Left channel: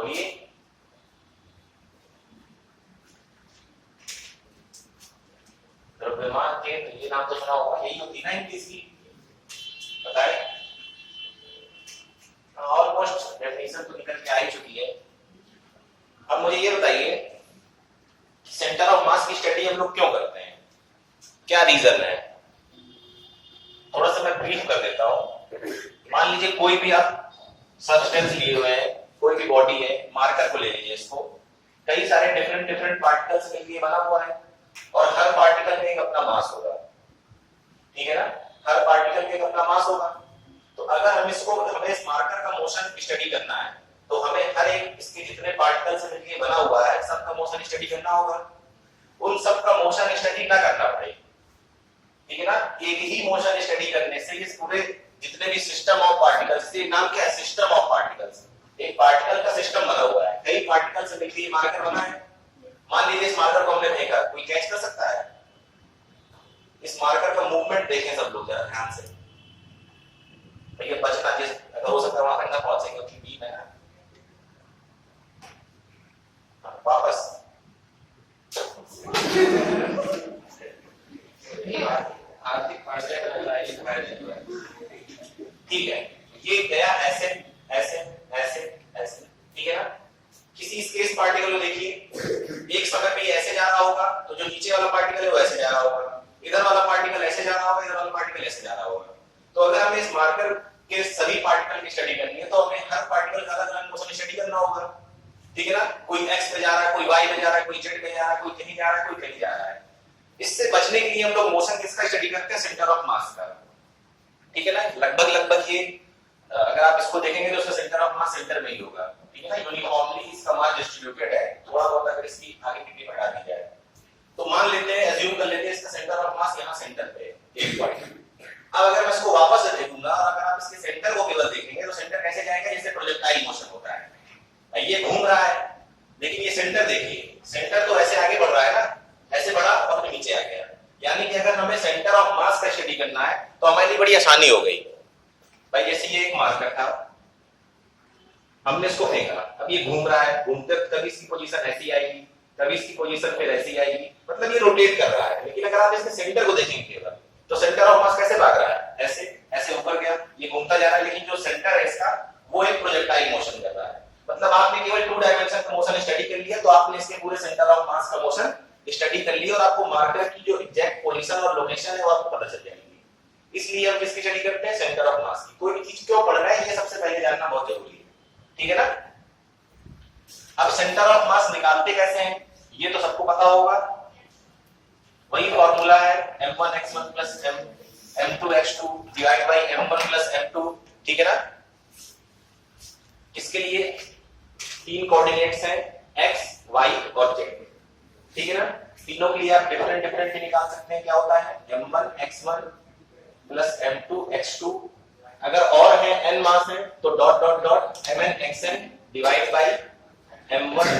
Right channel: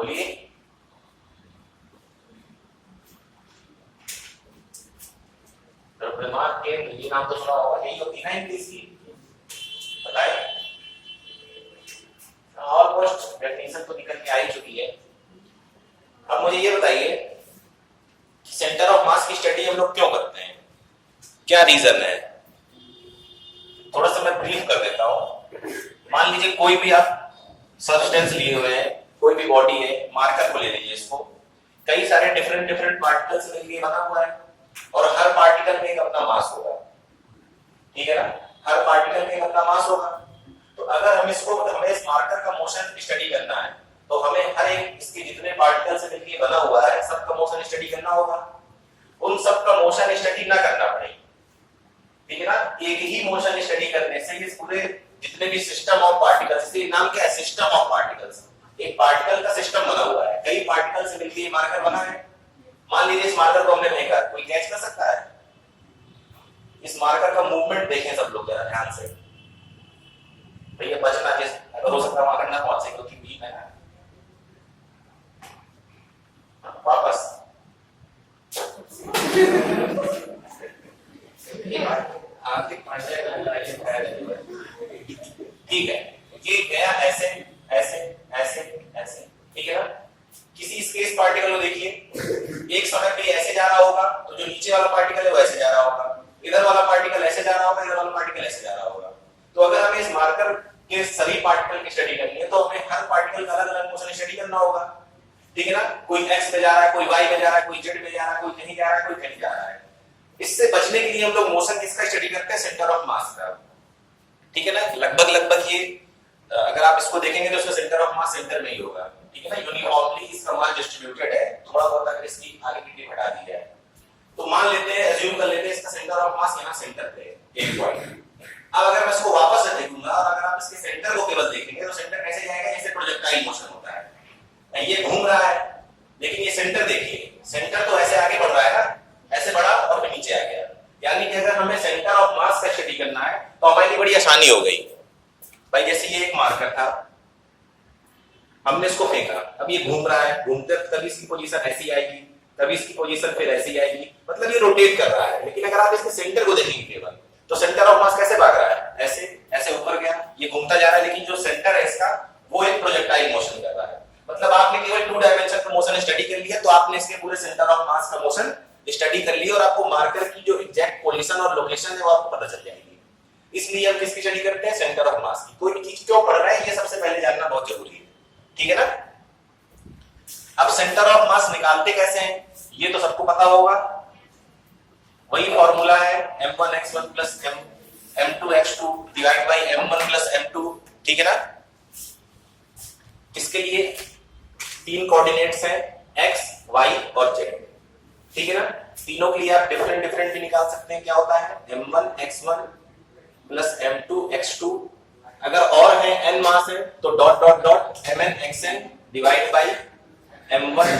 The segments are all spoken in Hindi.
बोलिए। द्रव्यमान केंद्र, ये नाम तो सुना होगा, यही होती है ना इंग्लिश की, बताए। ऑलमोस्ट डेफिनेशन तो निकल के आ ही चुकी है। अब मुझे ये बताइए, सेंटर ऑफ मास की स्टडी हम लोग क्यों करते हैं, क्या रीजन है? थोड़ा सा मैं ब्रीफ कर देता हूं। मान लीजिए कोई भी आप सब्सटेंस लिए हुए हैं, कोई भी बॉडी है, मार्कर को ले लीजिए, इसको कई सारे डिफरेंट डिफरेंट पार्टिकल्स के लिए बना हुआ है और हर पार्टिकल में एक अपना मास होगा, ठीक है ना, हर पार्टिकल में एक अपना मास होगा। तो अगर हमें इस मार्कर का मोशन स्टडी करना है तो हमें हर एक इसके जितने पार्टिकल से मिलकर बना हुआ है सबका मोशन स्टडी करना होगा। उन सबका मोशन स्टडी ना करना पड़ेगी, ठीक है ना, एक ही मोशन स्टडी करने से इस पूरे जितने भी सिस्टम ऑफ पार्टिकल्स, ये नाम क्या है, सिस्टम ऑफ पार्टिकल्स, एक पार्टिकल का सिस्टम बना हुआ है, कई पार्टिकल से मिलकर ये मार्कर बना है। मान लीजिए इस मार्कर को हमने फेंका, कोई कैच कर सकता है? इस मार्कर का मूवमेंट देखें सब लोग जरा ध्यान से, तो ये बचना, जिस अगर हो सकता है वहां तक ना पहुंचे क्योंकि बीम है ना, वापस ठीक है, ये गया ऐसे ऐसे ऐसे ऐसे, ठीक है ना। किसी स्पेस पार्टिकल को देखिए, एक समय पे ये ऐसे जा रहा होगा तो जो नीचे वाला पार्टिकल है वो ऐसे जा रहा होगा, इधर वाला पार्टिकल ऐसे जा रहा होगा, इधर वाला पार्टिकल ऐसे जा रहा होगा। तो अगर हमें इस मार्कर के सभी पार्टिकल की स्टडी करनी है तो हमें हर पार्टिकल का अलग अलग मोशन स्टडी करना होगा, ठीक है ना। कोई एक्स पे जा रहा है, कोई वाई पे जा रहा है, कोई जेड पे जा रहा है, कोई कहीं जा रहा है, कोई कहीं जा रहा है। इससे बचने के लिए हम लोग मोशन किसका स्टडी करते हैं, सेंटर ऑफ मास का, ठीक है ना। लगभग ये अगर आप इसको देखेंगे तो उसका सेंटर ऑफ मास सेंटर में ही होगा, ठीक है ना, यूनिफॉर्मली इसका मास डिस्ट्रीब्यूटेड है। थोड़ा बहुत अगर इसकी आगे की टिप हटा दी जाए तो मान लेते हैं, अज्यूम कर लेते हैं इसका सेंटर ऑफ मास यहाँ सेंटर पे है, एक पॉइंट। अब अगर मैं इसको वापस से देखूंगा और अगर आप इसके सेंटर को केवल देखेंगे तो सेंटर कैसे जाएगा, जैसे प्रोजेक्टाइल मोशन होता है, ये घूम रहा है लेकिन ये सेंटर देखिए, सेंटर तो ऐसे आगे बढ़ रहा है ना, ऐसे बढ़ा और फिर नीचे आ गया। यानी कि अगर हमें सेंटर ऑफ मास का स्टडी करना है तो हमारे लिए बड़ी आसानी हो गई भाई। जैसे ये एक मार्कर था, हमने इसको फेंका, अब ये घूम रहा है, घूमते कभी इसकी पोजीशन ऐसी आएगी, कभी इसकी पोजीशन फिर ऐसी आएगी, मतलब ये रोटेट कर रहा है। लेकिन अगर आप इसके सेंटर को देखेंगे केवल तो सेंटर ऑफ मास कैसे भाग रहा है, ऐसे ऐसे ऊपर गया, ये घूमता जा रहा है, लेकिन जो सेंटर है इसका वो एक प्रोजेक्टाइल मोशन कर रहा है। मतलब आपने केवल 2 डायमेंशन का मोशन स्टडी कर लिया तो आपने इसके पूरे सेंटर ऑफ मास का मोशन स्टडी कर लिया और आपको मार्कर की जो एग्जैक्ट पोजीशन और लोकेशन है वो आपको पता चल जाएगी। इसलिए हम किसकी स्टडी करते हैं, सेंटर ऑफ मास की। कोई भी चीज क्यों पढ़ रहा है ये सबसे पहले जानना बहुत जरूरी है, ठीक है ना। अब सेंटर ऑफ मास निकालते कैसे हैं ये तो सबको पता होगा, वही फॉर्मूला है m1x1 plus m2x2 divide by m1 plus m2, ठीक है ना। इसके लिए 3 कोऑर्डिनेट्स हैं x, y और z, ठीक है ना। तीनों के लिए आप डिफरेंट डिफरेंट भी निकाल सकते हैं। क्या होता है m1x1 प्लस m2x2, अगर और है n मास है तो dot dot dot mnxn divide by m1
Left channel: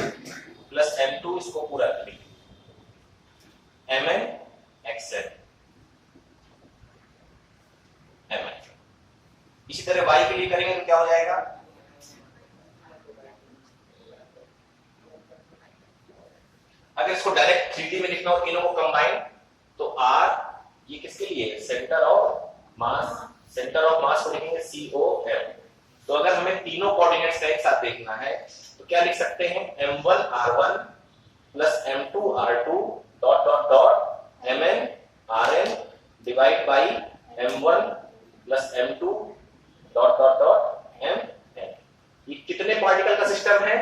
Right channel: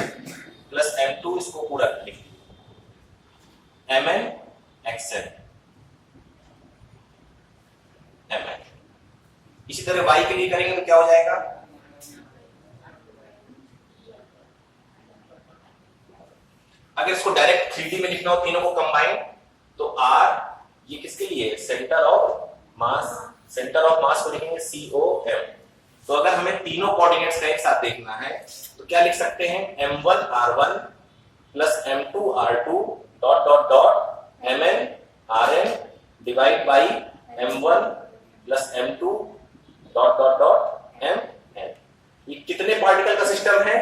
plus m2, इसको पूरा लिखिए mnxn mn। इसी तरह y के लिए करेंगे तो क्या हो जाएगा, अगर इसको डायरेक्ट 3D में लिखना हो तीनों को कंबाइन तो r, ये किसके लिए, centre of mass, centre of mass को लिखेंगे COM। तो अगर हमें तीनों कोऑर्डिनेट्स का एक साथ देखना है तो क्या लिख सकते हैं, m1 r1 plus m2 r2 dot dot dot mn rn divide by m1 plus m2 dot dot dot mn। ये कितने पार्टिकल का सिस्टम है,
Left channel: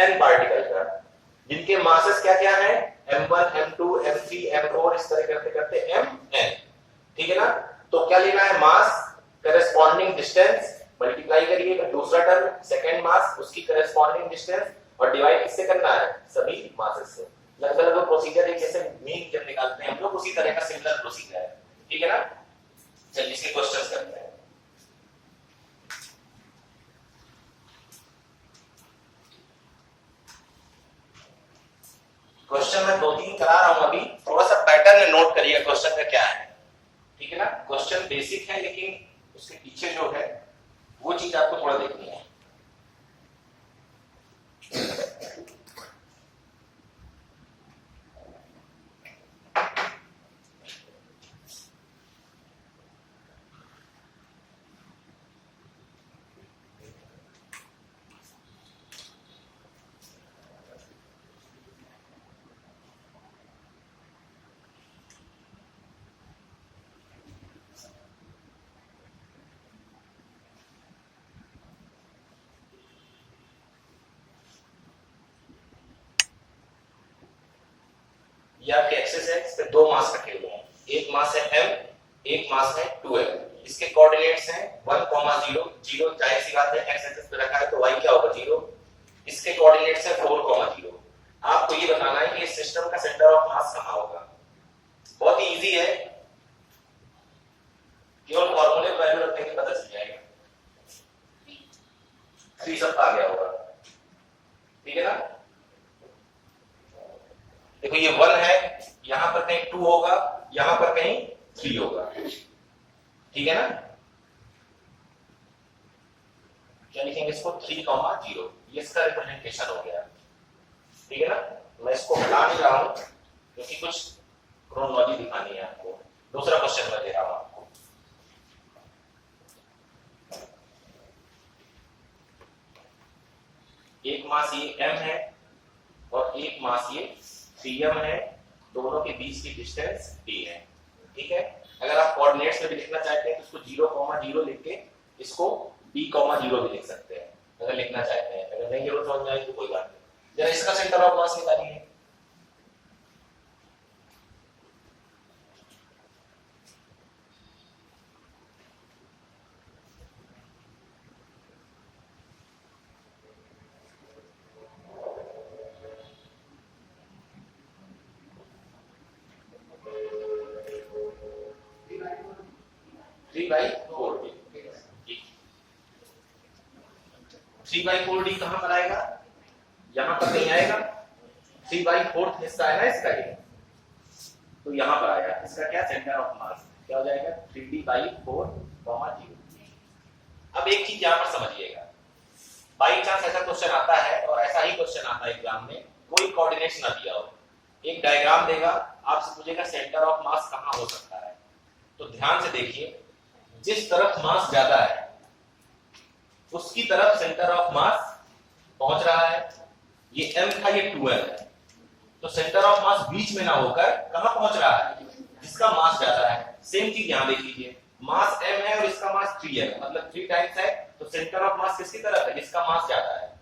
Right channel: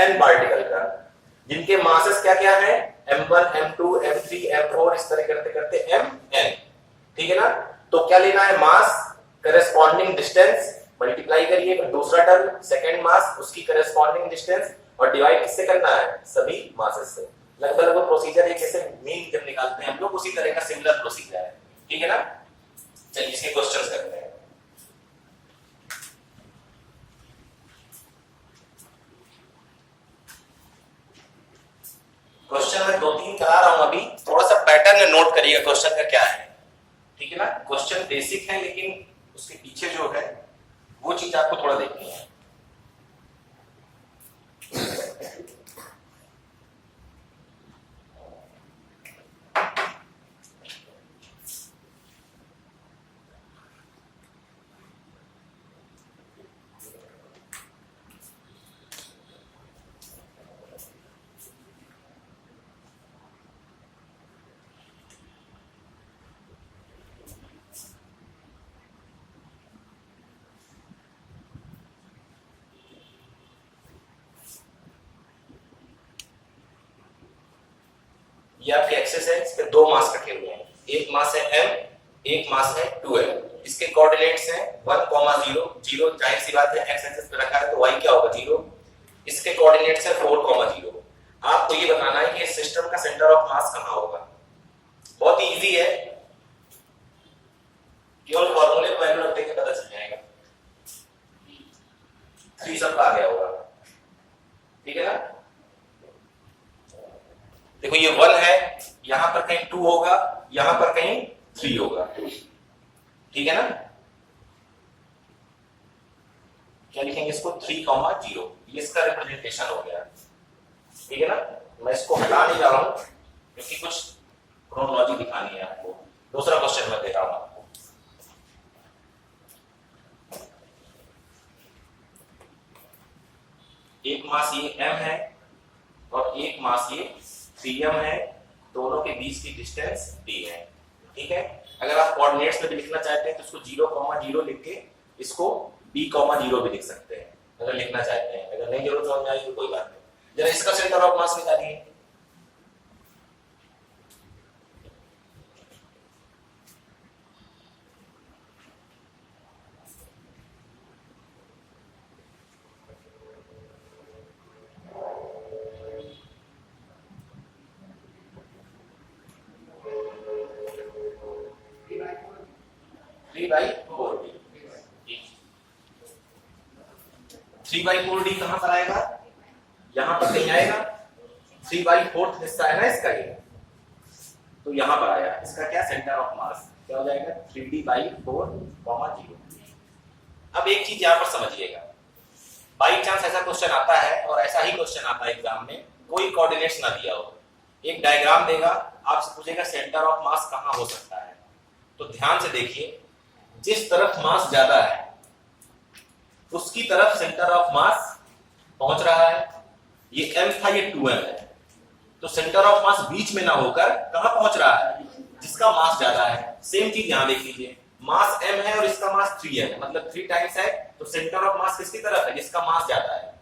n पार्टिकल का, जिनके मासेस क्या क्या है, m1 m2 m3 m4, इस तरह करते करते mn, ठीक है ना। तो क्या लेना है, मास करेस्पॉन्डिंग डिस्टेंस मल्टीप्लाई करिए, फिर दूसरा टर्म सेकंड मास उसकी करेस्पॉन्डिंग डिस्टेंस और डिवाइड किससे करना है, सभी मासेस से। लगभग वो प्रोसीजर है जैसे मीन जब निकालते हैं हम लोग, उसी तरह का सिमिलर प्रोसीजर है, ठीक है ना। चलिए इसके क्वेश्चंस करते हैं। क्वेश्चन में 2-3 करा रहा हूं, अभी थोड़ा सा पैटर्न नोट करिएगा क्वेश्चन का क्या है, ठीक है ना। क्वेश्चन बेसिक है लेकिन उसके पीछे जो है वो चीज आपको थोड़ा देखनी है। ये आपके एक्सेस है, इस पे दो मास रखे हुए हैं, एक मास है m, एक मास है 2l। इसके कोऑर्डिनेट्स हैं 1, 0, 0, जाहिर सी बात है एक्स एक्सिस पे रखा है तो y क्या होगा 0। इसके कोऑर्डिनेट्स है 4, 0। आपको ये बताना है कि इस सिस्टम का सेंटर ऑफ मास कहां होगा। बहुत ही इजी है, केवल फॉर्मूले को वैल्यू रखने के पता चल जाएगा। 3 सबका आ गया होगा, ठीक है ना। देखो ये 1 है, यहां पर कहीं 2 होगा, यहां पर कहीं 3 होगा, ठीक है ना। क्या लिखेंगे इसको 3, 0, ये इसका रिप्रेजेंटेशन हो गया, ठीक है ना। मैं इसको हटा नहीं रहा हूं क्योंकि कुछ क्रोनोलॉजी दिखानी है आपको। दूसरा क्वेश्चन मैं दे रहा हूं आपको। एक मास ये m है और एक मास ये 3m है, दोनों के बीच की डिस्टेंस d है, ठीक है। अगर आप कोऑर्डिनेट्स में भी लिखना चाहते हैं तो इसको 0, 0 लिख के इसको b, 0 भी लिख सकते हैं अगर लिखना चाहते हैं। अगर नहीं जरूरत समझ में आई तो कोई बात नहीं। जरा इसका सेंटर ऑफ मास निकालिए। थ्री बाई फोर डी कहां पर आएगा, यहां पर नहीं आएगा। 3/4 हिस्सा है ना इसका ये, तो यहां पर आया। इसका क्या सेंटर ऑफ मास क्या हो जाएगा 3d/4, 0। अब एक चीज यहां पर समझिएगा, बाई चांस ऐसा क्वेश्चन आता है और ऐसा ही क्वेश्चन आता है एग्जाम में, कोई कोऑर्डिनेट्स ना दिया हो, एक डायग्राम देगा, आपसे पूछेगा सेंटर ऑफ मास कहां हो सकता है। तो ध्यान से देखिए, जिस तरफ मास ज्यादा है उसकी तरफ सेंटर ऑफ मास पहुंच रहा है। ये m था, ये 2m है, तो सेंटर ऑफ मास बीच में ना होकर कहां पहुंच रहा है, जिसका मास ज्यादा है। सेम चीज यहां देख लीजिए, मास m है और इसका मास 3m है, मतलब 3 टाइम्स है, तो सेंटर ऑफ मास किसकी तरफ है, जिसका मास ज्यादा है।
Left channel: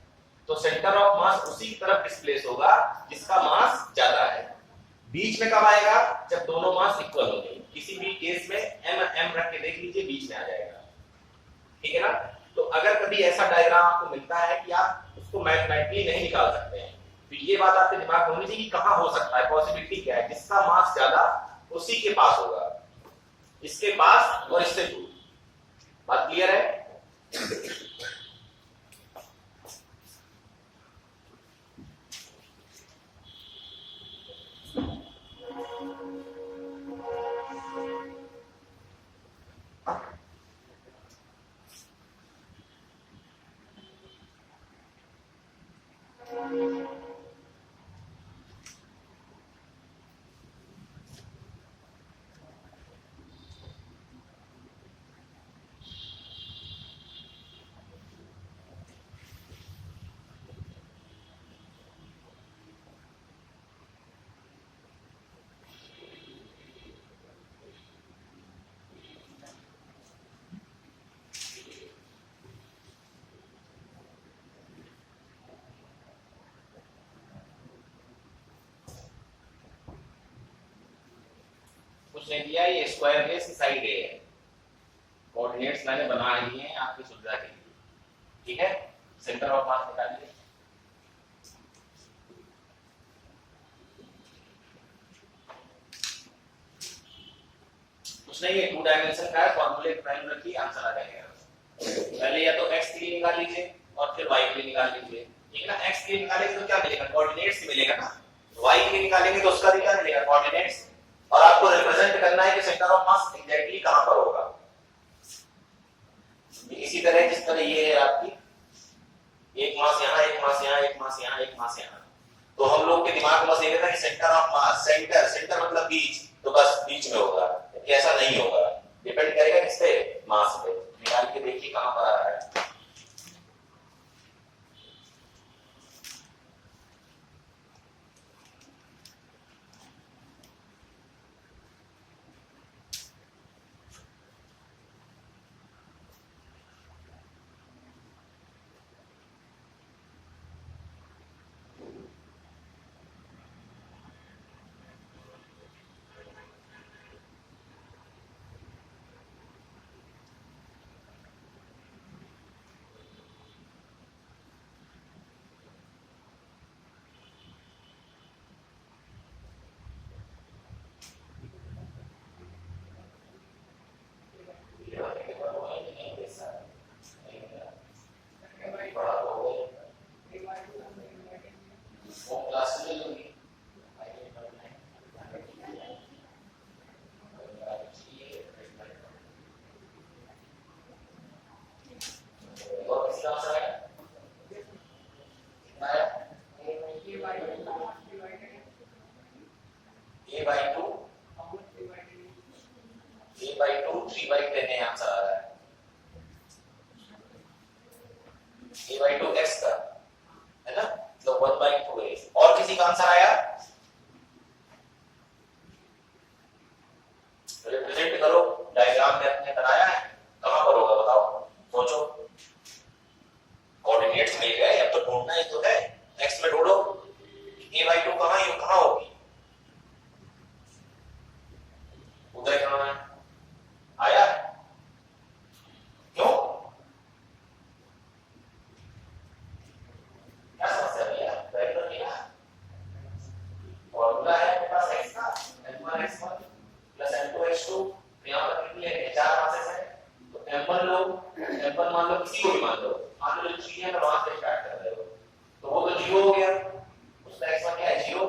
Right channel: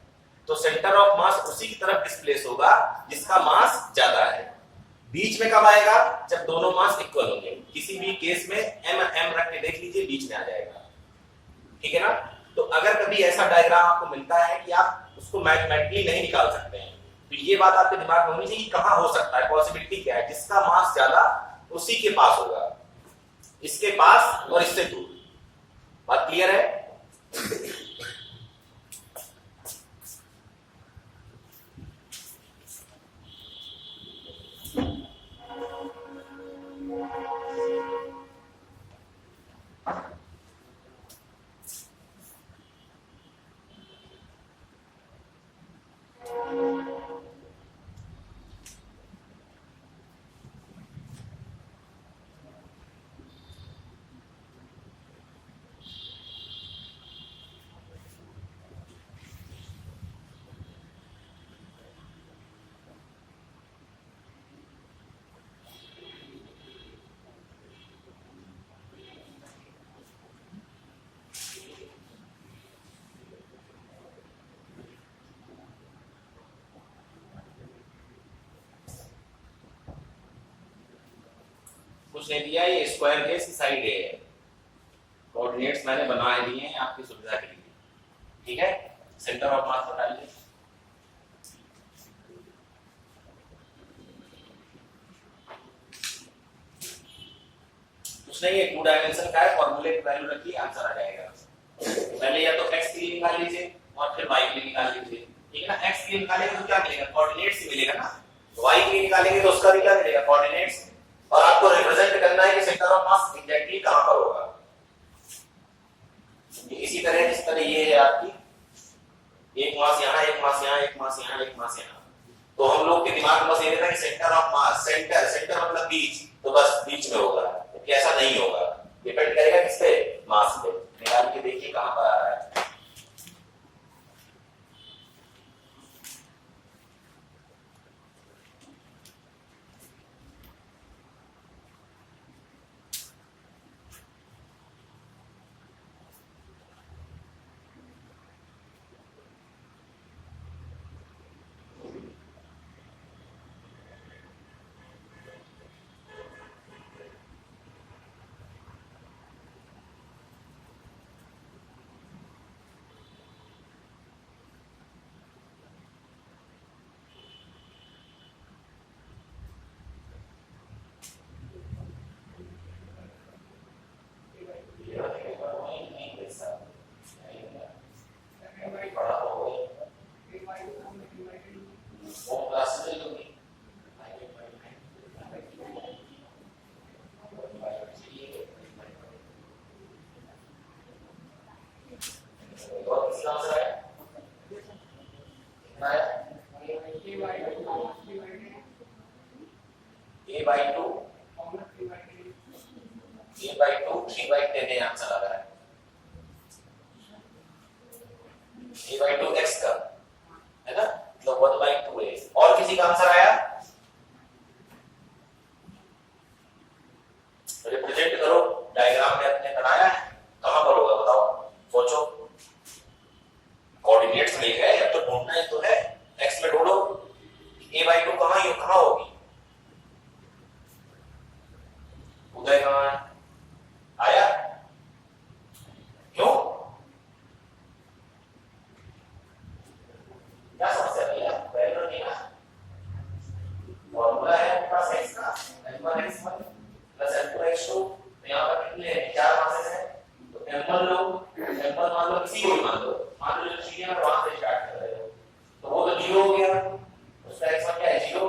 तो सेंटर ऑफ मास उसी की तरफ डिस्प्लेस होगा जिसका मास ज्यादा है। बीच में कब आएगा, जब दोनों मास इक्वल होंगे। किसी भी केस में m रख के देख लीजिए, बीच में आ जाएगा, ठीक है ना। तो अगर कभी ऐसा डायग्राम आपको मिलता है कि आप उसको मैथमेटिकली नहीं निकाल सकते हैं, तो ये बात आपके दिमाग में होनी चाहिए कि कहां हो सकता है, पॉसिबिलिटी क्या है, जिसका मास ज्यादा उसी के पास होगा, इसके पास और इससे दूर। बात क्लियर है। कुछ नहीं दिया, ये स्क्वायर है, इसकी साइड ए है। कोऑर्डिनेट्स मैंने बना लिए हैं आपकी सुविधा के लिए, ठीक है। सेंटर ऑफ मास बता लीजिए। कुछ नहीं है, 2 डायमेंशन का है, फॉर्मूले की वैल्यू रखिए, आंसर आ जाएगा। पहले या तो x के लिए निकाल लीजिए और फिर y के लिए निकाल लीजिए, ठीक है ना। x के लिए निकालेंगे तो क्या मिलेगा, कोऑर्डिनेट्स ही मिलेगा ना। y के लिए निकालेंगे तो उसका भी क्या मिलेगा, कोऑर्डिनेट्स। और आपको रिप्रेजेंट करना है कि सेंटर ऑफ मास एग्जैक्टली कहां पर होगा। इसी तरह जिस तरह ये है आपकी, एक मास यहाँ, एक मास यहाँ, एक मास यहाँ, एक मास यहाँ, तो हम लोग के दिमाग में बस ये था कि सेंटर ऑफ मास, सेंटर मतलब बीच, तो बस बीच में होगा। ऐसा नहीं होगा, डिपेंड करेगा किस पे, मास पे। निकाल के देखिए कहां पर आ रहा है। a by 2 x का है ना, मतलब 1 by 2a। और किसी का आंसर आया? रिप्रेजेंट करो, डायग्राम में अपने बनाया है, कहां पर होगा बताओ, सोचो। कोऑर्डिनेट्स मिल गए, अब तो ढूंढना ही तो है। x में ढूंढो a by 2 कहां होगी। उदय कहां है? आया? क्यों, क्या समस्या भैया? वेरी गुड किया। फॉर्मूला है मेरे पास x का, m1 x1 plus m2 x2। यहां पर कितने चार मासेस हैं, तो m1 लो, m1 मान लो, किसी को भी मान लो, मान लो जो चीजें वहां से स्टार्ट कर रहे हो, तो वो तो 0 हो गया, उसका x1 क्या है 0।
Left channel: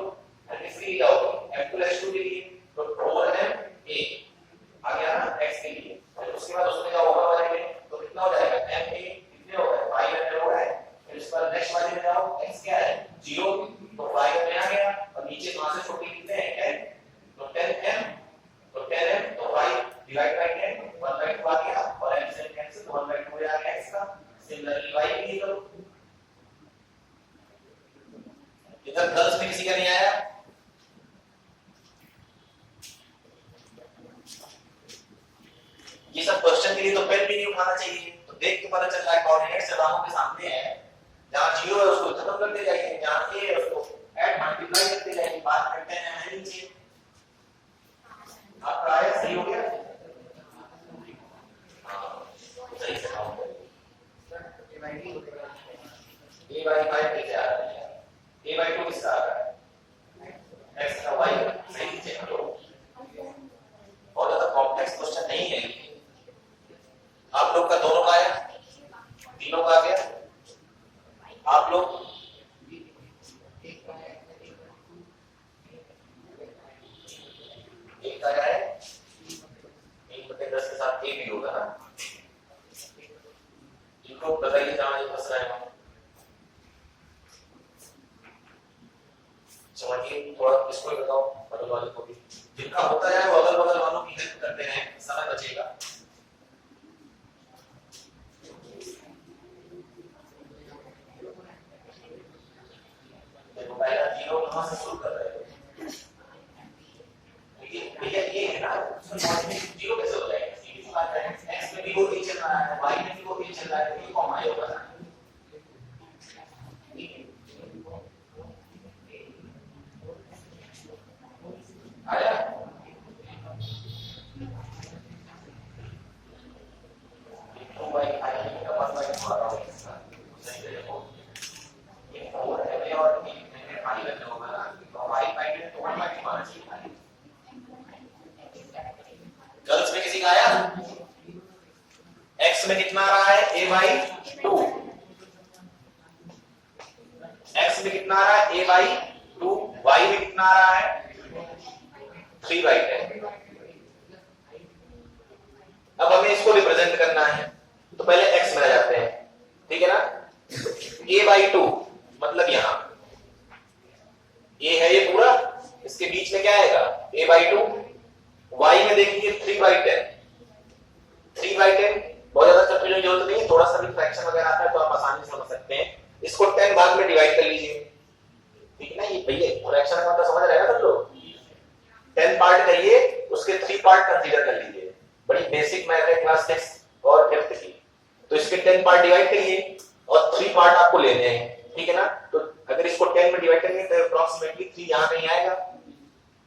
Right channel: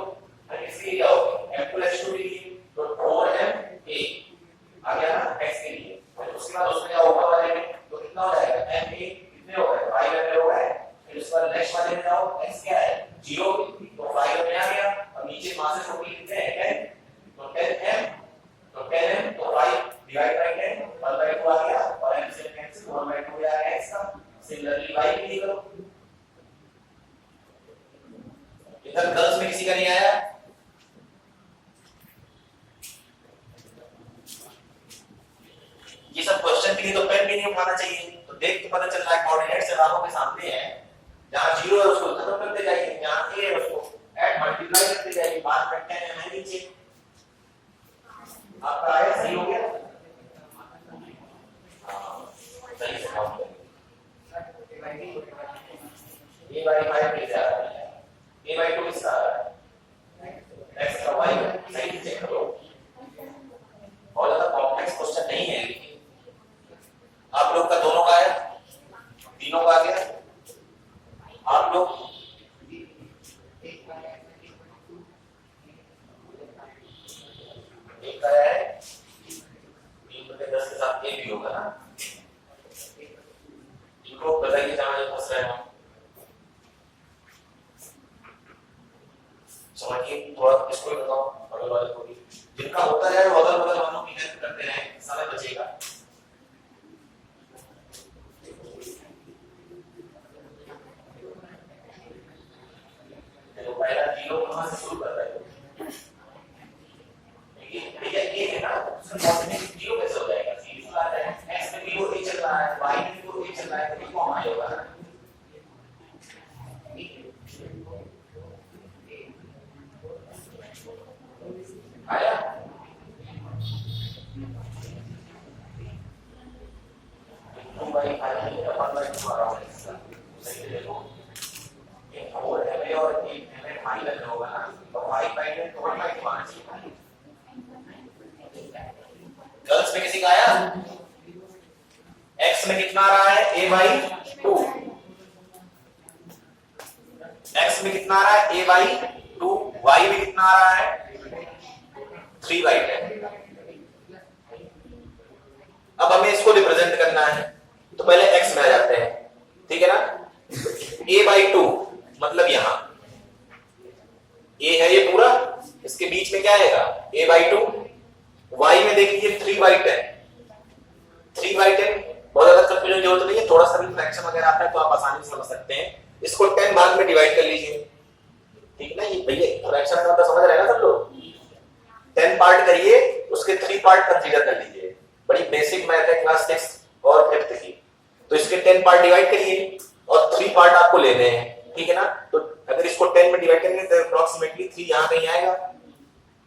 और किसके लिए क्या होगा, m2 x2 के लिए, तो 4ma आ गया ना x के लिए। और उसके बाद उसमें क्या होगा वाले में, तो कितना हो जाएगा ma कितने हो गए 5ma हो गए। फिर उसके बाद नेक्स्ट वाले में जाओ, x क्या है 0, तो 5ma आ गया। और नीचे मासेस छोटी कितने हैं 10, तो 10m, तो 10m तो 5 डिवाइड बाय 10 1 by 2 आ गया, और m से कैंसिल 1 by 2 आ गया x का। सिमिलरली y के लिए करो। इधर गर्ल्स में किसी का नहीं आया? ये सब क्वेश्चन के लिए तो पेन भी नहीं उठाना चाहिए, तो देख के पता चल रहा है कोऑर्डिनेट्स जब आंखों के सामने है, जहां 0 है उसको खत्म करते जाइए, जहां a है उसको ऐड मल्टीप्लाई करते जाइए, बात करते हैं है नीचे। आपका आया सही हो गया? हाँ सही से काउंट करिए। a by 5 कैसे आ रहा है, a by 2 किसका आ रहा है, x का y सही से चेक करो। और ज्यादा कॉम्प्लेक्स क्वेश्चन नहीं है, आप लोग का दोनों का है, तीनों का गया, आप लोग एक का है, 3/10 के साथ a भी होगा ना। इनको बताइए जहां ये फंस रहे हैं, समझिए थोड़ा, इसको ही बताओ बगल वाले को भी, जिनका होता है वो अगल बगल वालों की हेल्प करते हैं, समय बचेगा। देखो पहला 0 कहां से शुरू कर रहे हो, ठीक है ये है ना, उसका कोऑर्डिनेट 0 कैसे हो जाएगा, सीधी सी बात है, x में भी वो a चल रहा है, y में भी वो a चल रहा है, तो ये कॉमा ही होगा ना। आया? तो भाई फाइनली का 1 by 2 आ रहा है इसका, सही से देखो ये 4 है और ये हमें 5 में होगा ना, तो 5 by 10 तो 1 by 2 आना चाहिए। गर्ल्स में किसी का आया? x में कितना आ रहा है a by 2, x में कितना आ रहा है a by 2, y में कितना आ रहा है 3 by 10। अब हमें इसको रिप्रेजेंट करना है, तो पहले x में आ जाते हैं, ठीक है ना। a by 2 मतलब यहां a है ये पूरा, इसके बीच में क्या आएगा a by 2, y में देखिए 3 by 10, 3 by 10 बहुत ज्यादा कंफ्यूजन की जरूरत नहीं है, थोड़ा सा भी फ्रैक्शन वगैरह आता है तो आप आसानी से समझ सकते हैं। इसको 10 भाग में डिवाइड कर लीजिए, ठीक है ना, ये भैया फ्रैक्शन का मतलब समझ रहे हैं ना सब लोग। 10 पार्ट करिए, उसके 3 पार्ट कंसीडर कर लीजिए, बड़ी बेसिक मैथ है क्लास 6 और 5th की। तो इसके 10 पार्ट डिवाइड करिए और 3 पार्ट आपको लेने हैं, ठीक है ना। तो अगर इसको 10 में डिवाइड करेंगे तो अप्रोक्सीमेटली 3 यहां कहीं आएगा,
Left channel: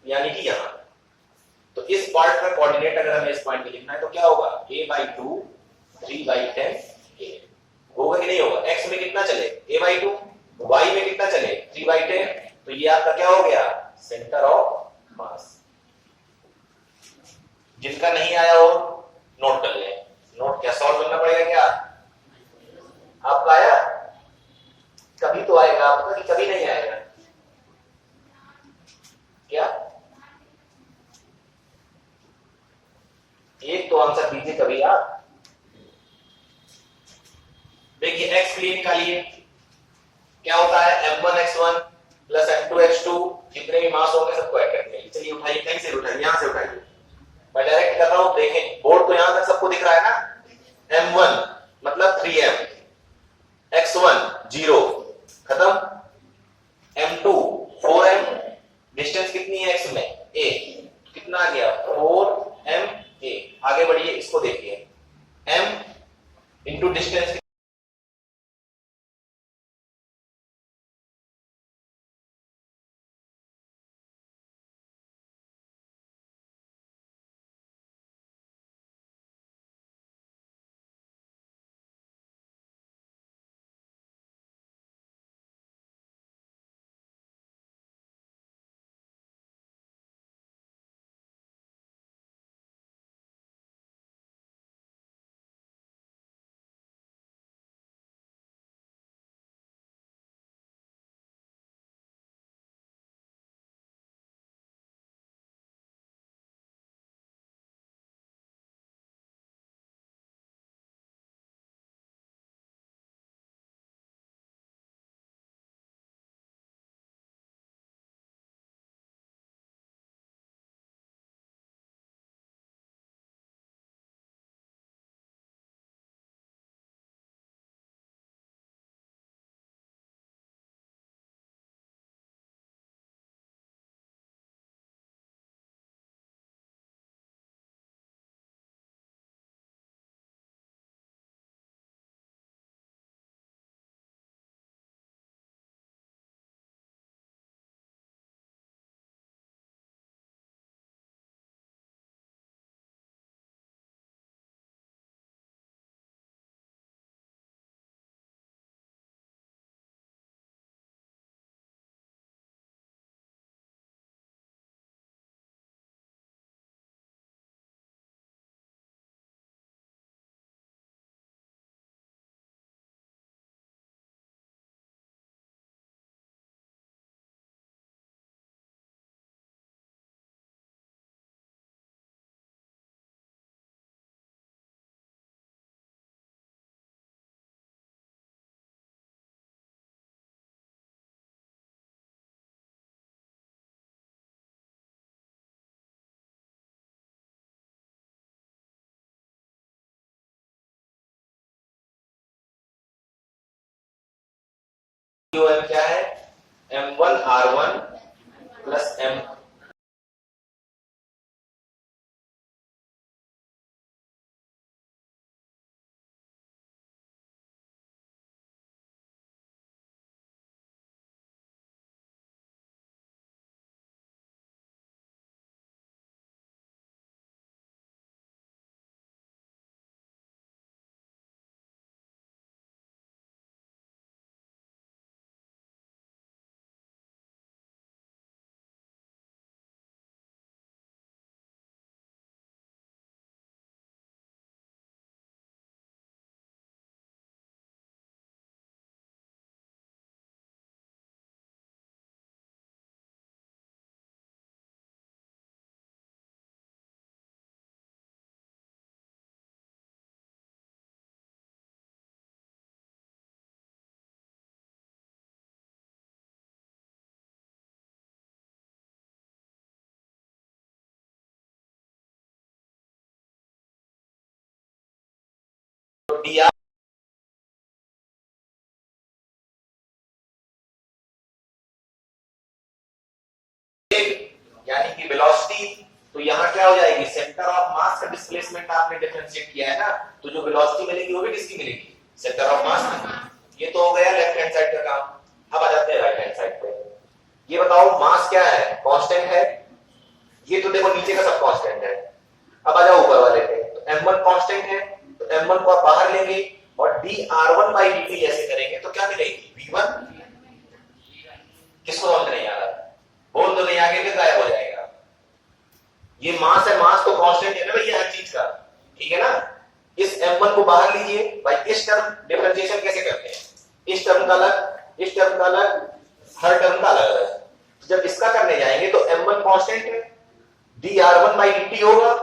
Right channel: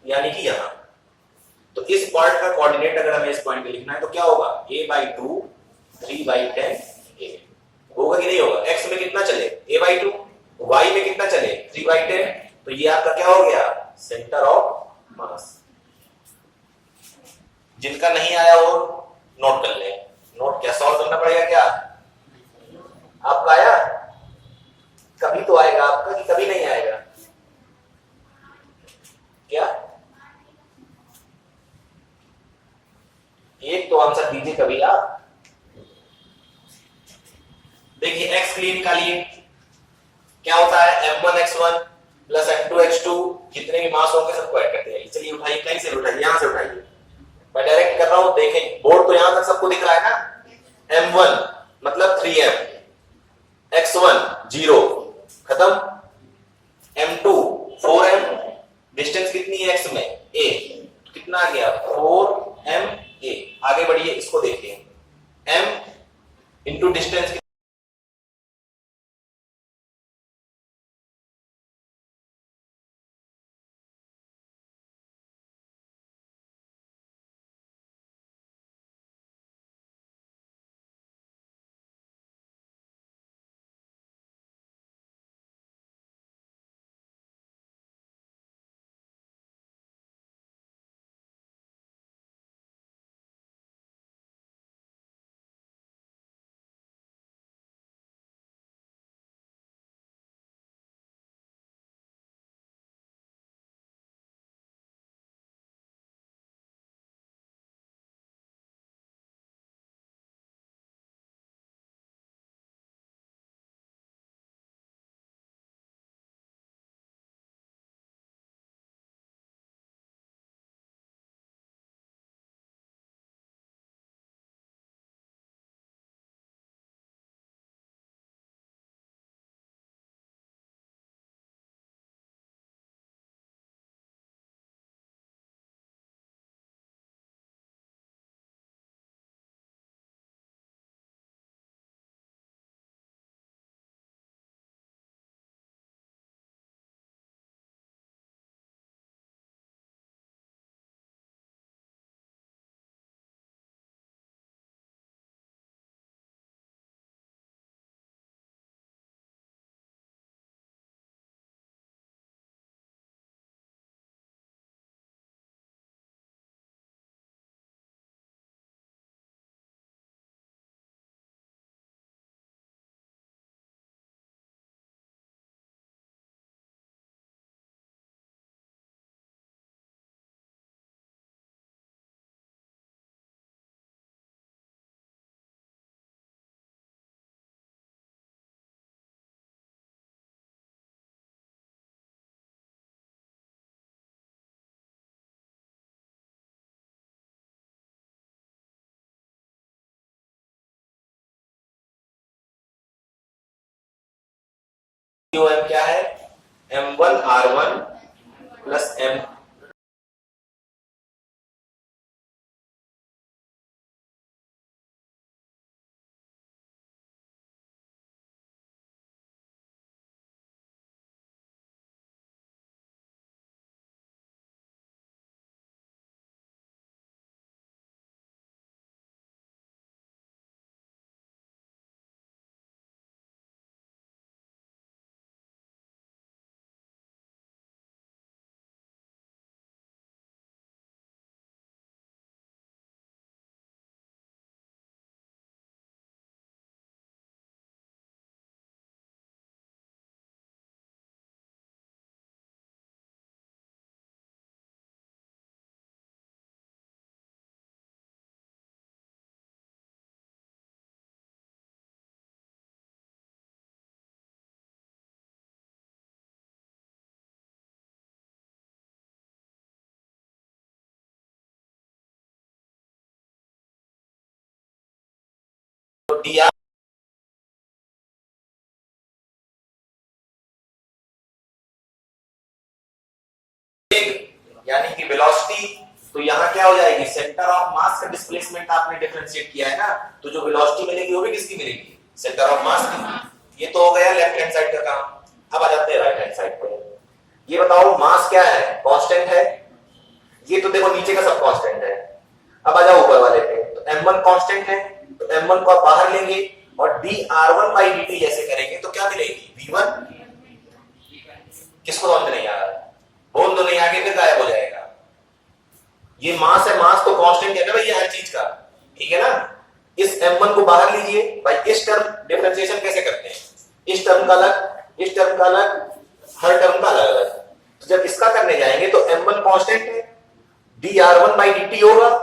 यानी कि यहां। तो इस पार्ट का कोऑर्डिनेट अगर हमें इस पॉइंट पे लिखना है तो क्या होगा a by 2 3 by 10 a होगा कि नहीं होगा। x में कितना चले a by 2, y में कितना चले 3 by 10, तो ये आपका क्या हो गया सेंटर ऑफ मास। जिनका नहीं आया वो नोट कर ले, नोट क्या सॉल्व करना पड़ेगा क्या, आपका आया कभी तो आएगा आपका, कि कभी नहीं आएगा क्या, एक तो आंसर दीजिए कभी आप। देखिए x के लिए निकालिए, क्या होता है m1 x1 plus m2 x2, जितने भी मास होंगे सबको ऐड कर दिया। चलिए उठाइए, कहीं से उठाइए, यहां से उठाइए, मैं डायरेक्ट कर रहा हूं, देखें बोर्ड तो यहां तक सबको दिख रहा है ना। m1 मतलब 3m, x1 0 खत्म, m2 4m, डिस्टेंस कितनी है x में a, कितना आ गया 4m a। आगे बढ़िए, इसको देखिए, m इंटू डिस्टेंस क्या है m1 r1 plus m dr, यानी कि वेलोसिटी, तो यहाँ क्या हो जाएगी, सेंटर ऑफ मास का डिस्प्लेसमेंट आपने डिफरेंशिएट किया है ना, तो जो वेलोसिटी मिलेगी वो भी किसकी मिलेगी, सेंटर ऑफ मास की। ये तो हो गया लेफ्ट हैंड साइड का काम। अब आ जाते हैं राइट हैंड साइड पे। ये बताओ मास क्या है, कांस्टेंट है, ये तो देखो नीचे का सब कांस्टेंट है। अब आ जाओ ऊपर वाले पे, तो m1 कांस्टेंट है, तो m1 को आप बाहर लेंगे और dr1/dt जैसे करेंगे तो क्या मिलेगी v1। किसको समझ नहीं आ रहा, बोल दो नहीं, आगे फिर गायब हो जाएगा। ये मास है, मास तो कांस्टेंट है ना भैया हर चीज का, ठीक है ना। इस m1 को बाहर लीजिए भाई, इस टर्म डिफरेंशिएशन कैसे करते हैं, इस टर्म का अलग, इस टर्म का अलग, हर टर्म का अलग अलग। तो जब इसका करने जाएंगे तो m1 कांस्टेंट है, dr1/dt होगा,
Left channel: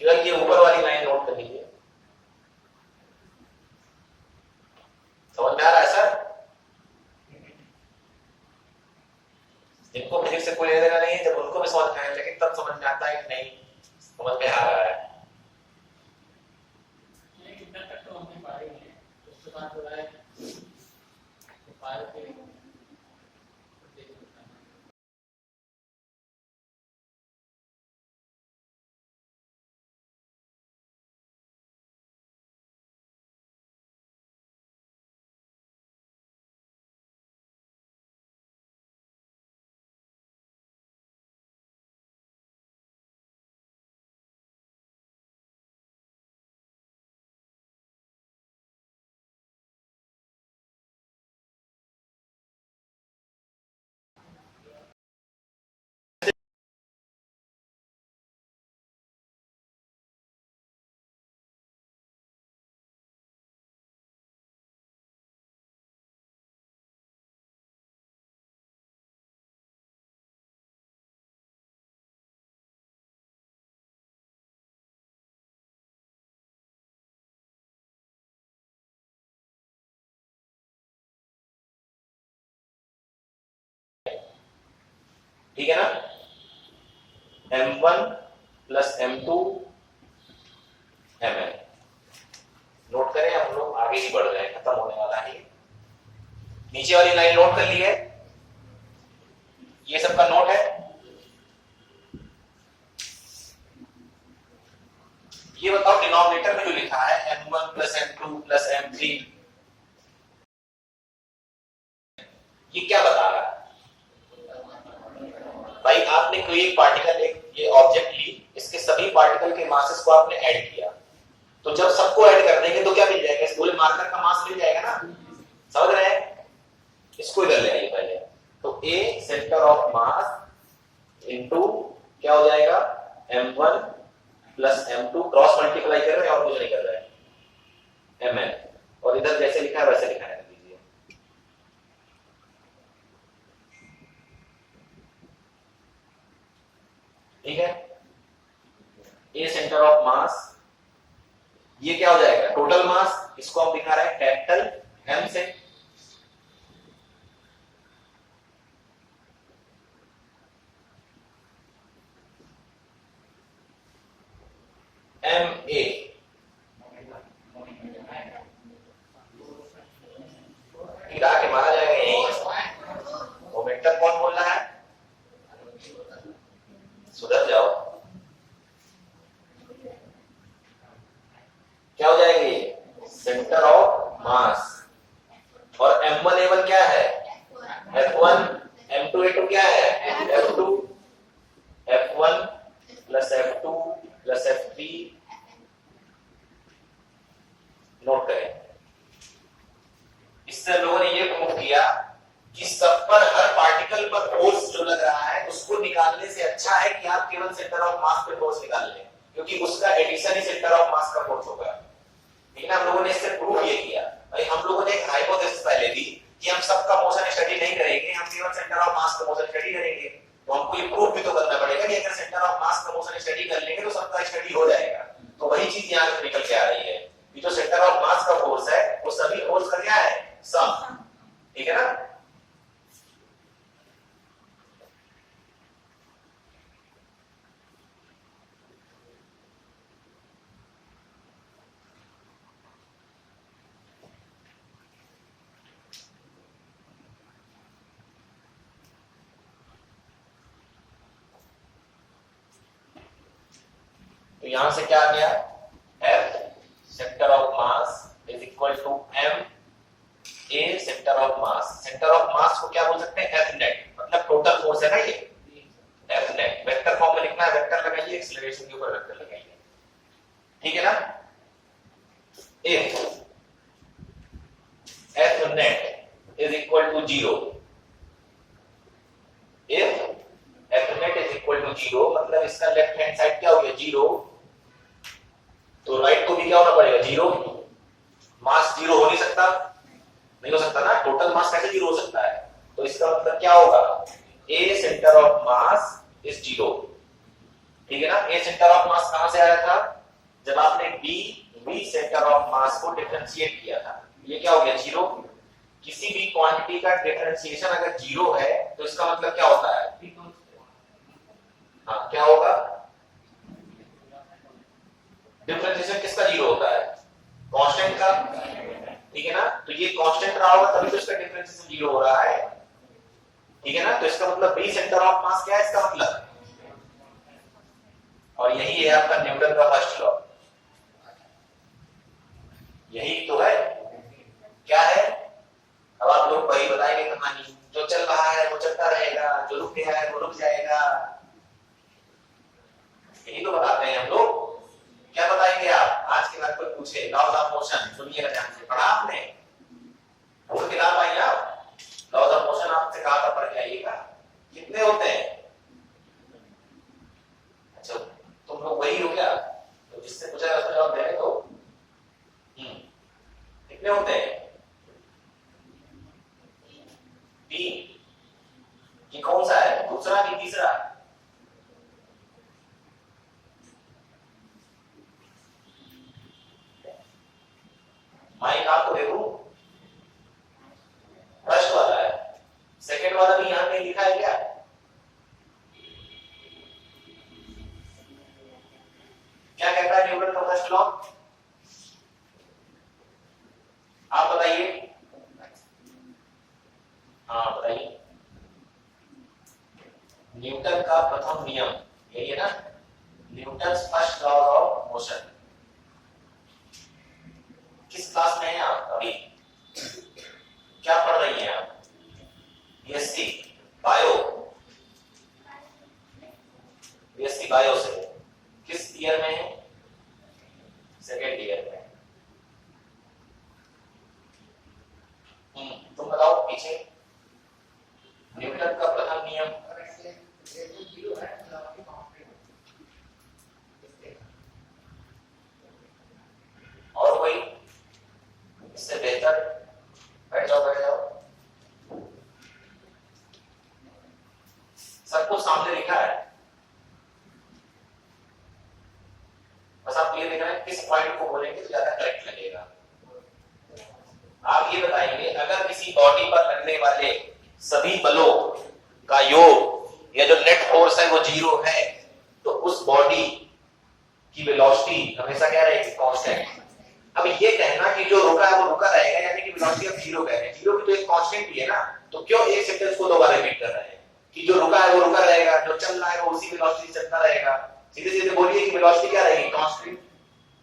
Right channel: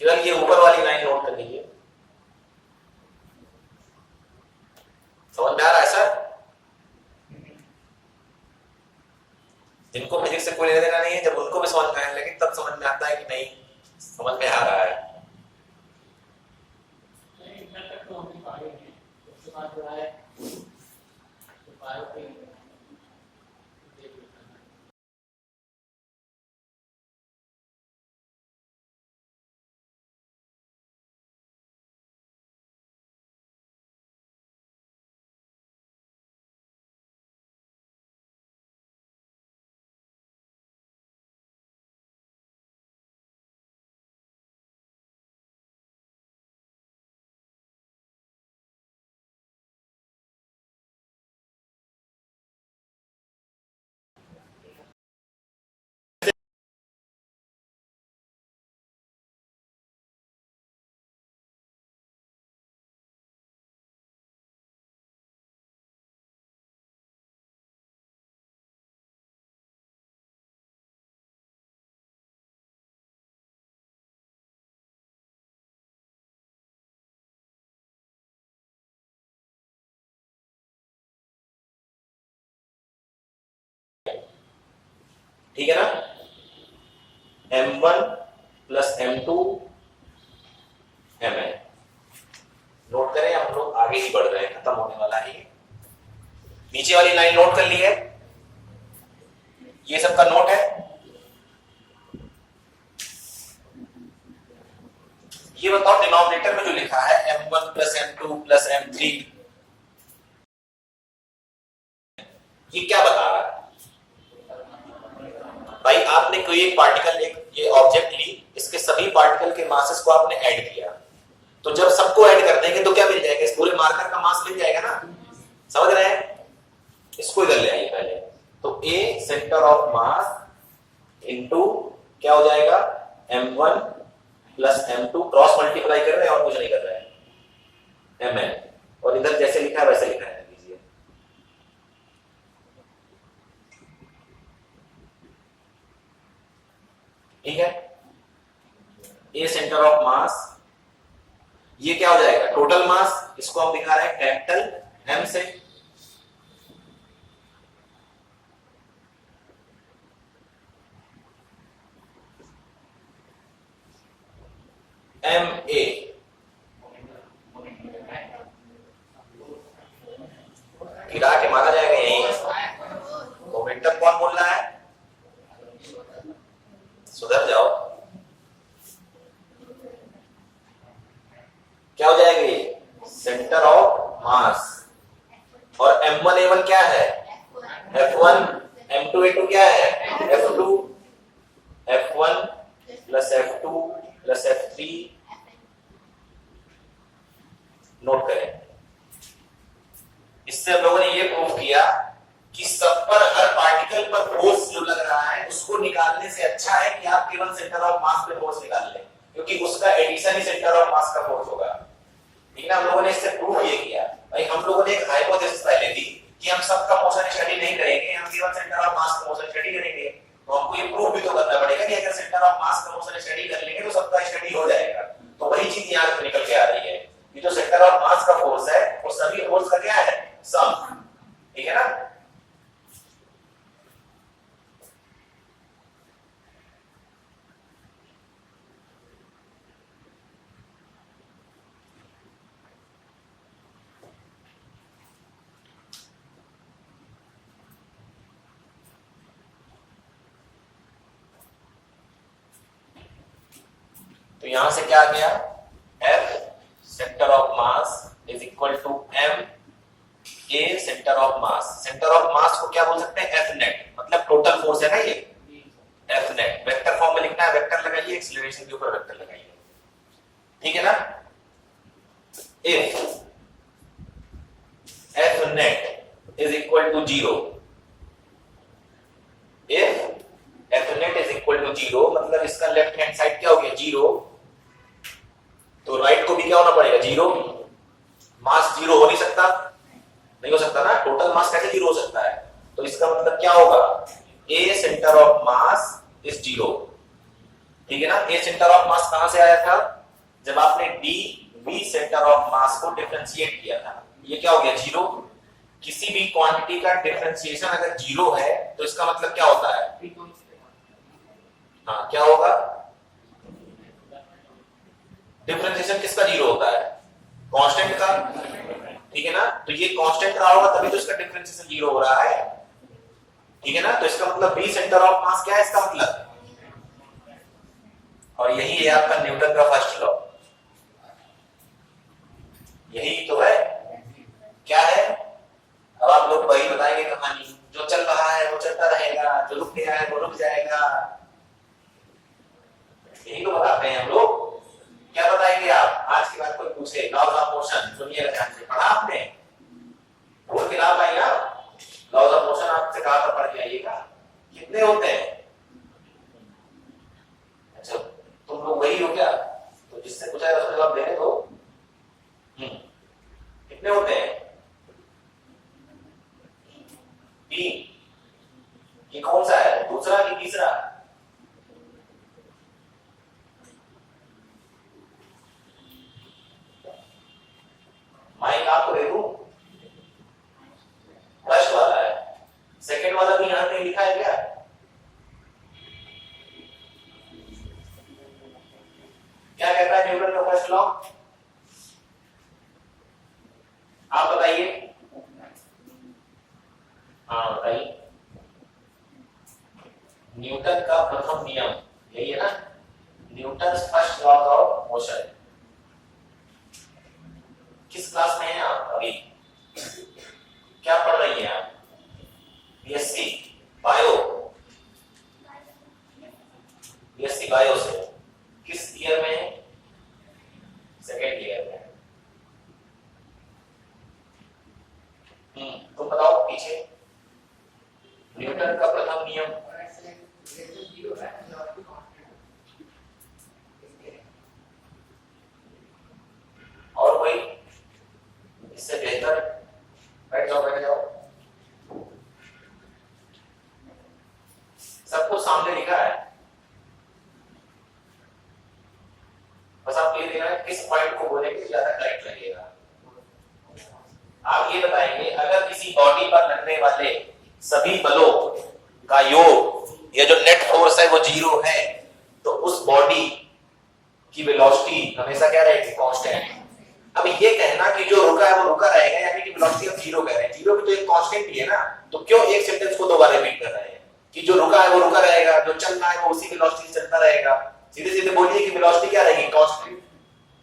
केवल ये ऊपर वाली लाइन नोट कर लीजिए। समझ में आ रहा है सर? जिनको फिजिक्स से कोई लेना देना नहीं, जब उनको भी समझ में आए, लेकिन तब समझ में आता है कि नहीं समझ में आ रहा है। ठीक है ना? m1 plus m2 mn। Note करें, हम लोग आगे ही बढ़ रहे हैं, खत्म होने वाला है। नीचे वाली लाइन नोट कर ली है, ये सबका नोट है। ये बताओ डिनोमिनेटर में जो लिखा है m1 plus m2 plus m3, ये क्या बता रहा है? भाई आपने कोई एक पार्टिकल, एक ये ऑब्जेक्ट ली, इसके सभी पार्टिकल के मासेस को आपने ऐड किया, तो जब सबको ऐड कर देंगे तो क्या मिल जाएगा? इस पूरे मार्कर का मास मिल जाएगा ना? समझ रहे हैं? इसको इधर ले आइए पहले। तो A centre of mass into क्या हो जाएगा? m1 plus m2, cross multiply कर रहे हैं और कुछ नहीं कर रहे हैं, mn, और इधर जैसे लिखा है वैसे लिखा है, लीजिए। ठीक है? A सेंटर ऑफ मास, ये क्या हो जाएगा? टोटल मास, इसको हम दिखा रहे हैं कैपिटल M से, MA। गिरा के माना जाएगा यही। मोमेंटम कौन बोल रहा है? सुधर जाओ। क्या हो जाएगा ये? सेंटर ऑफ मास। और m1 a1 क्या है? f1, m2 a2 क्या है? f2, f1 plus f2 plus f3। Note करें, इससे हम लोगों ने ये प्रूव किया कि सब पर, हर पार्टिकल पर फोर्स जो लग रहा है उसको निकालने से अच्छा है कि आप केवल सेंटर ऑफ मास पे फोर्स निकाल लें, क्योंकि उसका एडिशन ही सेंटर ऑफ मास का फोर्स होगा। लेकिन हम लोगों ने इससे प्रूव ये किया। भाई हम लोगों ने एक हाइपोथेसिस पहले दी कि हम सबका मोशन स्टडी नहीं करेंगे, हम केवल सेंटर ऑफ मास का मोशन स्टडी करेंगे। तो हमको ये प्रूव भी तो करना पड़ेगा कि अगर सेंटर ऑफ मास का मोशन स्टडी कर लेंगे तो सबका स्टडी हो जाएगा। तो वही चीज यहां निकल के आ रही है कि जो सेंटर ऑफ मास का फोर्स है वो सभी फोर्स का क्या है? सम। ठीक है ना? तो यहां से क्या आ गया? F centre of mass is equal to m A centre of mass. Centre of mass को क्या बोल सकते हैं? F नेट, मतलब टोटल फोर्स है ना ये, F नेट। वेक्टर फॉर्म में लिखना है, वेक्टर लगाइए, एक्सीलरेशन के ऊपर वेक्टर लगाइए। ठीक है ना? If F net is equal to 0, if F net is equal to 0, मतलब इसका लेफ्ट हैंड साइड क्या हो गया? 0। तो राइट को भी क्या होना पड़ेगा? 0। मास 0 हो नहीं सकता, नहीं हो सकता ना, टोटल मास कैसे 0 हो सकता है? तो इसका मतलब क्या होगा? A centre of mass is 0। ठीक है ना। ए सेंटर ऑफ मास कहां से आया था, जब आपने D B centre of mass को डिफरेंशिएट किया था। ये क्या हो गया, जीरो। किसी भी क्वांटिटी का डिफरेंशिएशन अगर जीरो है तो इसका मतलब क्या होता है, हाँ क्या होगा, डिफरेंशिएशन किसका जीरो होता है, कांस्टेंट का, ठीक है ना। तो ये कांस्टेंट रहा होगा तभी तो इसका डिफरेंशिएशन जीरो हो रहा है, ठीक है ना। तो इसका मतलब बी सेंटर ऑफ मास क्या है, इसका मतलब, और यही है आपका न्यूटन का फर्स्ट लॉ, यही तो है। क्या है, अब आप लोग वही बताएंगे कहानी, जो चल रहा है वो चलता रहेगा, जो रुक गया है वो रुक जाएगा, यही तो बताते हैं हम लोग। क्या बताएंगे आप, आज के बाद कोई पूछे लॉज ऑफ मोशन, सुनिएगा ध्यान से, पढ़ा आपने, भूल के ना पाई ना, लॉज ऑफ मोशन आपसे कहा था पढ़ के आइएगा, कितने होते हैं, अच्छा तुम लोग वही हो क्या, तो जिससे पूछा है उसका जवाब देने दो। कितने होते हैं, तीन, ये कौन सा है, दूसरा कि तीसरा, माइक आपको दे दूं, फर्स्ट वाला है, सेकंड वाला भी यहां नहीं लिखा है क्या, क्या कहता है न्यूटन का फर्स्ट लॉ, आप बताइए, हाँ बताइए, न्यूटन का प्रथम नियम यही है ना, Newton's first law of motion. किस क्लास में हैं आप अभी, क्या पढ़ रही हैं आप, बीएससी बायो, बीएससी बायो से किस ईयर में है, सेकेंड ईयर में। तुम बताओ पीछे, न्यूटन का प्रथम नियम, और कोई इससे बेहतर, बैठ जाओ बैठ जाओ, सब कुछ सामने लिखा है, बस आप ये देखना है किस पॉइंट को बोलेंगे तो ज्यादा करेक्ट लगेगा। आप ये बताएंगे अगर किसी बॉडी पर लगने वाले सभी बलों का योग या जो नेट फोर्स है वो जीरो है तो उस बॉडी की वेलोसिटी हमेशा क्या रहेगी, कांस्टेंट। अब ये कहना कि जो रुका है वो रुका रहेगा, यानी कि वेलोसिटी आप जीरो कह रहे हैं, जीरो भी तो एक कांस्टेंट ही है ना, तो क्यों एक सेंटेंस को दो बार रिपीट कर रहे हैं कि जो रुका है वो रुका रहेगा, जो चल रहा है वो उसी वेलोसिटी से चलता रहेगा। सीधे सीधे बोलिए कि वेलोसिटी क्या रहेगी, कांस्टेंट।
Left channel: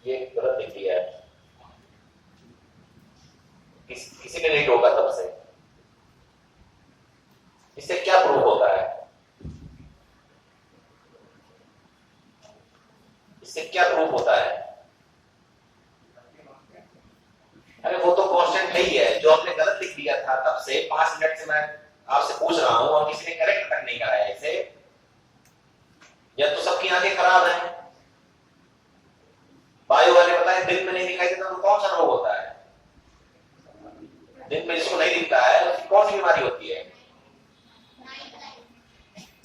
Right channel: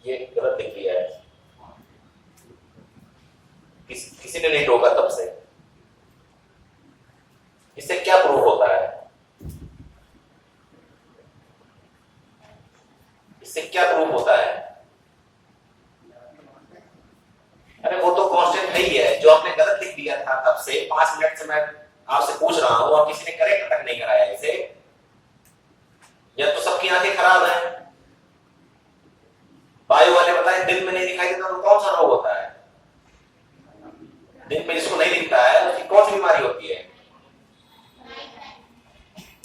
ये गलत दिख रही है, किसी ने नहीं रोका तब से। इससे क्या प्रूफ होता है, इससे क्या प्रूफ होता है, अरे वो तो कांस्टेंट है ही है, जो आपने गलत लिख दिया था तब से 5 मिनट से मैं आपसे पूछ रहा हूं और किसी ने करेक्ट तक नहीं कराया इसे, या तो सबकी आंखें खराब हैं। बायो वाले बताएं दिन में नहीं दिखाई देता तो कौन सा रोग होता है, दिन में जिसको नहीं दिखता है उसकी कौन सी बीमारी होती है,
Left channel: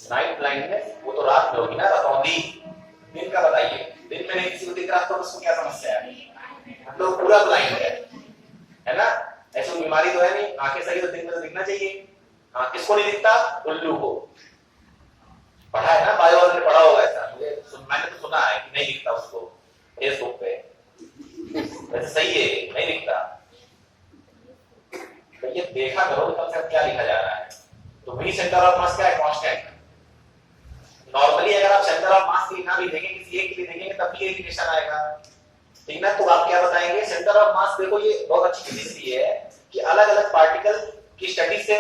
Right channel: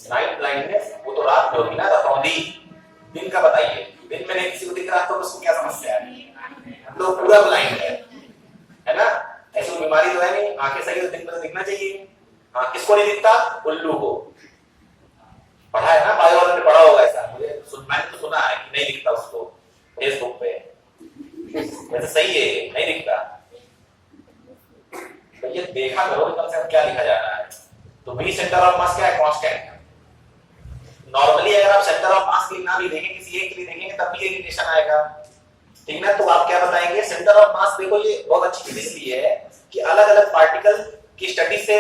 नाइट ब्लाइंडनेस, वो तो रात में होगी ना, रतौंधी। दिन का बताइए, दिन में नहीं किसी को दिख रहा तो उसको क्या समस्या है, हम लोग पूरा ब्लाइंड है ना, ऐसी कोई बीमारी तो है नहीं, आंखें सही तो दिन में तो दिखना चाहिए। हाँ किसको नहीं दिखता, उल्लू को, पढ़ा है ना, बायो वालों ने पढ़ा होगा ऐसा, मैंने तो सुना है कि नहीं दिखता उसको फेसबुक पे, वैसे सही है नहीं दिखता, तो ये देखा करो कम से कम क्या लिखा जा रहा है। तो बी सेंटर ऑफ मास क्या है, कांस्टेंट। नॉर्मली अगर आप सेंटर ऑफ मास के लिए ना भी देखें, किसी एक के लिए देखेंगे तब भी ये रिलेशन आएगा, ठीक ना। तो आप क्या बताएंगे, सेंटर ऑफ मास, देखो ये बहुत अच्छी चीज इसलिए है कि अलग अलग पार्टिकल की स्टडी से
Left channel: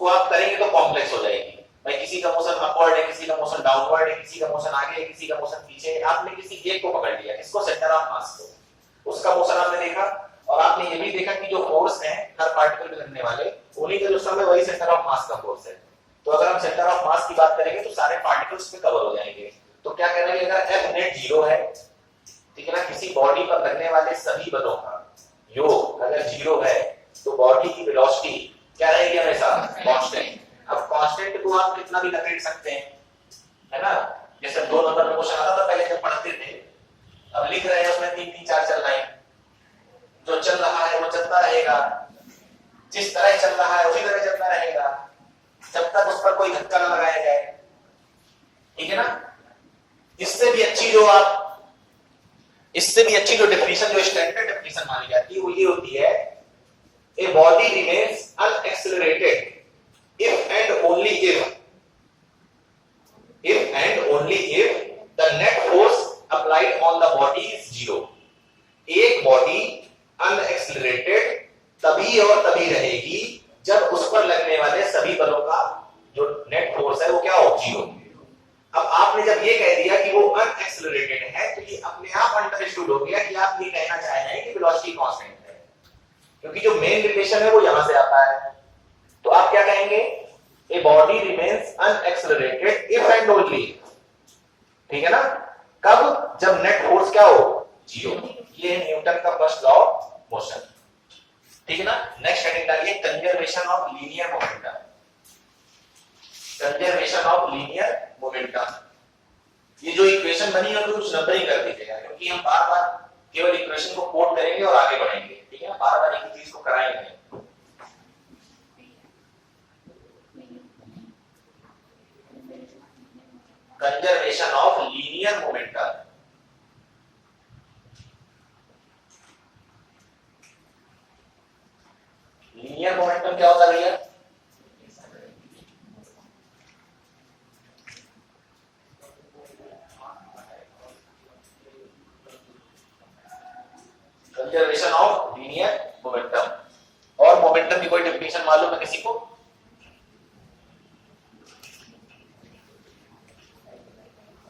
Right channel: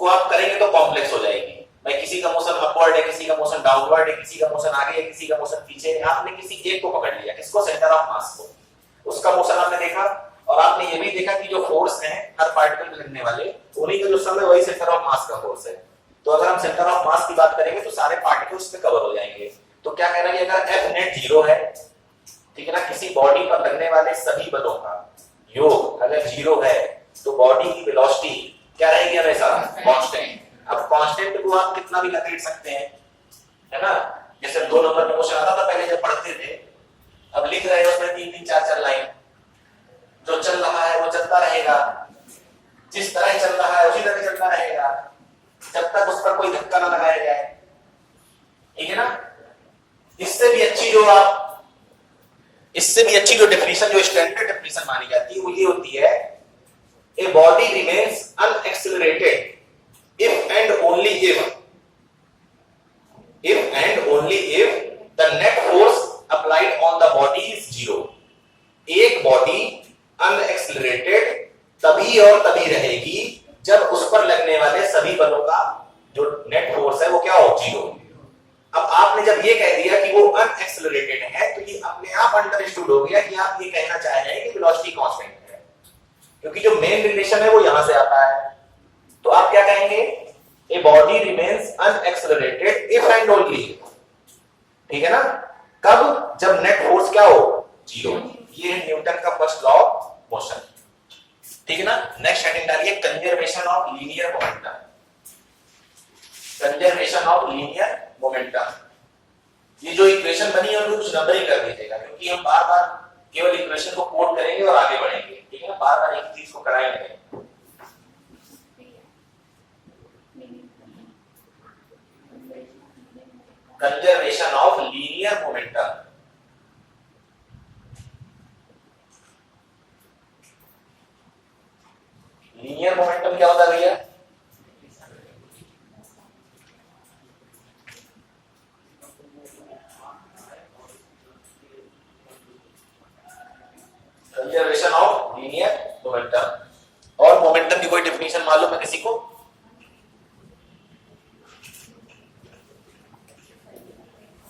को आप करेंगे तो कॉम्प्लेक्स हो जाएगी। भाई किसी का मोशन अपवर्ड है, किसी का मोशन डाउनवर्ड है, किसी का मोशन आगे है, किसी का मोशन पीछे है, आपने किसी एक को पकड़ लिया, किसको, सेंटर ऑफ मास को, उसका मोशन आपने देखा और आपने ये भी देखा कि जो फोर्स है हर पार्टिकल में लगने वाले, उन्हीं का जो सम है वही सेंटर ऑफ मास का फोर्स है। तो अगर हम सेंटर ऑफ मास की बात करेंगे तो सारे पार्टिकल्स में कवर हो जाएंगे। तो क्या कह रहा है, अगर एफ नेट जीरो है, ठीक है ना, किसी बॉडी पर लगने वाले सभी बलों का योग अगर जीरो है तो बॉडी की वेलोसिटी क्या रहेगी, हमेशा कांस्टेंट। अब कांस्टेंट को आप कितना भी लपेट सकते हैं, है ना, जैसे 2 नंबर में क्वेश्चन आता था पहले जब पढ़ते थे, अब लिख रहे हैं उसमें 3-3 4-4 लाइन, जो चल रहा है वो चलता रहेगा, जिस तरह चल रहा है उसी तरह चलता रहेगा, जब तक उस पर कोई धक्का ना लगाया जाए, ठीक है ना। इससे भी अच्छी जो डेफिनेशन, जो स्टैंडर्ड डेफिनेशन मानी जाती है वो ये होती है, a body remains unaccelerated if and only if the net force applied on the body is zero. एक बॉडी अनएक्सेलरेटेड तभी और तभी रहेगी जब उस पर लगने वाले सभी बलों का जो नेट फोर्स है वो क्या हो, जीरो। अब आपने जब ये कह दिया कि वो अनएक्सेलरेटेड है, तो ये अपने आप अंडरस्टूड हो गया कि आप ये कहना चाह रहे हैं कि वेलोसिटी कांस्टेंट है, क्योंकि जो मेन रिलेशन है वो यहां से आता है। तो आप क्या कहेंगे, a body remains unaccelerated if and only, ठीक है ना, कब, जब नेट फोर्स क्या हो, जीरो। ये है न्यूटन का फर्स्ट लॉ ऑफ मोशन, ठीक है ना। नेक्स्ट हेडिंग डालिए, conservation of linear momentum. Conservation of linear momentum, ये जो इक्वेशन बनी है कुछ नंबर ही कर दीजिएगा, क्योंकि हम बार बार केवल इक्वेशन को कोट करेंगे और आगे बढ़ेंगे, ठीक है ना, बार बार एक चीज को कराएंगे। Conservation of linear momentum, linear momentum क्या होता है भैया, कंजर्वेशन ऑफ लीनियर मोमेंटम। और मोमेंटम की कोई डेफिनेशन मालूम है किसी को?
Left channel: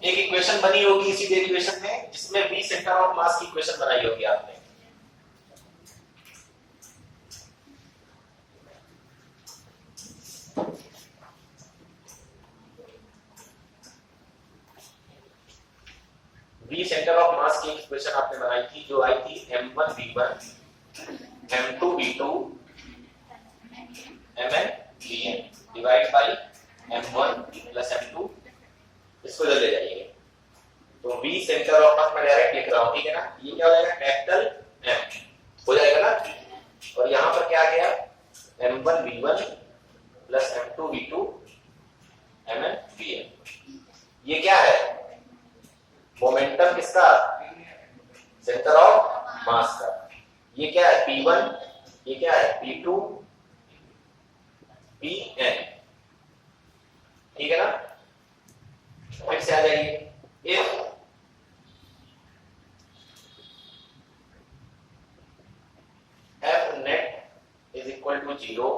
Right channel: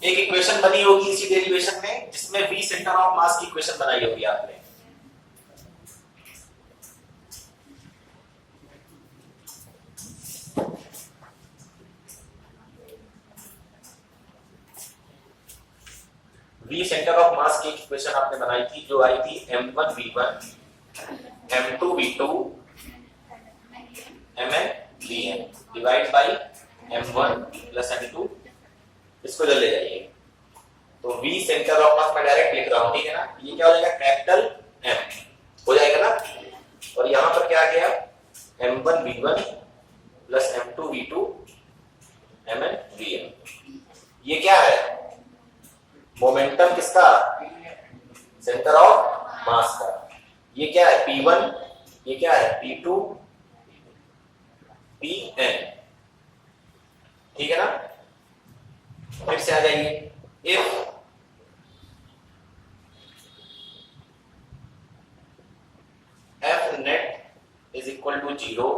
एक इक्वेशन बनी होगी इसी डेरिवेशन में, जिसमें v सेंटर ऑफ मास की इक्वेशन बनाई होगी आपने। v सेंटर ऑफ मास की इक्वेशन आपने बनाई थी, जो आई थी m1 v1 m2 v2 mn vn divide by m1 plus m2। इसको जल्दी ले जाइए, तो v सेंटर ऑफ मास मैं डायरेक्ट लिख रहा हूं, ठीक है ना। ये क्या हो जाएगा, कैपिटल M हो जाएगा ना, और यहां पर क्या आ गया, m1 v1 plus m2 v2 mn vn। ये क्या है, मोमेंटम किसका, सेंटर ऑफ मास का। ये क्या है, P1, ये क्या है, P2 Pn, ठीक है ना। फिर से आ जाइए, if F net is equal to 0,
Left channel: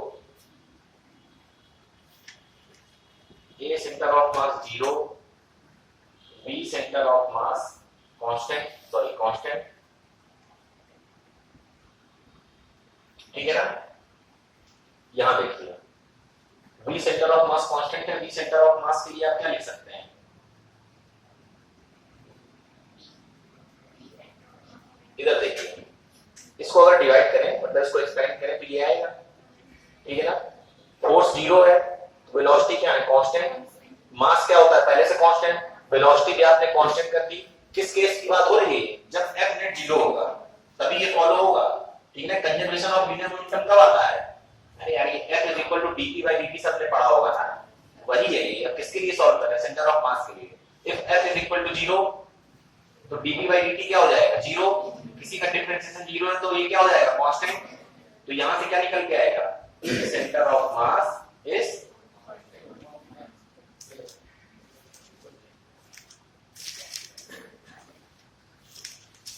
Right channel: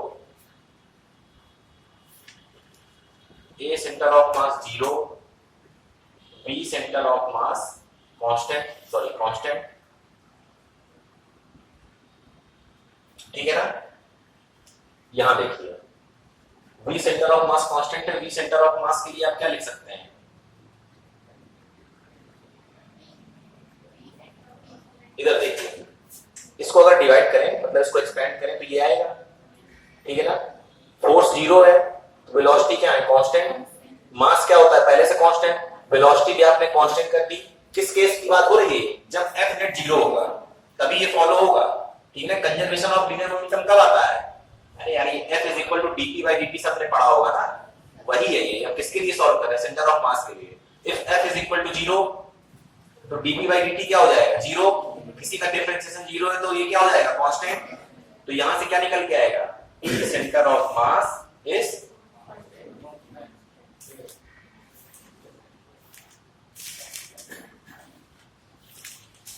A centre of mass 0, V centre of mass constant, ठीक है ना। यहां देखिए, V centre of mass constant है, V सेंटर ऑफ मास के लिए आप क्या लिख सकते हैं, इधर देखिए, इसको अगर डिवाइड करें, मतलब इसको एक्सपेंड करें तो ये आएगा, ठीक है ना। फोर्स 0 है, वेलोसिटी क्या है, कांस्टेंट। मास क्या होता है, पहले से कांस्टेंट, वेलोसिटी भी आपने कांस्टेंट कर दी। किस केस की बात हो रही है, जब F नेट 0 होगा तभी ये फॉलो होगा, ठीक है। कंजर्वेशन ऑफ लीनियर मोमेंटम कब आता है, अरे यार ये F is equal to dp by dt सबने पढ़ा होगा ना, वही है ये। अब किसके लिए सॉल्व कर रहे हैं, सेंटर ऑफ मास के लिए। If F is equal to 0 तो dp बाई dt क्या हो जाएगा, 0। किसी का डिफरेंशिएशन 0 है तो ये क्या हो जाएगा, कांस्टेंट। तो यहां से क्या निकल के आएगा, centre of mass is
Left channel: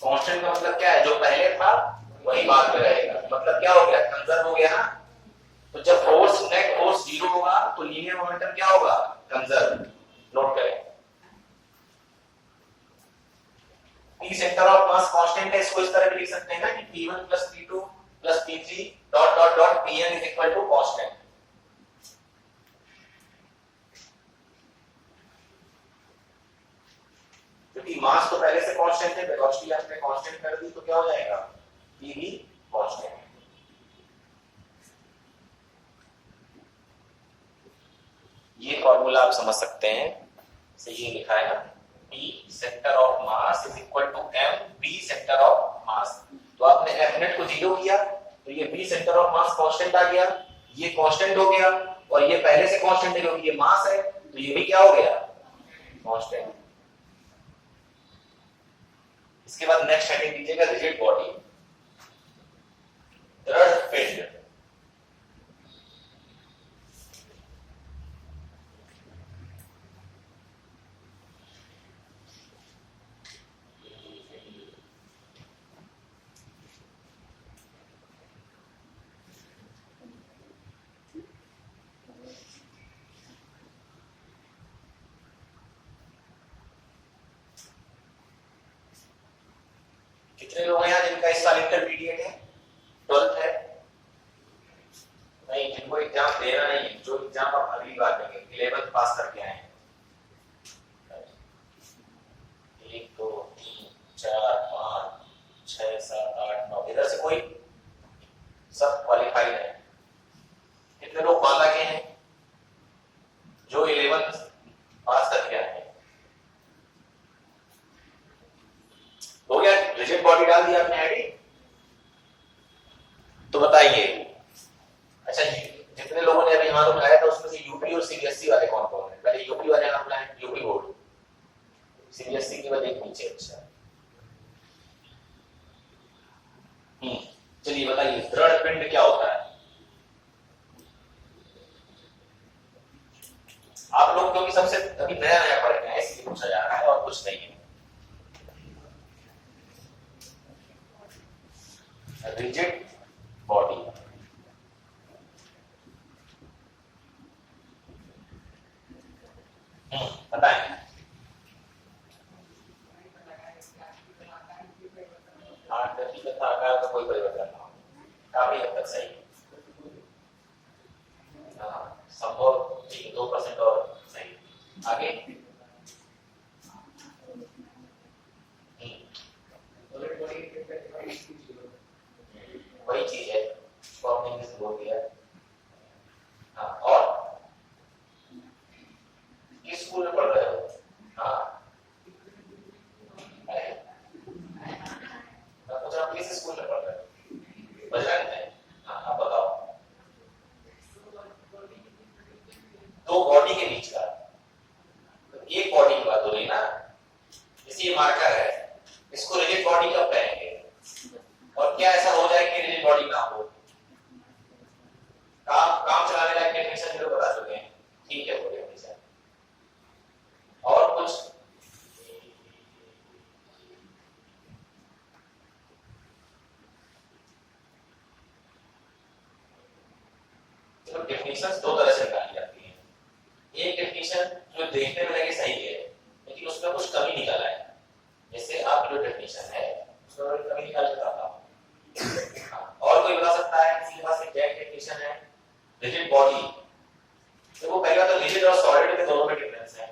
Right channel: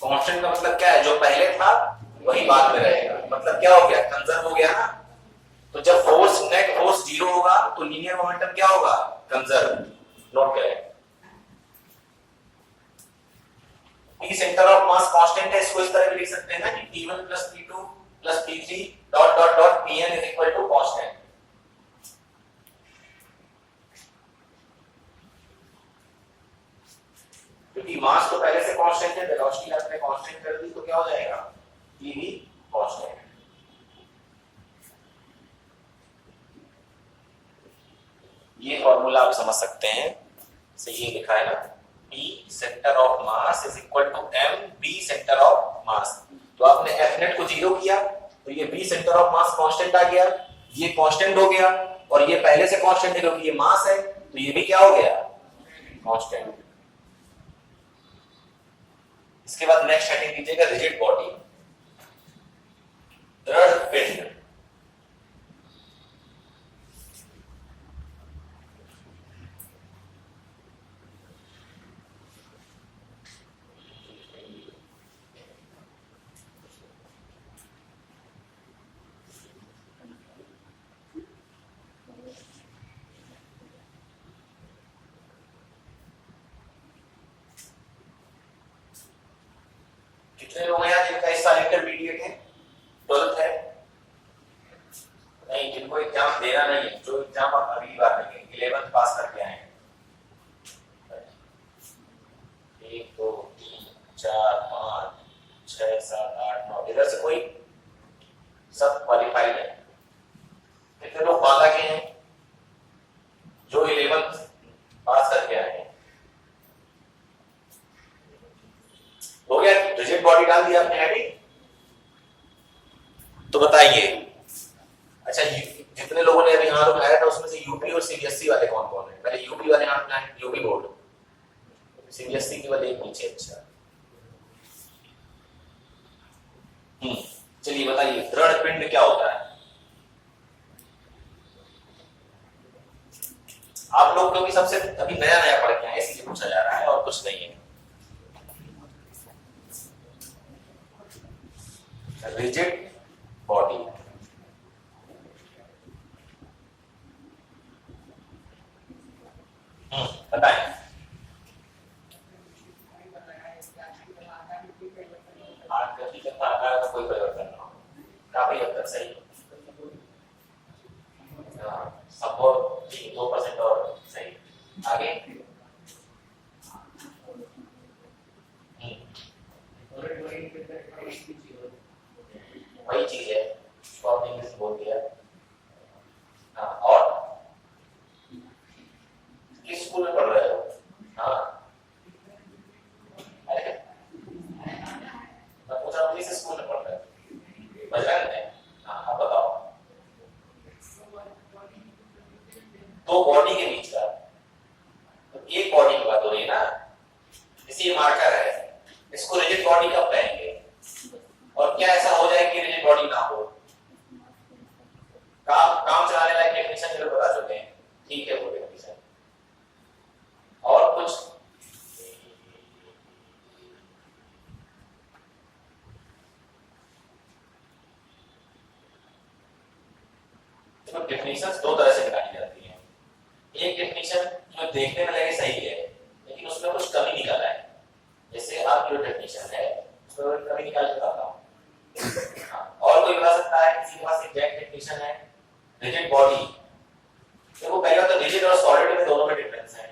constant का मतलब क्या है, जो पहले था वही बाद में रहेगा, मतलब क्या हो गया, कंजर्व हो गया ना। तो जब फोर्स नेट फोर्स 0 होगा तो लीनियर मोमेंटम क्या होगा, कंजर्व। नोट करें, P centre of mass constant है, इसको इस तरह भी लिख सकते हैं ना कि P1 plus P2 plus P3 dot dot dot Pn is equal to constant. क्योंकि मास तो पहले से कांस्टेंट है, वेलोसिटी आपने कांस्टेंट कर दी तो क्या हो जाएगा, P भी कांस्टेंट। ये फॉर्मूला आप समझ सकते हैं। से ये लिखा है ना, P centre of mass is equal to m B centre of mass. तो आपने F नेट को 0 किया तो ये B centre of mass constant आ गया, ये कांस्टेंट हो गया, और ये पहले से कांस्टेंट है क्योंकि ये मास है, तो ये भी क्या हो गया, कांस्टेंट। इसके बाद नेक्स्ट हेडिंग दीजिएगा रिजिड बॉडी, दृढ़ पिंड। कितने लोग हैं जिनका इस साल इंटरमीडिएट है, 12th है? नहीं, जिनको एग्जाम देना नहीं है, जो एग्जाम आप अगली बार देंगे, 11th पास करके आए हैं। 1 2 3 4 5 6 7 8 9, इधर से कोई सब क्वालिफाइड है। कितने लोग बाला के हैं जो 11th पास करके आए हैं? हो गया, रिजिड बॉडी डाल दिया आपने हेडिंग। तो बताइए, अच्छा जितने लोगों ने अभी हाथ उठाया था उसमें से यूपी और सीबीएसई वाले कौन कौन है? पहले यूपी वाले हाथ उठाएं, यूपी बोर्ड, सीबीएसई के बाद एक नीचे। अच्छा चलिए बताइए, दृढ़ पिंड क्या होता है? आप लोग क्योंकि सबसे अभी नया नया पढ़ के आए इसलिए पूछा जा रहा है और कुछ नहीं है। रिजिड बॉडी, बताएं। आकृति तथा आकार का कोई परिवर्तन ना हो, काफी हद तक सही। संभव 2% और सही। आगे वही चीज है, आपने इंग्लिश बोल दिया। हाँ, और किस स्कूल में पढ़ रहे हो? हाँ, अरे मैं पूछ रहा हूँ किस स्कूल में पढ़ रहे हो? बजरंग है। हाँ, आप बताओ। दो बॉडी के बीच का, तो एक बॉडी की बात हो रही है ना, जैसे ये मार्कर है, इसको रिजिड बॉडी कब कहेंगे? और क्या ऐसा हो जाए कि रिजिड बॉडी ना हो? काम चलाने लायक डेफिनेशन जो बता चुके हैं, ठीक है वो डेफिनेशन। और कुछ तो डेफिनेशंस दो तरह से निकाली जाती हैं। एक डेफिनेशन जो देखने में लगे सही है लेकिन उसमें कुछ कमी निकाला है, जैसे आप जो डेफिनेशन है उसमें कमी निकाल के बताता हूं। और कोई बता सकता है किसी के पास एग्जैक्ट डेफिनेशन है? रिजिड बॉडी, देखो पहला तो रिजिड और सॉलिड में दोनों में डिफरेंस है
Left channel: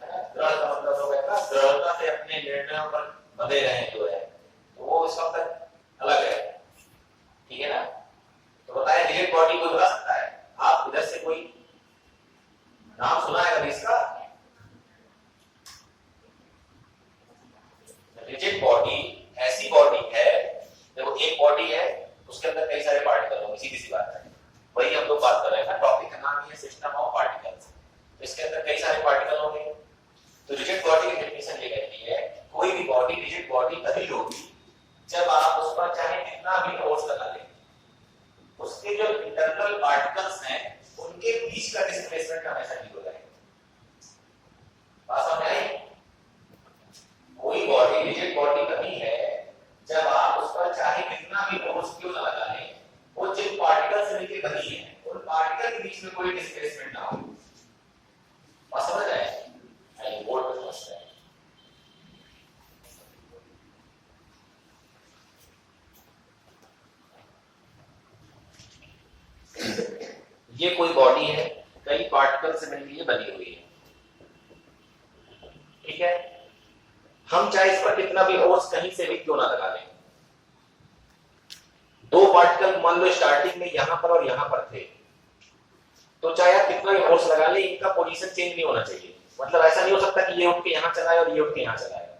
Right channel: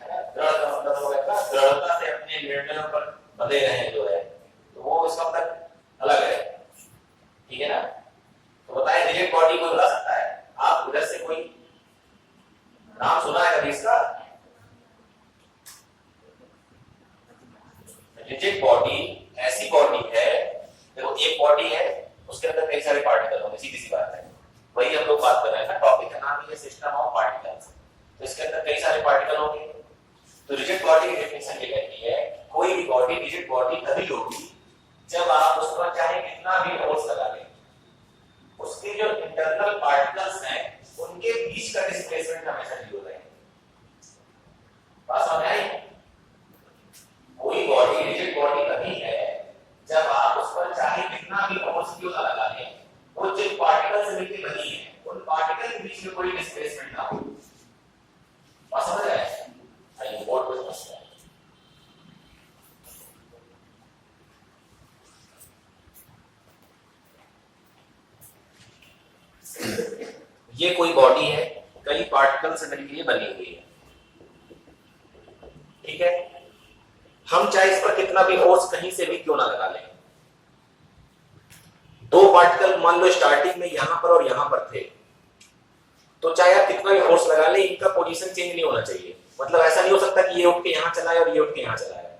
ना। दृढ़ का मतलब हो गया ना, दृढ़ता से अपने निर्णयों पर बंधे रहें जो है, तो वो इसका मतलब अलग है, ठीक है ना। तो बताएं रिजिड बॉडी कोई बता सकता है? आप उधर से कोई नाम सुना है कभी इसका? रिजिड बॉडी ऐसी बॉडी है, देखो एक बॉडी है उसके अंदर कई सारे पार्टिकल होंगे, सीधी सी बात है, वही हम लोग बात कर रहे हैं ना, टॉपिक का नाम है सिस्टम ऑफ पार्टिकल्स। तो इसके अंदर कई सारे पार्टिकल होंगे। तो रिजिड बॉडी की डेफिनेशन ये कहती है कोई भी बॉडी रिजिड बॉडी तभी होगी जब आप उस पर चाहे कितना भी फोर्स लगा लें, उसके जो इंटरनल पार्टिकल्स हैं उनके बीच का डिस्प्लेसमेंट हमेशा 0 रहेगा। बात समझ आई? कोई बॉडी रिजिड बॉडी तभी है जब आप उस पर चाहे कितना भी फोर्स क्यों ना लगा लें, वो जिन पार्टिकल से मिलकर बनी है उन पार्टिकल के बीच में कोई डिस्प्लेसमेंट ना हो। बात समझ रहे हैं? आइए बोर्ड पर समझते हैं। ये कोई बॉडी है, कई पार्टिकल से मिलकर बनी हुई है, ठीक है। हम चाहे इस पर कितना भी फोर्स कहीं से भी क्यों ना लगा लें, दो पार्टिकल मान लो स्टार्टिंग में यहां पर और यहां पर थे, तो चाहे आप कितना भी फोर्स लगा लें इनका पोजीशन चेंज नहीं होना चाहिए। मतलब ऐसा नहीं हो सकता कि ये उठ के यहां चला है और ये उठ के यहां चला है,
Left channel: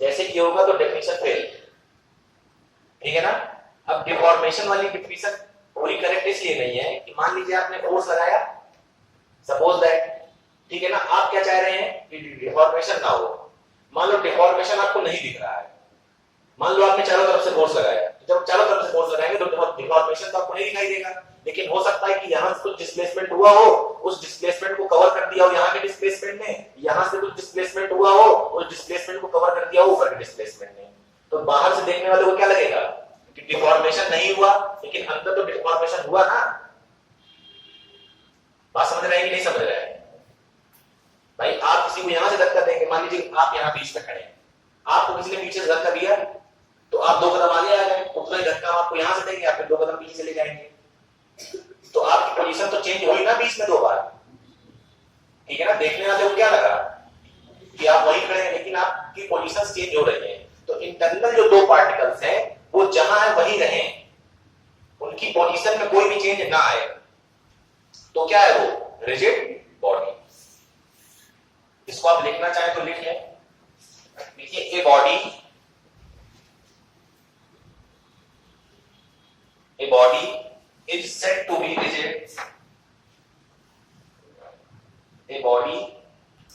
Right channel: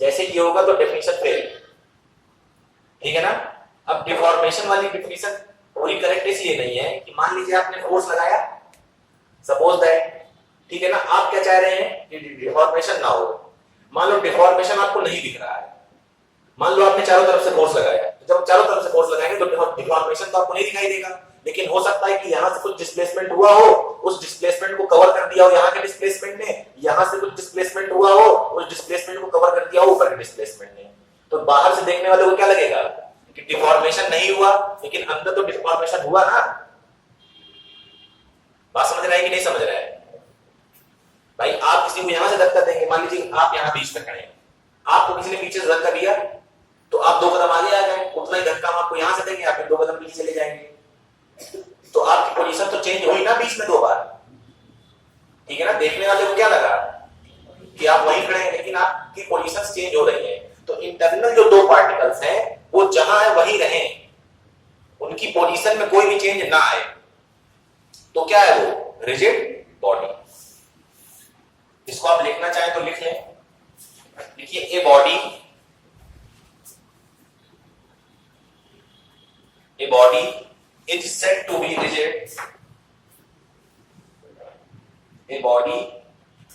जैसे कि ये होगा तो डेफिनेशन फेल। ठीक है ना। अब डिफॉर्मेशन वाली डेफिनेशन पूरी करेक्ट इसलिए नहीं है कि मान लीजिए आपने फोर्स लगाया, सपोज दैट, ठीक है ना, आप क्या चाह रहे हैं कि डिफॉर्मेशन ना हो। मान लो डिफॉर्मेशन आपको नहीं दिख रहा है, मान लो आपने चारों तरफ से फोर्स लगाया, तो जब चारों तरफ से फोर्स लगाएंगे तो डिफॉर्मेशन तो आपको नहीं दिखाई देगा, लेकिन हो सकता है कि यहां से कुछ डिस्प्लेसमेंट हुआ हो, उस डिस्प्लेसमेंट को कवर कर दिया हो यहां के डिस्प्लेसमेंट ने, यहां से कुछ डिस्प्लेसमेंट हुआ हो, उस डिस्प्लेसमेंट को कवर कर दिया हो ऊपर के डिस्प्लेसमेंट ने। तो बाहर से देखने वाले को क्या लगेगा कि डिफॉर्मेशन नहीं हुआ, लेकिन अंदर तो डिफॉर्मेशन हुआ ना। बात समझ रहा है कि नहीं समझ रहा है भाई? आप किसी को यहां से धक्का देंगे, मान लीजिए आप यहां बीच में खड़े हैं, आपको किसी ने पीछे से धक्का दिया तो आप 2 कदम आगे आ गए, उतना ही धक्का हम आपको यहां से देंगे, आप फिर 2 कदम पीछे चले जाएंगे, तो आपकी पोजीशन तो चेंज हुई ना बीच में 2 बार। ठीक है ना। देखने वाले को क्या लगा कि आप वहीं खड़े हैं, लेकिन आपकी पोजीशन चेंज हो रही है। तो इंटरनल जो 2 पार्टिकल्स हैं वो जहां है वहीं रहें, उनकी पोजीशन में कोई भी चेंज ना आए, तो क्या है वो रिजिड बॉडी। इसको आप लिखना चाहें तो लिख लें। देखिए a body is said to be rigid. A body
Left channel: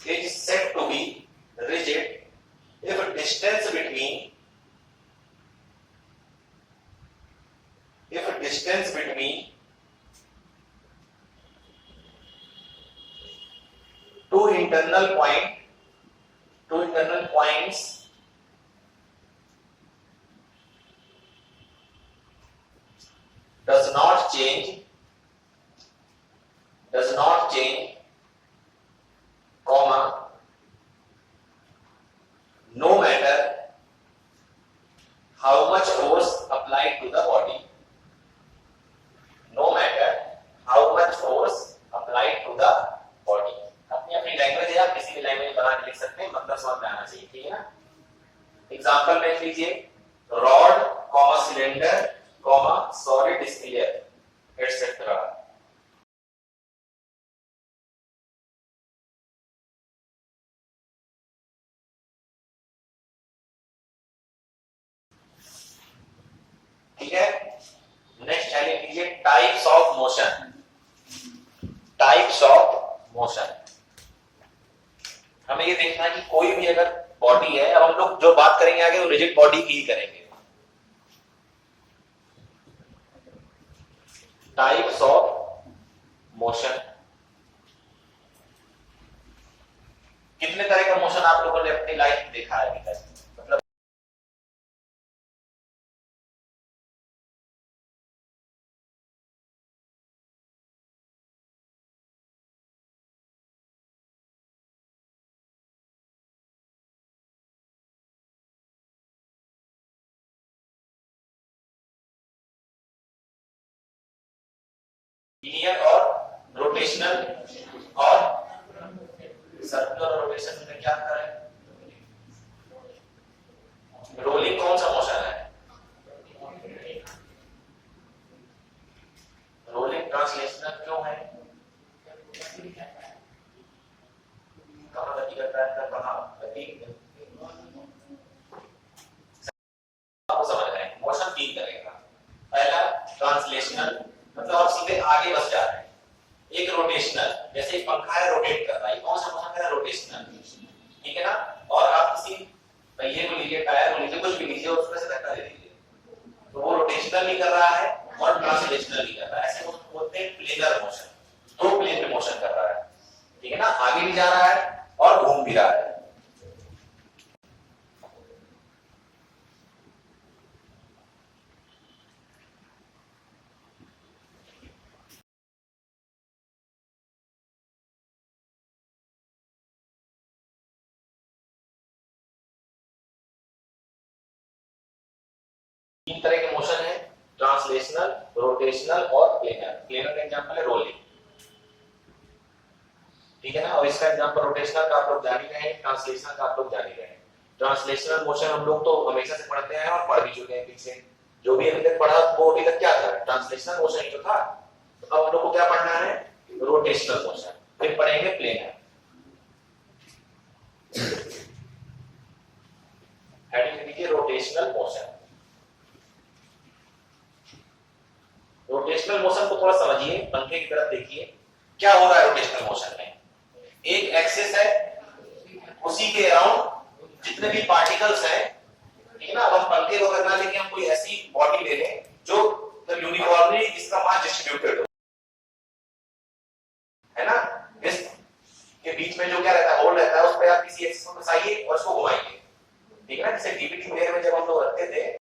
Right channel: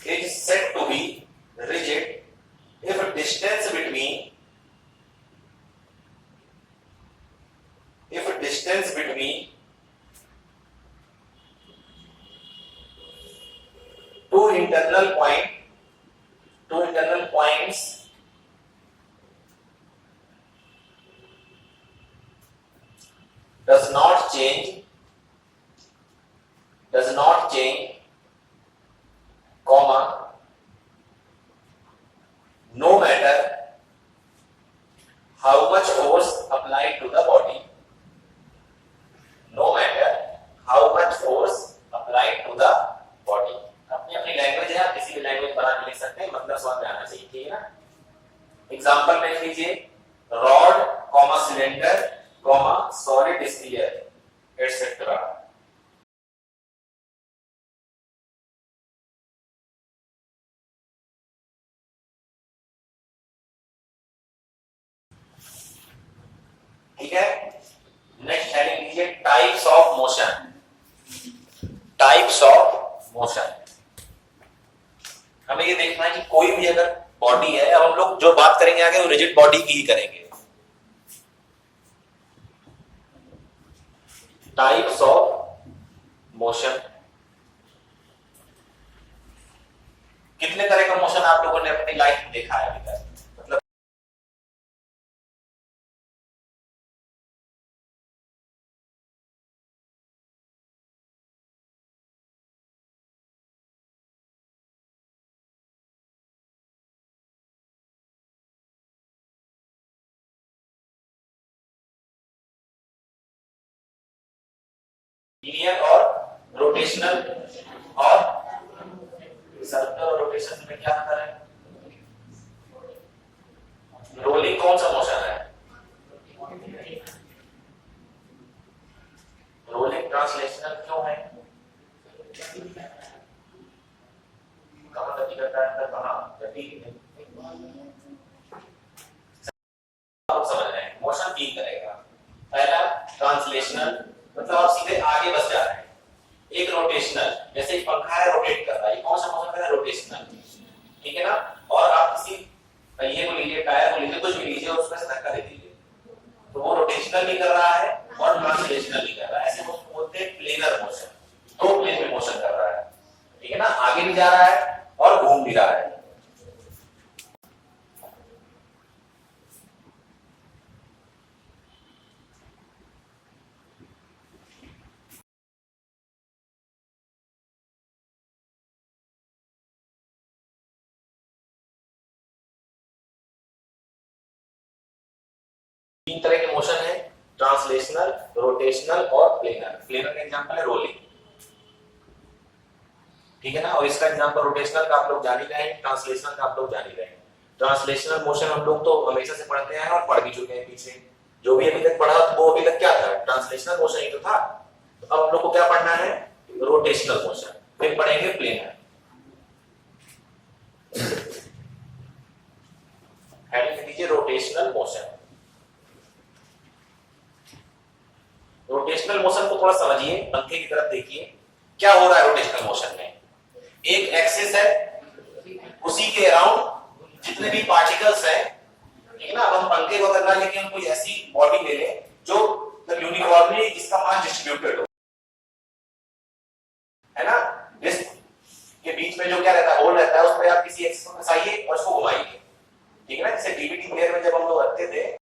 is said to be rigid if distance between two internal points does not change, comma, no matter how much force applied to the body. No matter how much force applied to the body. अपनी अपनी लैंग्वेज है, आप किसी भी लैंग्वेज बना के लिख सकते हैं, मतलब समझ में आना चाहिए। ठीक है ना। एग्जांपल में लीजिए rod, comma cylinder, comma solid sphere etcetera. ठीक है। नेक्स्ट हेडिंग लीजिए types of motion. Types of motion, हमें ये देखना है कि कोई भी अगर बॉडी है, अब हम लोग जो बात करेंगे आगे वो रिजिड बॉडी की ही करेंगे। टाइप्स ऑफ मोशन, कितने तरह का मोशन आप लोगों ने अपनी लाइफ में देखा है अभी तक? मतलब लीनियर और रोटेशनल और सर्कुलर और रोटेशन में क्या अंतर है? रोलिंग कौन सा मोशन है? रोलिंग ट्रांसलेशनल क्यों है? कहां गति करता है, कहां गति आप समझ रहे हैं। मोशन 3 तरह का। पहला ट्रांसलेशनल, मतलब आप सीधे आगे बस जा रहे हैं। एक रोटेशनल, जैसे एक पंखा है रोटेट कर रहा है, कौन सा मोशन कर रहा है? रोटेशनल। ठीक है ना। और आप किसी पहिए को लीजिए, टायर को लीजिए, कुछ भी लीजिए और उसमें से धक्का दे दीजिए, तो वो रोटेशनल नहीं कर रहा है और ट्रांसलेशनल नहीं कर रहा है। ऐसे बोलते हैं प्लेनर मोशन, 2 प्लेन में मोशन कर रहा है। ठीक है ना। आगे भी जा रहा है और घूम भी रहा है। तीन तरह के मोशन है, ट्रांसलेशनल, रोटेशनल और प्लेनर। प्लेनर का एग्जांपल है रोलिंग। ठीक है ना। और इसका एग्जांपल रोटेशनल का आप लोग जान ही रहे हैं, ट्रांसलेशनल का आप लोग जान ही रहे हैं। ट्रांसलेशनल मोशन हम लोग तो हमेशा से पढ़ते हैं और पढ़ भी चुके हैं पीछे। जो भी अभी तक पढ़ा वो अभी तक क्या था? ट्रांसलेशनल मोशन ही तो था। तो अब हम लोग को क्या पढ़ना है? Rotational motion. फिर पढ़ेंगे प्लेनर। हेडिंग लिख लीजिए रोटेशनल मोशन। रोटेशनल मोशन को थोड़ा समझिए, पंखे की तरफ देखिए, क्या हो रहा है रोटेशनल मोशन में। एक एक्सिस है, उसी के अराउंड जितने भी पार्टिकल्स हैं, ठीक है ना। अब हम पंखे को अगर ना लेके हम कोई ऐसी बॉडी ले लें जो यूनिफॉर्मली इसका मास डिस्ट्रीब्यूटेड हो, है ना। डिस्क के बीच में जो क्या रहता है, होल रहता है, उस पर आप किसी एक्सिस को फंसाइए और उसको घुमाइए, ठीक है ना। जैसे डीवीडी प्लेयर में जब हम लोग रखते थे,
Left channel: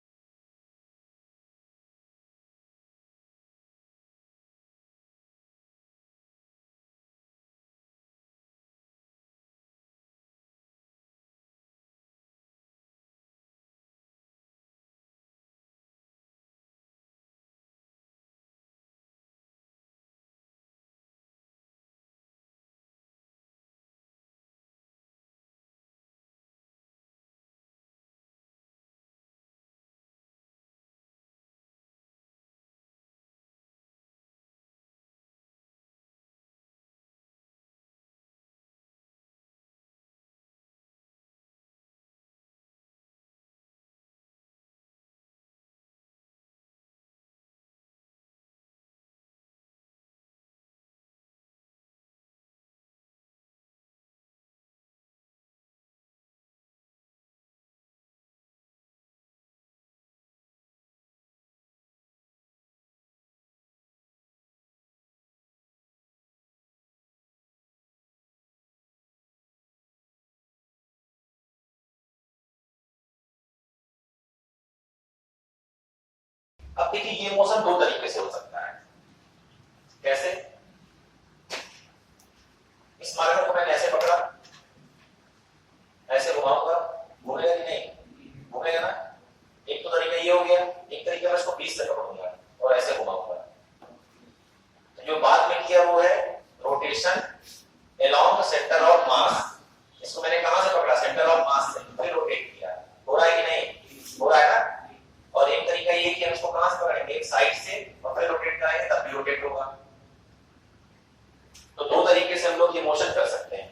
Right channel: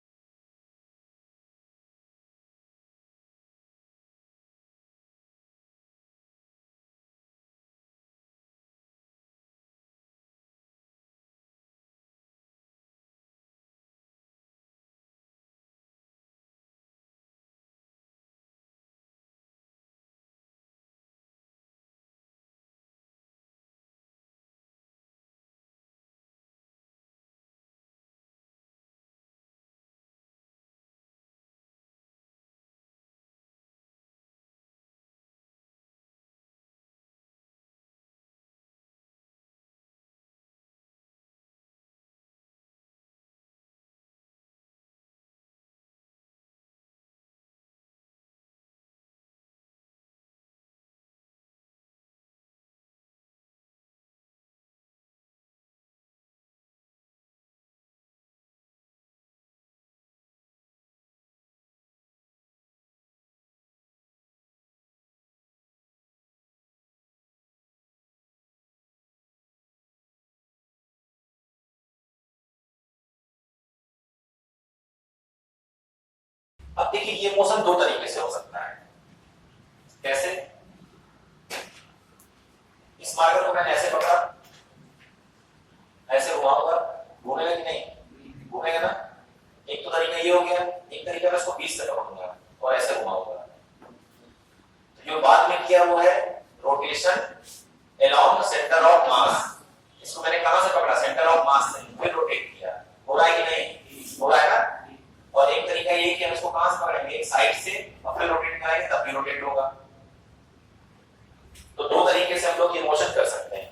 अब देखिए ये मोशन दो तरीके से हो सकता है। कैसे? इस मार्कर को मैंने ऐसे पकड़ा, ऐसे घुमाऊंगा, घूमेगा कि नहीं? घूमेगा ना। एक तो तरीका ये हो गया, एक तरीका मैं इसको बीच से पकड़ूंगा और ऐसे घुमाऊंगा। तो जो बाद में किया वो है rotation along the centre of मास। इसको मैंने कहां से पकड़ा? सेंटर ऑफ मास से, फिर रोटेट किया। हो रहा है कि नहीं? हो रहा है ना। और एक तरीका ये कि हम इसको कहां से पकड़ेंगे? एक साइड से और फिर रोटेट कराएंगे, तब भी रोटेट होगा। तो दो तरीके से हम लोग ये मोशन कर सकते हैं।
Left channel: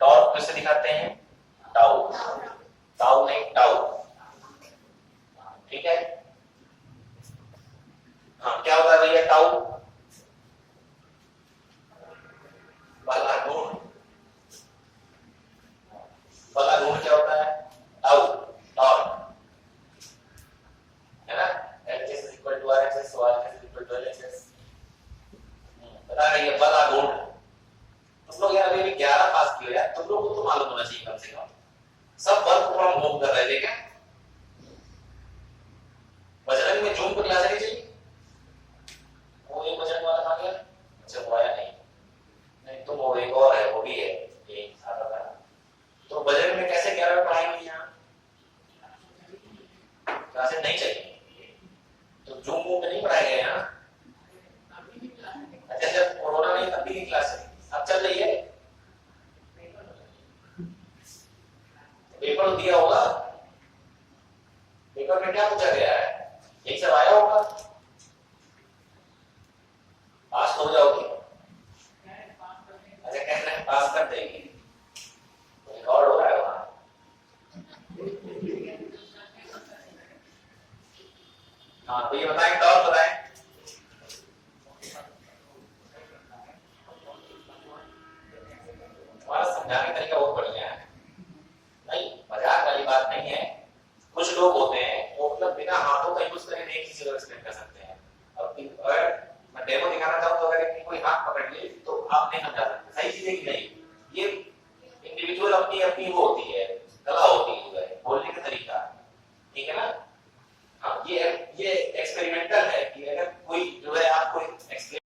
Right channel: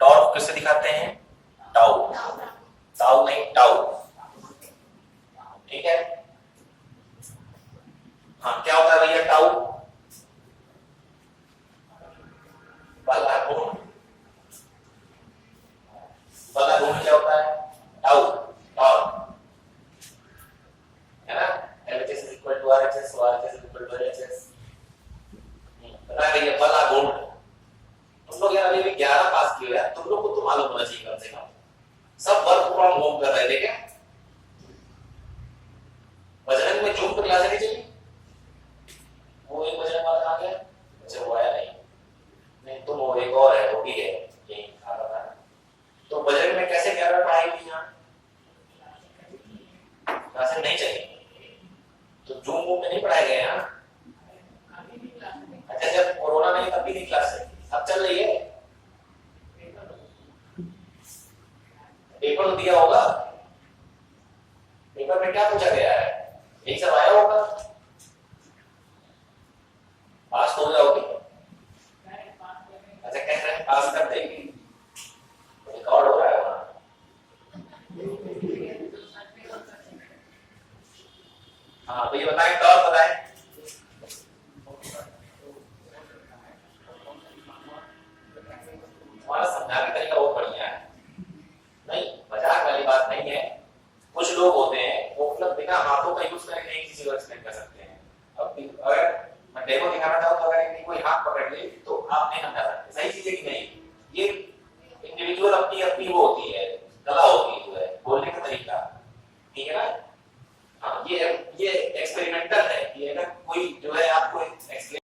टॉर्क किससे दिखाते हैं? टाउ। टाउ नहीं, टाउ। ठीक है। हाँ, क्या होता है भैया टाउ? बलागुण। बलागुण क्या होता है? टाउ। टॉर्क है ना? LHS is equal to RHS, RHS is equal to LHS। पता है भैया बलागुण। तुम लोग यार अभी भी 11 पास किए हो यार, तुम लोग को तो मालूम होना चाहिए कम से कम। सब वर्क फ्रॉम होम कर रहे थे क्या? बजरंग में जूम को क्लास नहीं चाहिए? वो एक बजरंग वाला आ गया, अच्छा वो आया नहीं। नहीं तुम वो एक और है, वो भी है, ये खाता था। तो बजरंग में कैसे 11 पढ़ाई हुई यहाँ? क्लासेस नहीं चाहिए तो जूम वूम में नहीं पढ़ाए गए यहाँ? अच्छा जब कोरोना नहीं तब भी नहीं क्लास है, अब चल रही है। पेपर दिया होगा, पेपर में क्या पूछा गया है? एक सब आया होगा, पास तो हो जाओगी। अच्छा कह रहे हैं पास कर देंगे, रिकॉर्ड हो रहा है वहां। हाँ तो ये बताएं, टॉर्क बताएं। हमारा समझाने का तरीका बहुत बढ़िया है, नहीं मजाक वाली बात नहीं है। कुछ लोग होते हैं वो मतलब बिना हाथों का यूज करके एक चीज को एक्सप्लेन कर सकते हैं। अब अगर मैं डेमो दिखाना चाहूँ तो अगर एक कोई हाथ पकड़ ले तो आप नहीं समझा सकते सही चीज है कि नहीं। ये इंडिविजुअल अपनी अपनी वो होती है, कला होती है, जो है बोलने का तरीका। ठीक है ना? हाँ ये एक्सपेरिमेंटल है कि अगर कोई जो है आपको एक्सप्लेन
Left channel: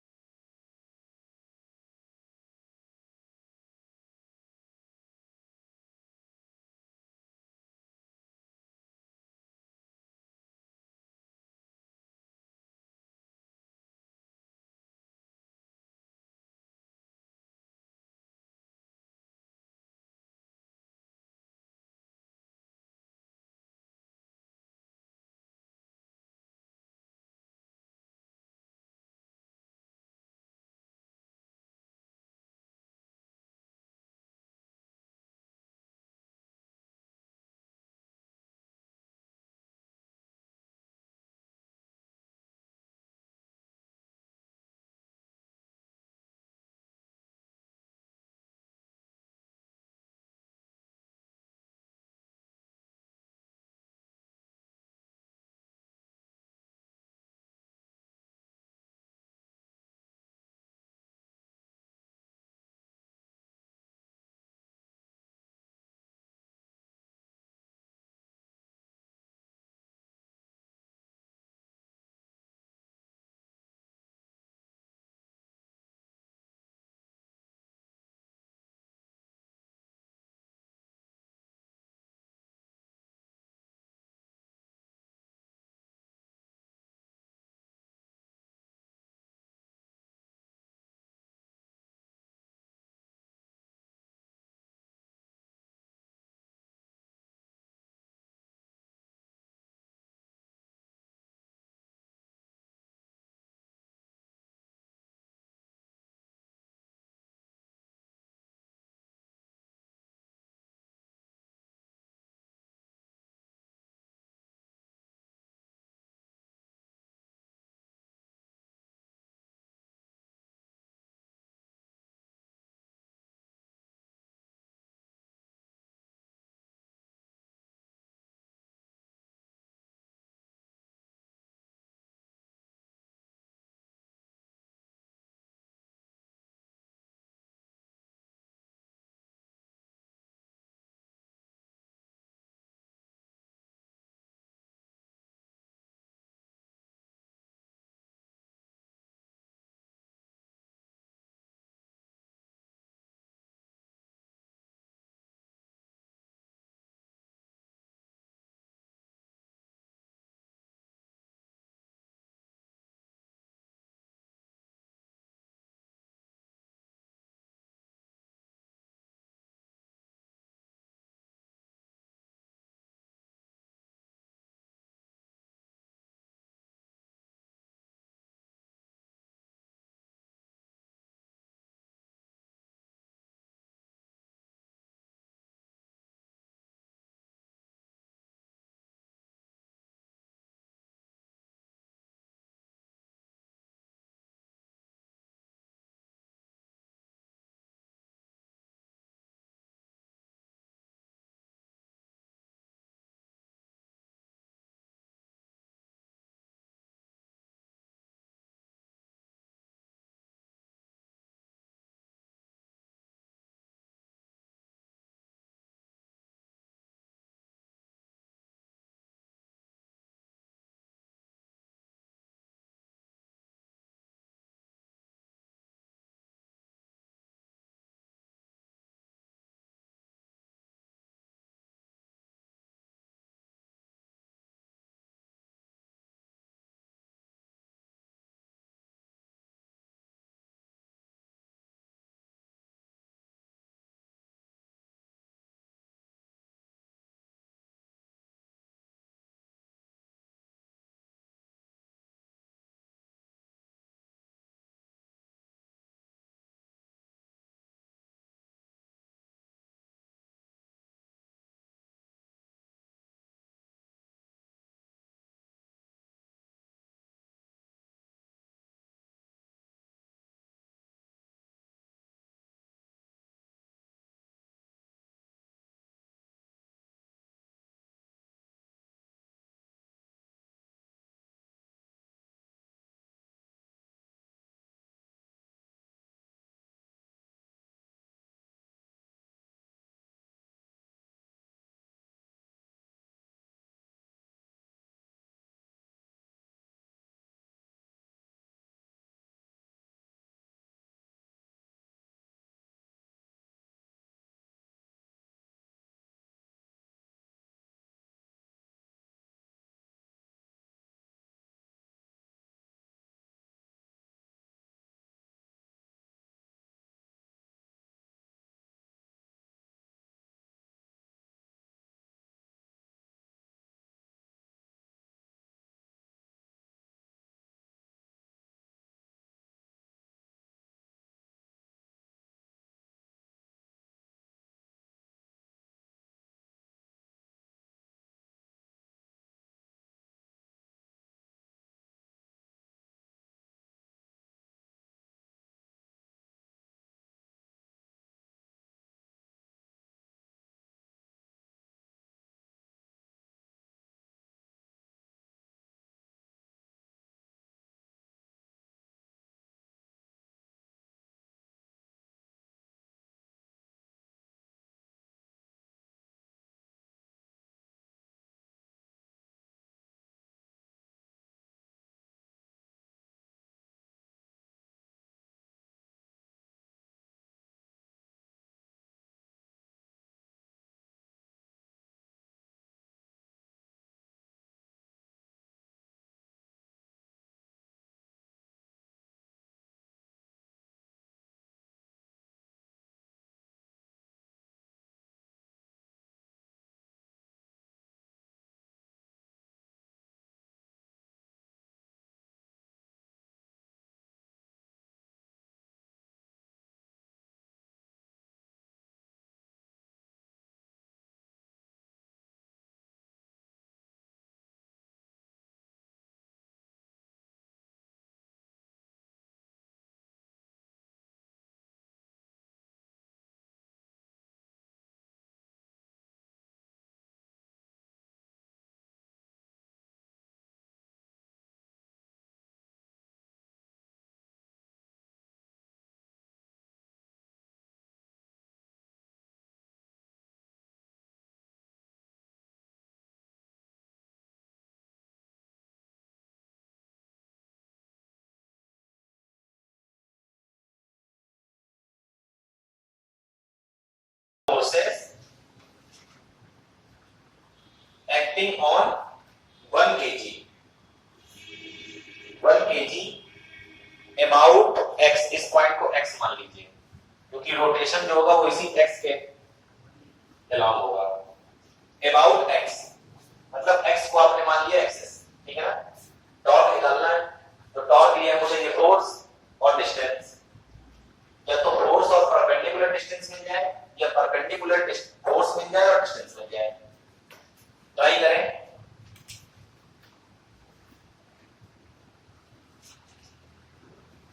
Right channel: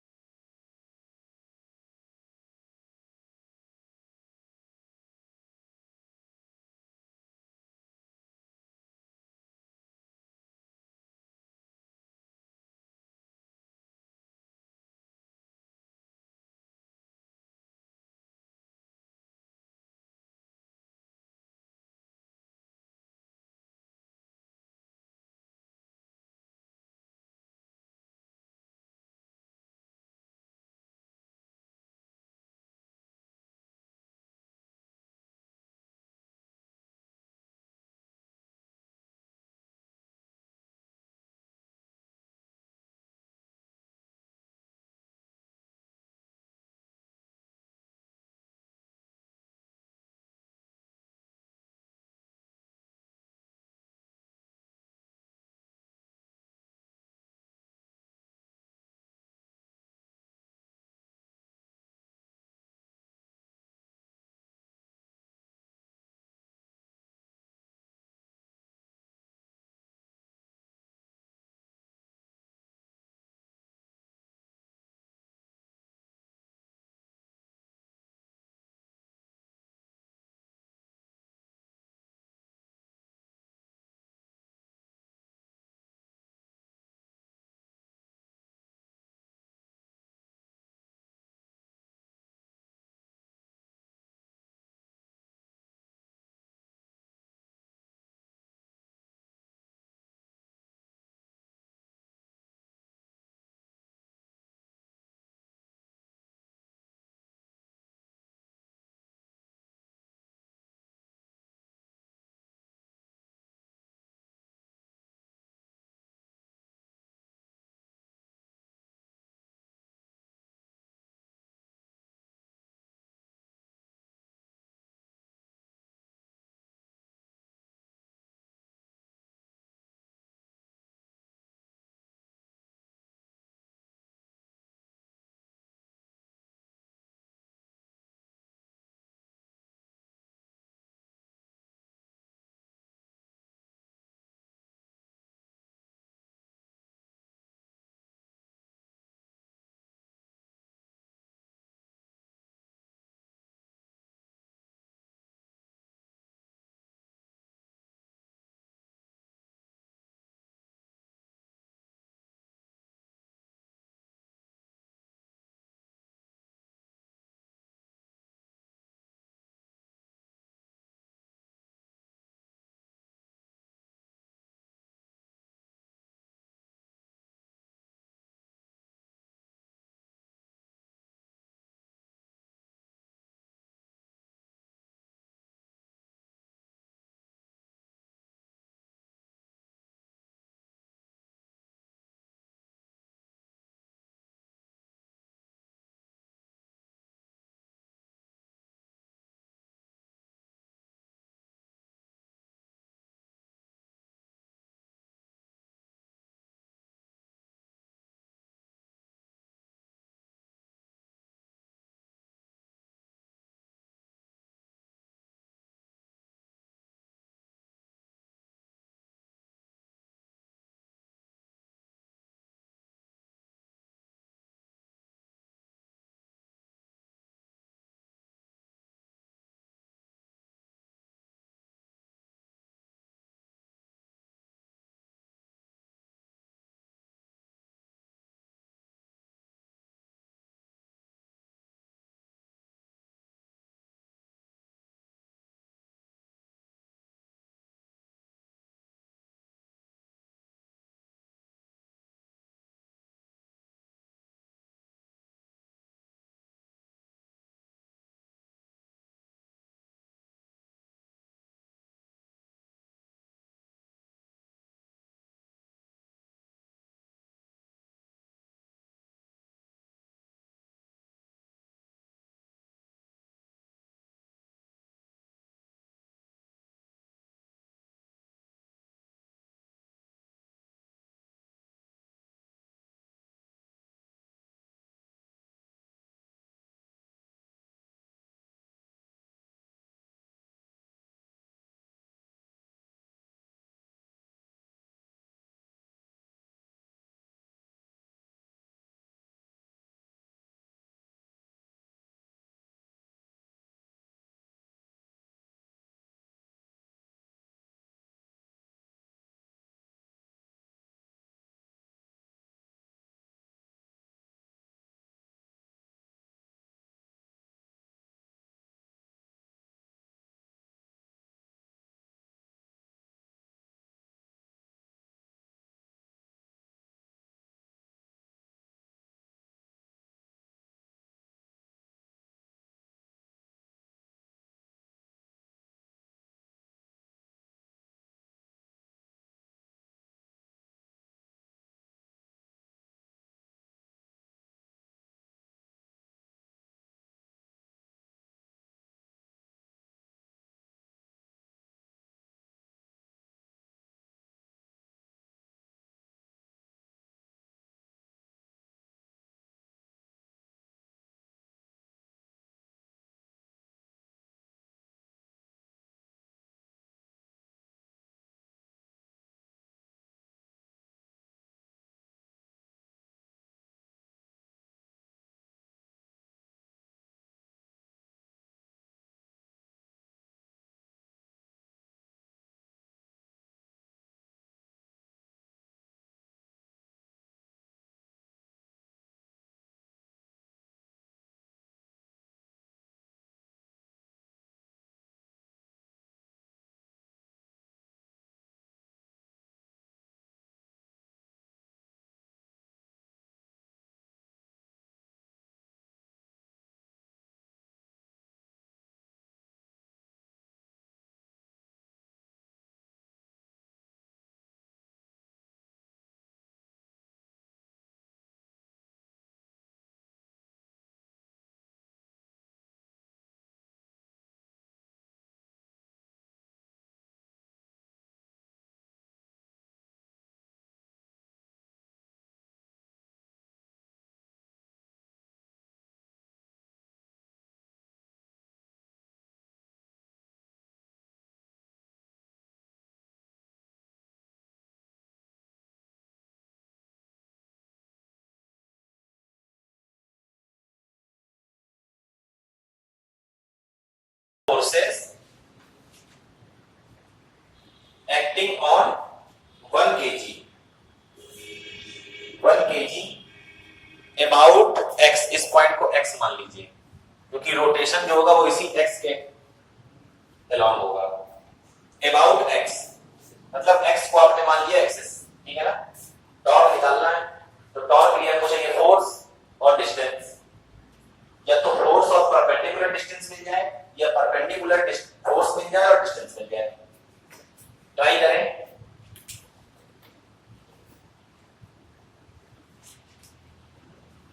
पॉइंट को x मान लीजिए, क्योंकि रोटेशन जो होगा वो इसी x के अलोंग होगा। अबाउट x मतलब x को आपने मान लिया एक्सिस, ठीक है ना। टॉर्क निकालना है, तो टॉर्क लिया मुझे ये फोर्स और डिस्टेंस, या तो फोर्स और परपेंडिकुलर डिस्टेंस मिल जाए या परपेंडिकुलर फोर्स मिल जाए और डिस्टेंस मिल जाए। ट्राई करें।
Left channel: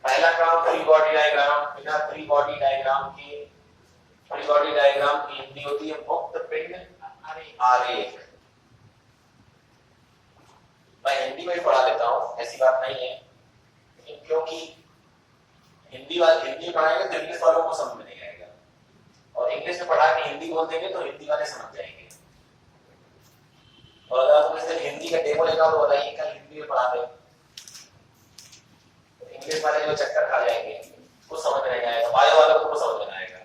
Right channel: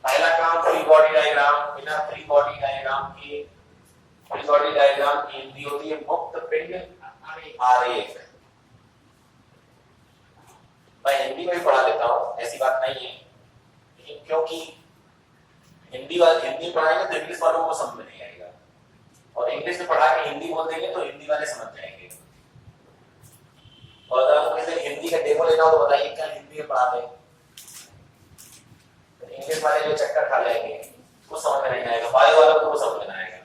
पहला काम फ्री बॉडी डायग्राम, बिना फ्री बॉडी डायग्राम की, फ्री बॉडी डायग्राम की हिंदी होती है मुक्त पिंड आरेख। मैं हिंदी में भी पढ़ा देता हूं, ऐसी बात नहीं है, लेकिन क्योंकि हिंदी में पढ़ाएंगे तो इंग्लिश वालों को समझ में नहीं आएगा, और इंग्लिश में पढ़ा के हिंदी बोल देंगे तो हिंदी वाले समझ जाएंगे। और अगर आपको किसी हिंदी का डेमो लेना हो तो बताइए, कल हिंदी में पढ़ा दें, इंग्लिश वाले जो चक्कर खा जाएंगे, कुछ समझ में नहीं आएगा, बायो वालों को समझ में आएगा।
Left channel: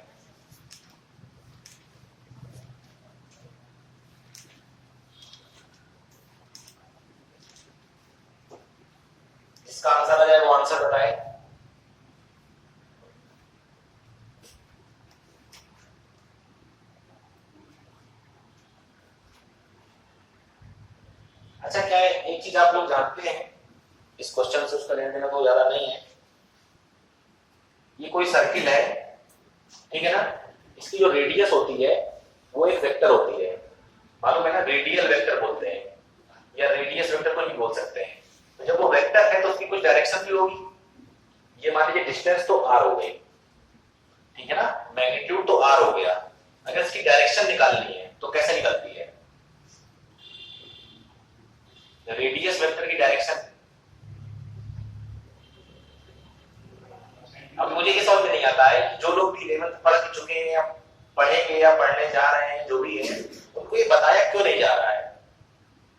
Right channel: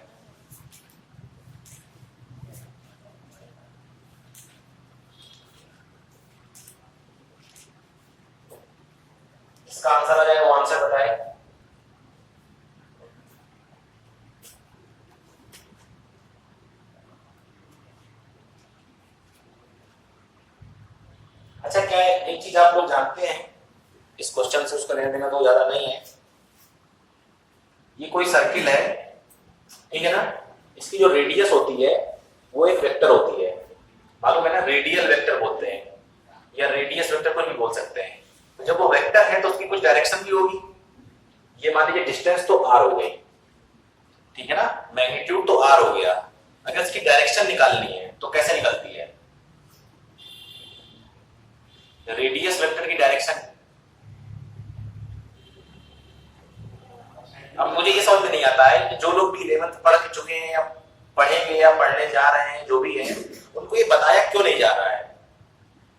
इसका आंसर आ जाए, वो आंसर बताए। अच्छा, क्या एक चीज आप लोग जानते हैं, इस क्वेश्चन से उसका लेना देना तो ज्यादा नहीं है। ये कोई सर्किल है, ठीक है ना, इसकी जो रेडियस होती है वो एक वेक्टर होती है, मालूम है ना, रेडियल वेक्टर बोलते हैं, या रेडियस वेक्टर को नहीं बोल सकते हैं। तो जब वो वेक्टर है तो उसकी कुछ डायरेक्शन भी होगी। ये मान लीजिए डिस्टेंस तो r हो गई, ठीक है ना, मैग्नीट्यूड तो r हो गया। अगर इसकी डायरेक्शन निकालनी है तो कैसे निकलती है? रेडियस वेक्टर की डायरेक्शन। अब मुझे ये समझ में नहीं आता है कि जो लोग भी 11th पढ़ के चुके हैं या पढ़ेंगे या पढ़ने जा रहे हैं, जो भी है, उनको ये बताया क्यों नहीं जा रहा है।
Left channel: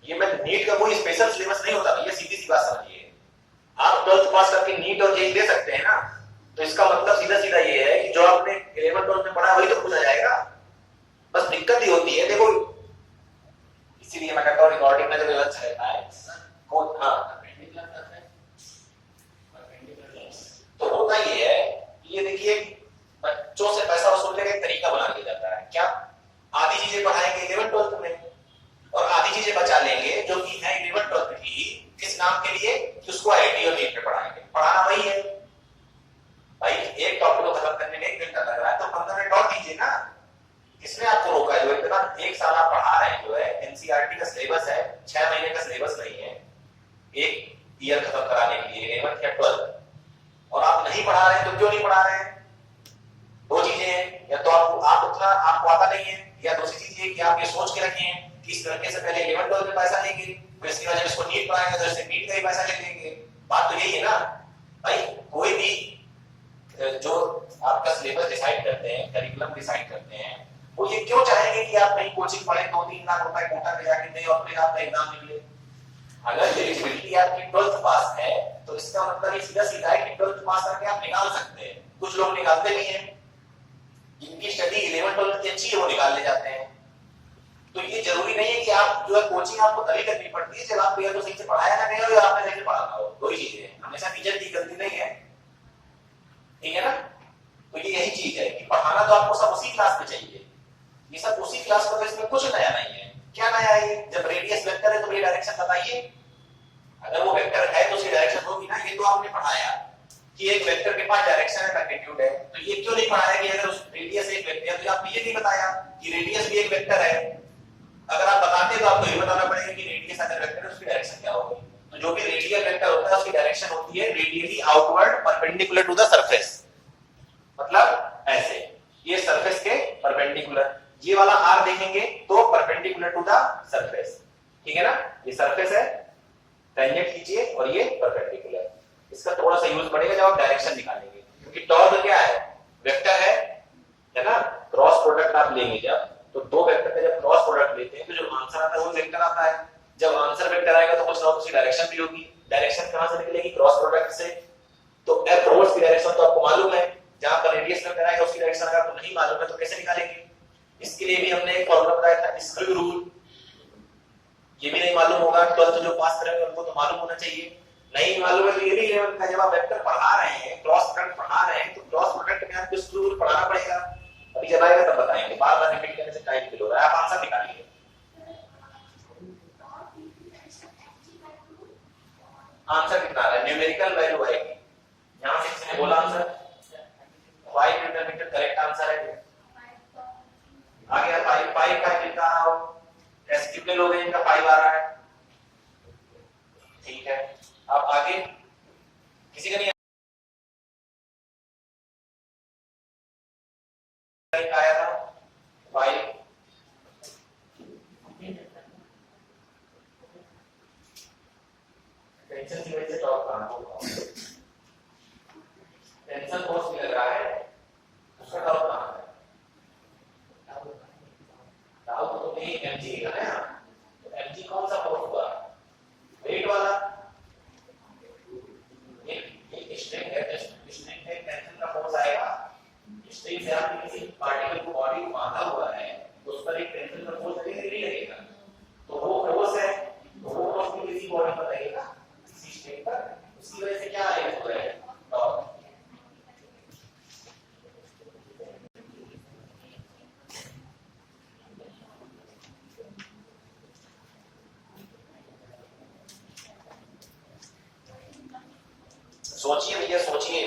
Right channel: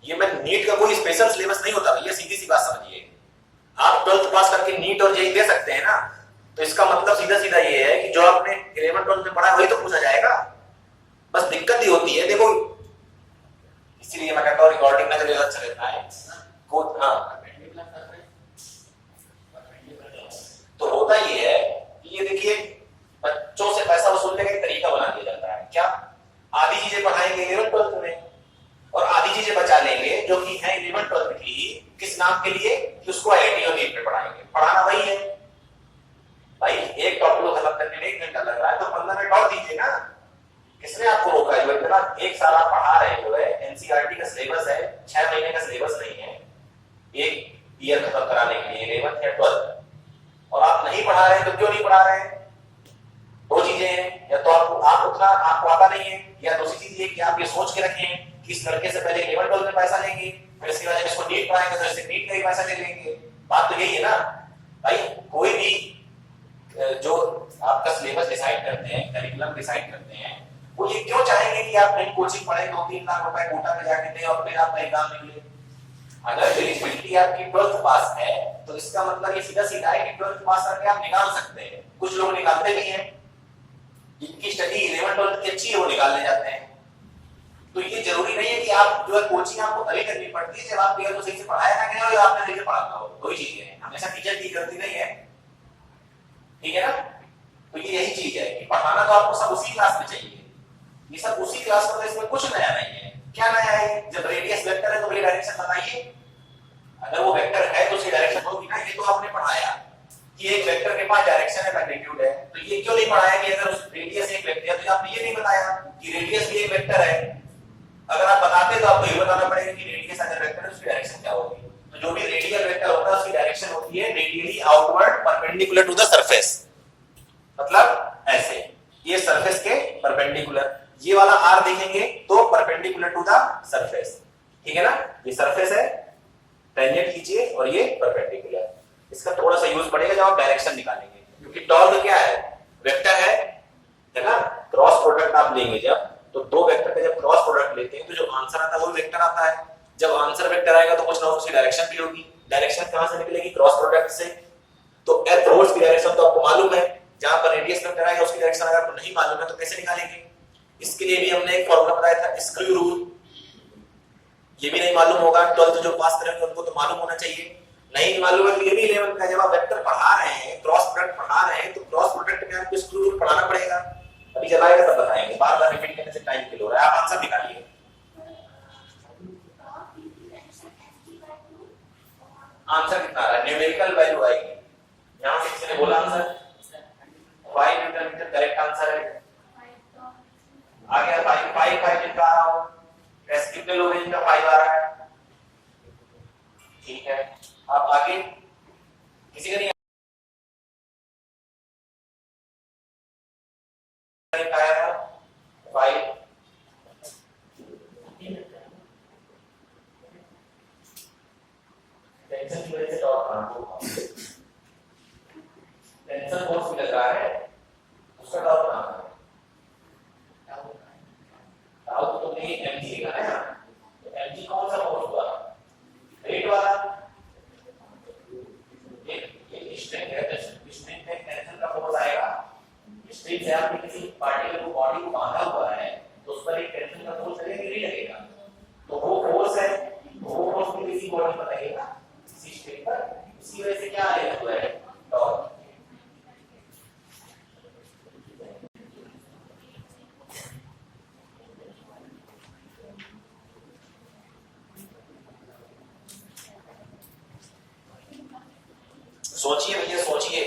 ये मैं नीट का कोई स्पेशल सिलेबस नहीं होता, ये सीधी सी बात समझिए। आप 12th पास करके नीट और जेईई दे सकते हैं ना, तो इसका मतलब सीधा सीधा ये है कि जो आपने 11th-12th में पढ़ा वही तो पूछा जाएगा। बस दिक्कत ही होती है, देखो इसीलिए मैं कहता हूँ रिकॉर्डिंग में जब अच्छा रहता है हाँ, तो होता ये है कि ये देखिए बच्चों से पैसा वसूलने का एक तरीका बना दिया जाता है। क्या? आधी चीजें पढ़ाएंगे 11th-12th में और आधी चीजें बचा लेंगे जो कि है 11th-12th की, किस नाम के लिए कि उसको आईटी और नीट में पढ़ाएंगे। पढ़ाना वही है भाई, एक टॉपिक को खत्म करने में 1 घंटा लग रहा है तो 15 मिनट और दीजिए ना। किसने आपको रोका है? जो इतना 1 साल आप पढ़ा रहे हैं, जो है एनसीईआरटी का सिलेबस है, 6 महीने का सिलेबस नहीं है, 1 ईयर खत्म कराने के लिए 11th या 12th, और आप नहीं पढ़ा रहे हैं तो क्यों नहीं पढ़ा रहे हैं? 2 चीजें हैं, या तो आपको आता नहीं है, या दूसरी चीज ये कि आप ये सोच के रखे हैं कि इस लड़के से पहले 11th-12th में पैसा लेंगे, फिर इसके बाद इसको नीट पढ़ाएंगे तो इससे नीट का ही पैसा ले लेंगे। बात तो यही है ना भाई। कोई भी जो आपका सिलेबस डिसाइड करते हैं, करिकुलम डिसाइड करते हैं, वो ये क्यों चाहेंगे कि आप नई कोचिंग पढ़ें, 2-3 लाख रुपए कोटा में जाके दें और फिर आपका एग्जाम निकले। अगर एलिजिबिलिटी आपकी 12th पास है तो इसका मतलब ये सीधा सीधा है कि 12th पास करके आप निकाल सकते हैं। कुछ लोग निकालते भी हैं, जिनकी स्टडी 11th-12th की अच्छी है वो निकालने जाते हैं। तो ये जरूरी नहीं है कि आप जो है कोचिंग आपको तभी करनी पड़ती है जब आप को सही से पढ़ाया ना गया हो या आपने सही से पढ़ाना हो। 2 ही चीजें हैं, हमेशा टीचर की गलती नहीं है, ठीक है ना। तो ये यही चीज है कि पढ़ाना तो आपको सब उसी क्लास में चाहिए, ये सब उसी क्लास में, तो इसमें कुछ नया नहीं है। क्या नया है? जब रेडियस वेक्टर है तो वही डायरेक्शन बताइए। अगर वो वेक्टर है तो उसकी डायरेक्शन होगी ना। ये तो आपने पढ़ाया कि एक वेक्टर के पास डायरेक्शन है, मैग्नीट्यूड है, तो ये क्यों नहीं पढ़ाया कि अगर उस रेडियस एक वेक्टर है तो आपने ये नहीं बताया कि रेडियस भी एक वेक्टर है। अगर आप बताते तो आपको ये बताना पड़ेगा कि रेडियस अगर वेक्टर है उसकी डायरेक्शन क्या होगी। तो जो भी रेडियल वेक्टर होता है उसकी डायरेक्शन होती है radially outward perpendicular to the surface, मतलब ऐसे ये सरफेस के परपेंडिकुलर। ये वाला आर देखेंगे तो परपेंडिकुलर टू द सरफेस, ठीक है ना। ये सरफेस है, टेंजेंट लीजिए, और ये परपेंडिकुलर। इसका थोड़ा सा यूज पड़ेगा जब आप डायरेक्शन निकालेंगे, क्योंकि टॉर्क क्या है? वेक्टर है ना। क्रॉस प्रोडक्ट आप लेंगे जब, तो 2 वेक्टर का जब क्रॉस प्रोडक्ट लेते हैं तो जो आंसर आता है वो वेक्टर आता है। जब आंसर वेक्टर आएगा तो कुछ ना कुछ डायरेक्शन भी होगी। डायरेक्शन कहां से निकलेगी? क्रॉस प्रोडक्ट से। तो अप्रोच की डायरेक्शन तो आपको मालूम है, जहां पर रेडियस वेक्टर आएगा उसकी डायरेक्शन अगर आपको नहीं मालूम है तो कैसे निकालेंगे? इसके लिए भी हमने एक फॉर्मूला बताया था, स्क्रू रूल। ये भी नहीं मालूम होगा, 12th जो पास करेंगे उनको तो मालूम होना चाहिए। नहीं मालूम है तो ये भी 11 का। जब आप वेक्टर पढ़ा रहे हैं, क्रॉस प्रोडक्ट पढ़ा रहे हैं, तो क्रॉस प्रोडक्ट में आपको स्क्रू रूल पढ़ाना पड़ेगा। अभी चलाएगा तब बताएंगे, बार बार रिपीट करने से टाइम किल हो रहा है। आप आंसर निकालिए। आंसर कितना आ रहा है? न्यूमेरिकल वैल्यू आएगी। यहां से किसी ने बोला answer 5 newton metre correct answer है। आ गया 5 जिनका आ रहा हो। ऐसे कितने लोग हैं जिनका 5 आ रहा है? ठीक है, अब आगे किसी का नहीं आया था 5। टेंशन की वजह से टॉर्क कहां होगा? टेंशन फोर्स भी लग रहा है, उसका टॉर्क कहां है? टाउ तो तुमने mg लिखा है ना, तो mg कौन सा फोर्स हुआ? वेट वाला। एक स्ट्रिंग है, स्ट्रिंग पे टेंशन का फोर्स आएगा। स्ट्रिंग से आपने किसी पार्टिकल को, बॉडी को बांधा हुआ है, तो उस पर एक टेंशन का फोर्स लगेगा कि नहीं लगेगा? तो वो फोर्स है, वो फोर्स भी किसी बॉडी पर लगेगा, किसी स्ट्रिंग पर। उसकी वजह से क्या आएगा? जो है टॉर्क। सोचिए भैया, सोचिए।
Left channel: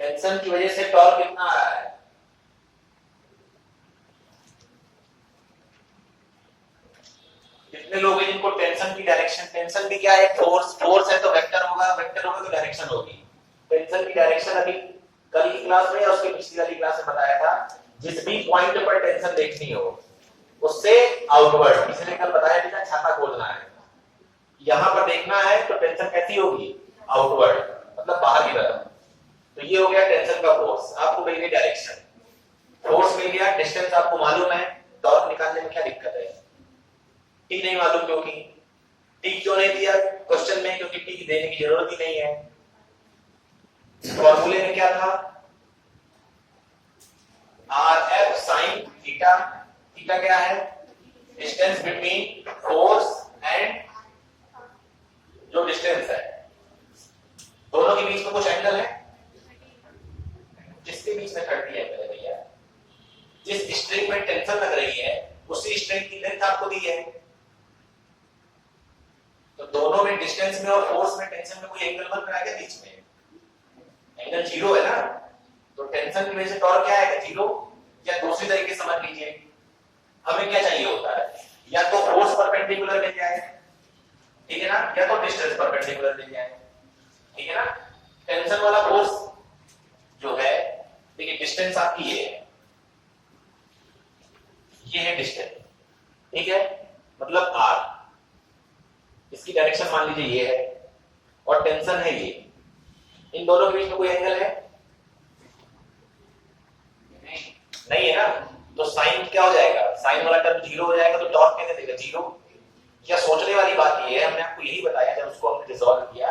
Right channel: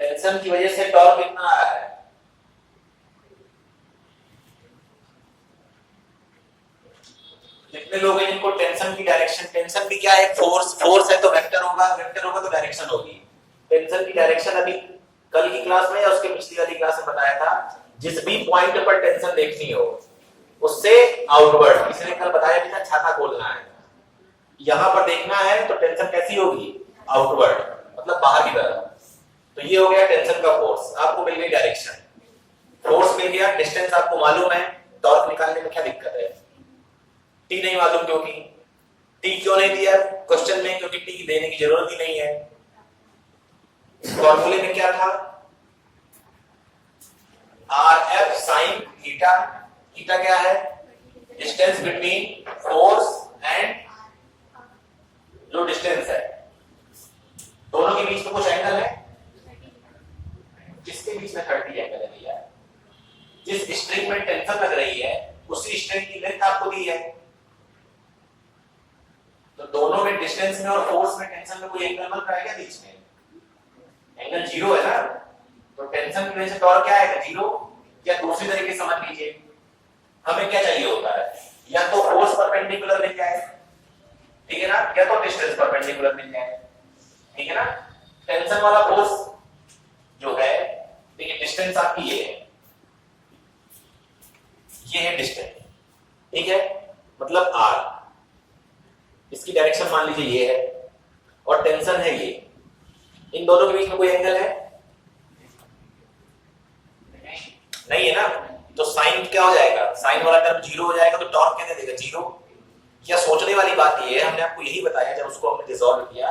टेंशन की वजह से टॉर्क कितना आ रहा है? कितने लोग हैं जिनको टेंशन की डायरेक्शन, टेंशन भी क्या है? फोर्स है तो वेक्टर होगा, वेक्टर होगा तो डायरेक्शन होगी। टेंशन की डायरेक्शन अभी कल की क्लास में या उसके पिछली वाली क्लास में बताया था। जिस भी पॉइंट पर टेंशन देखनी हो उससे आउटवर्ड, किसी ने कल बताया था छाता खोलना है, यहां पर देखना है तो टेंशन कैसी होगी? आउटवर्ड, मतलब बाहर की तरफ। तो ये हो गया टेंशन का फोर्स। आपको मिल गई डायरेक्शन, फोर्स मिल गया, डिस्टेंस आपको मालूम है, टॉर्क निकालने में क्या दिक्कत है? टी नहीं मालूम, क्योंकि टी क्यों नहीं दिया क्वेश्चन में? क्योंकि टी की देने की जरूरत ही नहीं है। फॉर्मूले में क्या था? R F sine theta. Theta क्या है? डिस्टेंस बिटवीन फोर्स एंड जो डिस्टेंस है, दोनों के बीच में कुछ एंगल है, जिसके बीच में 30 एंगल है भैया। जिस स्ट्रिंग में टेंशन लग रही है उसी स्ट्रिंग की लेंथ आपको दी है, तो दोनों में डिस्टेंस में और फोर्स में टेंशन में कोई एंगल बन रहा है क्या बीच में? एंगल 0 है ना, तो टेंशन की वजह से टॉर्क क्या आएगा? 0। या दूसरी तरीके से समझ लीजिए, हमें क्या चाहिए होता है? या तो फोर्स परपेंडिकुलर मिल जाए, ठीक है ना, या तो डिस्टेंस परपेंडिकुलर मिल जाए, ठीक है ना। टेंशन वाला फोर्स जो है, देखिए डिस्टेंस आपकी ये है डिस्टेंस, ठीक है, मतलब r। इसकी डायरेक्शन मान लीजिए ये है, और टेंशन है ये। इन दोनों के बीच में कोई एंगल है? नहीं है ना, तो साइन क्या हो जाएगा? साइन वाला टर्म 0 हो जाएगा, तो टॉर्क क्या देगा? 0। या सोचने वाली बात ये है, हमने आपको यही बताया जब उसको हमने रिजॉल्व किया,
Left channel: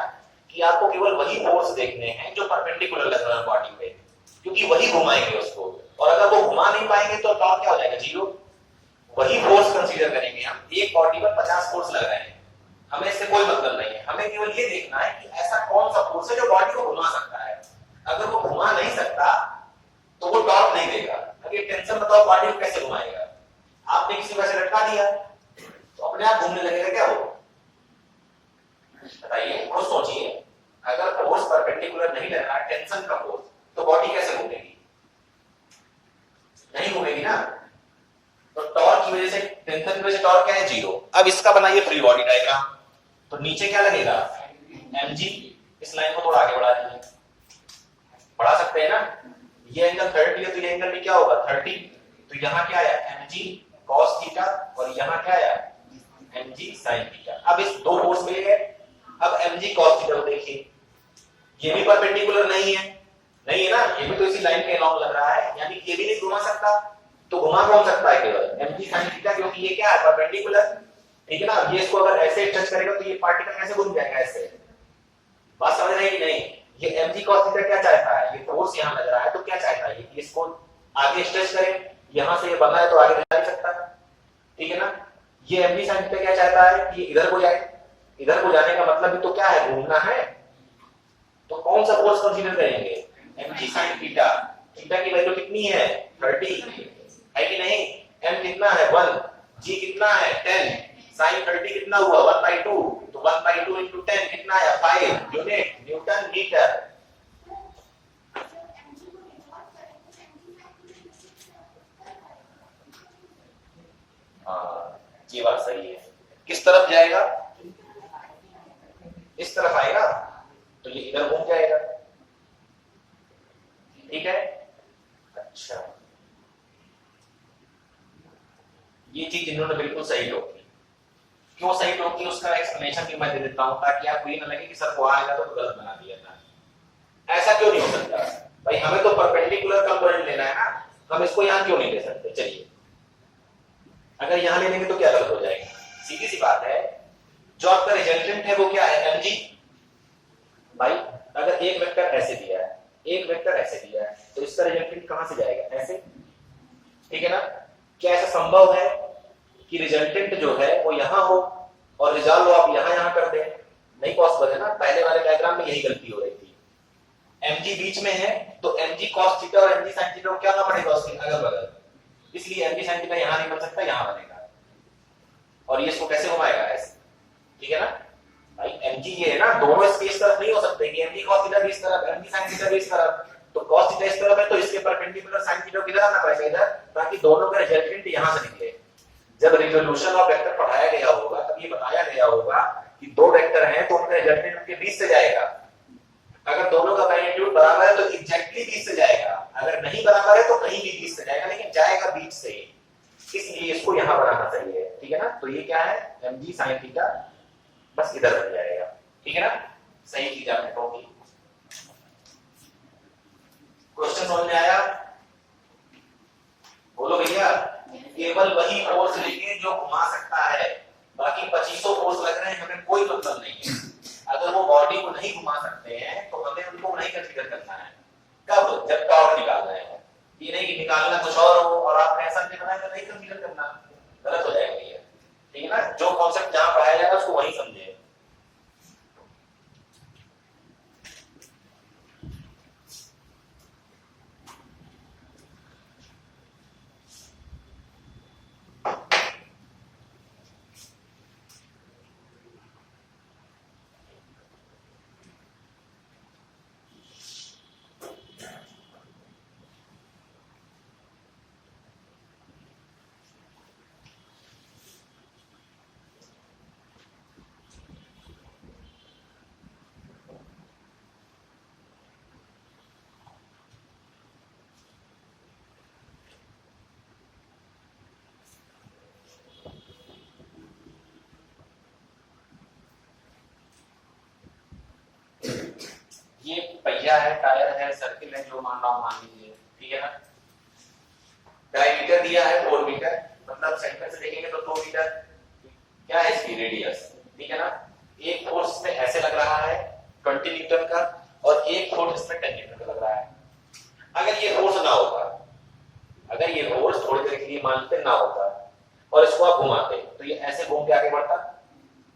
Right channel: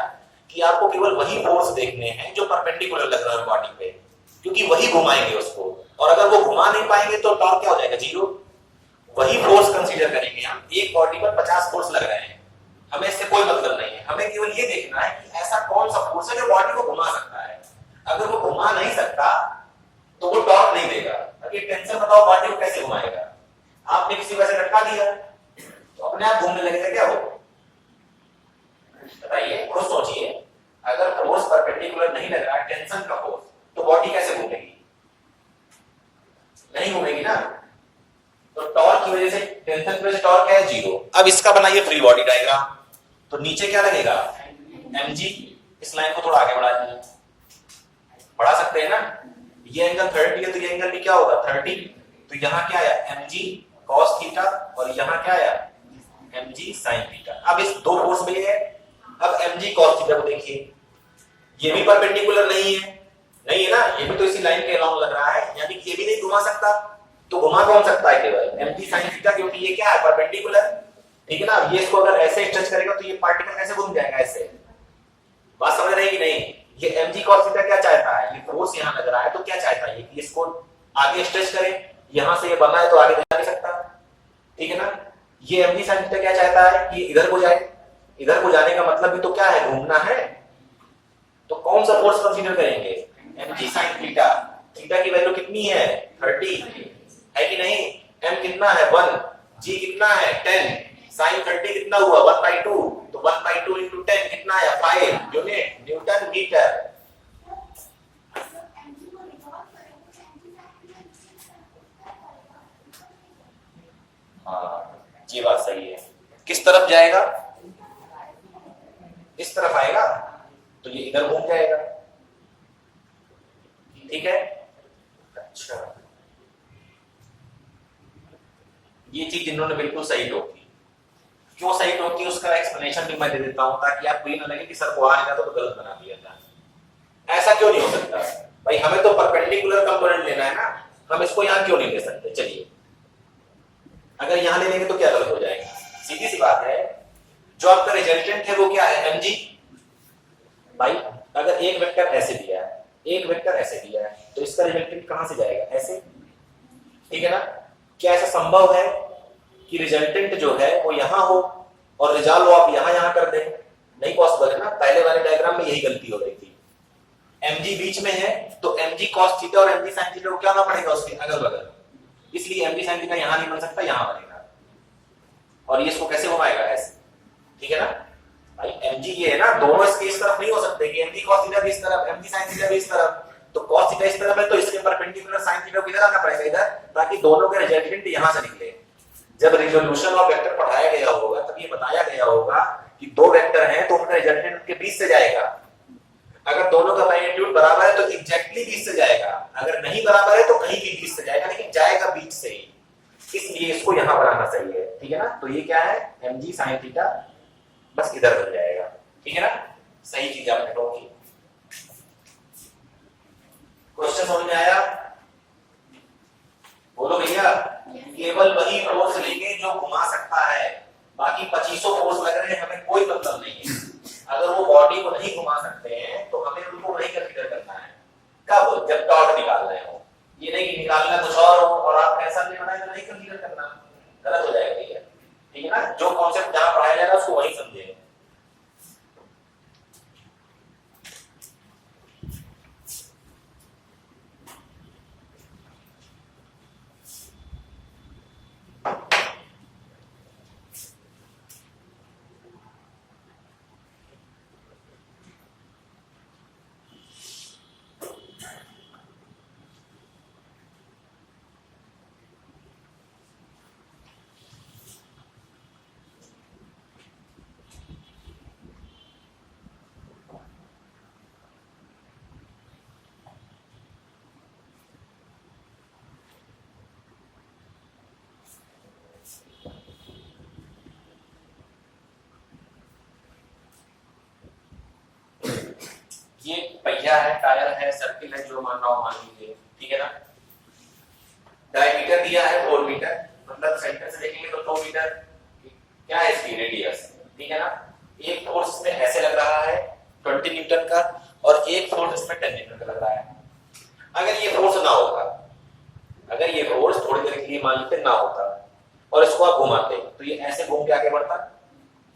कि आपको केवल वही फोर्स देखने हैं जो परपेंडिकुलर लग रहा है बॉडी पे, क्योंकि वही घुमाएंगे उसको, और अगर वो घुमा नहीं पाएंगे तो टॉर्क क्या हो जाएगा? 0। वही फोर्स कंसीडर करेंगे हम। एक बॉडी पर 50 फोर्स लग रहे हैं, हमें इससे कोई मतलब नहीं है, हमें केवल ये देखना है कि ऐसा कौन सा फोर्स है जो बॉडी को घुमा सकता है। अगर वो घुमा नहीं सकता तो वो टॉर्क नहीं देगा। अब ये टेंशन बताओ बॉडी को कैसे घुमाएगा? आपने किसी वजह से लटका दिया तो अपने आप घूमने लगेगा क्या वो? बताइए, खुद सोचिए। अगर फोर्स परपेंडिकुलर नहीं लग रहा है, टेंशन का फोर्स, तो बॉडी कैसे घूमेगी? नहीं घूमेगी ना। तो टॉर्क की वजह से, टेंशन की वजह से टॉर्क क्या है? 0। अब इसका बनाइए फ्री बॉडी डायग्राम, तो नीचे क्या लगेगा? mg। इस लाइन को थोड़ा आगे बढ़ा दीजिए, बढ़ा सकते हैं ना। ये एंगल 30 है, तो ये एंगल भी क्या होगा? 30। तो यहाँ क्या आया? mg cos थीटा, और यहाँ क्या आया? mg sin theta. अब इस दो फोर्स मिल गए। अब mg cos थीटा को देखिए, ये भी परपेंडिकुलर नहीं है, नहीं है ना, ये भी तो इसी लाइन के अलोंग लग रहा है, यानी कि ये भी नहीं घुमा सकता। तो घुमा कौन सकता है? केवल mg sin थीटा, क्योंकि ये क्या है? परपेंडिकुलर, ठीक है ना। ये इसको अगर ऐसे टच करेगा तो ये पार्टिकल कैसे घूम जाएगा? ऐसे। बात समझ रहे हैं कि नहीं? ये mg cos थीटा क्या चाहता है? ये फोर्स यहां लग रहा है, तो क्या चाहता है? कि इसको आगे स्ट्रेच करें, यहां से ये बना है तो आगे जा नहीं सकता, ठीक है ना। ये mg sin थीटा क्या चाहता है कि इधर को जाए, इधर को जाने का मतलब भी तो क्या है, घूमना है। तो कौन सा फोर्स कंसीडर करेंगे, mg sin थीटा। थीटा की वैल्यू कितनी है 30 है कि नहीं, m कितना है 1, g कितना है 10, sin 30 कितना हुआ 1/2, तो 1/2 into 10 कितना है 5 यूनिट न्यूटन मीटर। ये बात सही है। किस तरफ जाएगा, इस तरफ आएगा तो ये इधर घूम जाएगा, ठीक है। अच्छा, ये चीज इन्होंने बिल्कुल सही टोकी। क्यों सही टोकी उसका एक्सप्लेनेशन भी मैं दे देता हूं ताकि आपको ये ना लगे कि सर को आएगा तो गलत बना दिया था। ऐसा क्यों नहीं हो सकता भाई, हमें तो परपेंडिकुलर कंपोनेंट लेना है ना, हम इसको यहां क्यों नहीं ले सकते। चलिए अगर यहां ले लेंगे तो क्या गलत हो जाएगा, सीधी सी बात है। जो आपका रिजल्टेंट है वो क्या है mg। भाई अगर एक वेक्टर ऐसे दिया है, एक वेक्टर ऐसे दिया है, तो इसका रिजल्टेंट कहां से जाएगा, ऐसे, ठीक है ना। क्या ऐसा संभव है कि रिजल्टेंट जो है वो यहां हो और रिजल्ट आप यहां कर दें, नहीं पॉसिबल है ना। पहले वाले डायग्राम में यही गलती हो रही थी, mg बीच में है तो mg cos थीटा और mg sin थीटा को क्या ना पड़ेगा उसके अगल बगल, इसलिए mg sin थीटा यहां नहीं बन सकता, यहां बनेगा। और ये इसको कैसे घुमाएगा ऐसे, ठीक है ना। भाई mg ये है ना, दोनों इसके इस तरफ नहीं हो सकते कि mg cos थीटा भी इस तरफ, mg sin थीटा भी इस तरफ। तो cos थीटा इस तरफ है तो इसके परपेंडिकुलर sin थीटा को किधर आना पड़ेगा, इधर, ताकि दोनों का रिजल्टेंट यहां से निकले। जब रिजोल्यूशन ऑफ वेक्टर पढ़ाया गया होगा तब ये बताया गया होगा कि दो वेक्टर हैं तो उनका रिजल्टेंट उनके बीच से जाएगा। अगर दोनों का मैग्नीट्यूड बराबर है तो एग्जैक्टली बीच से जाएगा, अगर नहीं बराबर है तो कहीं भी बीच से जाएगा, लेकिन जाएगा बीच से ही, इसलिए इसको यहां बनाना सही है, ठीक है ना। तो ये क्या है mg sin थीटा, बस इधर बन जाएगा, ठीक है ना। सही चीज आपने टोकी। क्वेश्चन समझ में आया, बोलो भैया। केवल वही फोर्स लेंगे जो घुमा सकता है, बाकी 2500 फोर्स लग रहे हैं हमें कोई मतलब नहीं है। अगर वो बॉडी को नहीं घुमा सकते हैं तो हमें उनको नहीं कंसीडर करना है। कब, जब टॉर्क निकाल रहे हो, ये नहीं निकालना कुछ और हो और आपने ऐसा नहीं बनाया तो नहीं कंसीडर करना, गलत हो जाएगा भैया, ठीक है ना। जो कॉन्सेप्ट जहां पढ़ाया जाएगा उसको वही समझे। ये पहिया है, टायर है, सर्किल है, जो मानना हो मान लीजिए, ठीक है ना। डायमीटर दिया है 4 मीटर, मतलब सेंटर से देखेंगे तो 2 मीटर। क्या है इसकी रेडियस, ठीक है ना। एक फोर्स में ऐसे लग रहा है 20 न्यूटन का और एक फोर्स इसमें 10 न्यूटन का लग रहा है। अगर ये फोर्स ना होता, अगर ये फोर्स थोड़ी देर के लिए मान लेते ना होता और इसको आप घुमाते तो ये ऐसे घूम के आगे बढ़ता।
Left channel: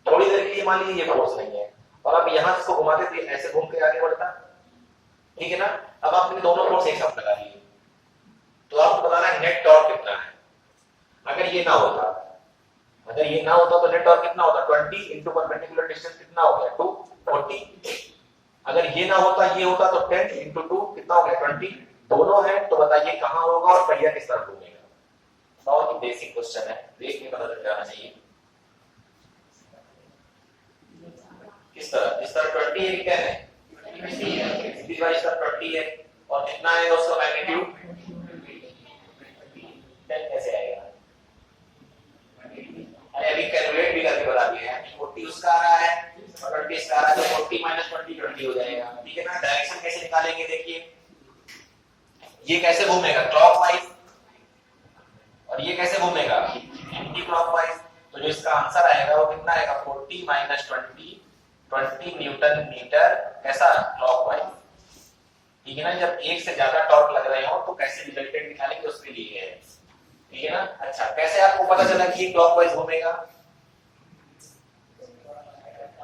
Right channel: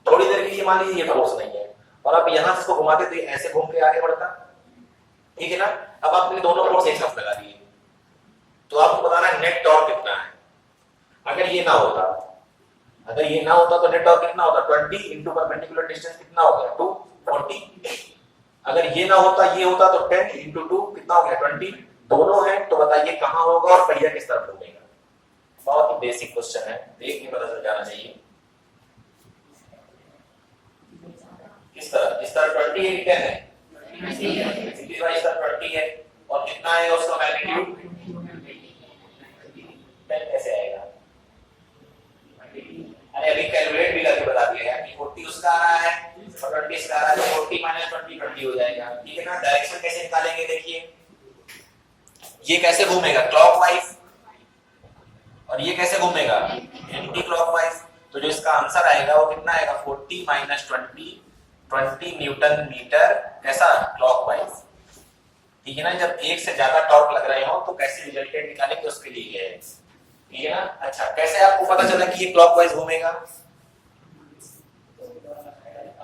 थोड़ी देर के लिए मान लीजिए ये फोर्स नहीं है और आप यहां से इसको घुमाते तो ये ऐसे घूम के आगे बढ़ता, ठीक है ना। अब आपने दोनों फोर्स एक साथ लगा दिए तो आपको बताना है नेट टॉर्क कितना है। अगर ये ना होता, अगर ये ना होता तो नेट टॉर्क कितना होता, 20 इंटू परपेंडिकुलर डिस्टेंस कितना हो गया 240। अगर ये ना होता, ये होता तो 10 इंटू 2 कितना हो गया 20। दोनों है तो बताइए कहां होगा और पहिया किस तरफ घूमेगा। बहुत ही बेसिक क्वेश्चन है, देख के पता चल जाना चाहिए। किस तरह, इस तरह 20 है कि 10 है, सीधी बात इस तरह 20 है और कितना है उसका मैग्नीट्यूड 10 कैसे आएगा। अरे अभी कैलकुलेट भी करके बता दिया है कि 40 उसका आ रहा है और 20 इसका आ रहा है, तो 40 माइनस 20 20 हो जाएगा, ठीक है ना। डायरेक्शन कैसे निकालेंगे, देखिए ये कैसे घूमेगा क्लॉकवाइज और ये कैसे घूमेगा एंटी क्लॉकवाइज। तो जो इसका आंसर आएगा वो कितना आएगा 40 माइनस 20 न्यूटन मीटर, कैसा क्लॉकवाइज, ठीक है ना। जब एक से ज्यादा टॉर्क लग रहे हो तो कैसे रिजल्टेंट निकालेंगे उसके लिए है, ठीक है ना। अच्छा, कैसे आपको पता चला कि ये क्लॉकवाइज घूमेगा?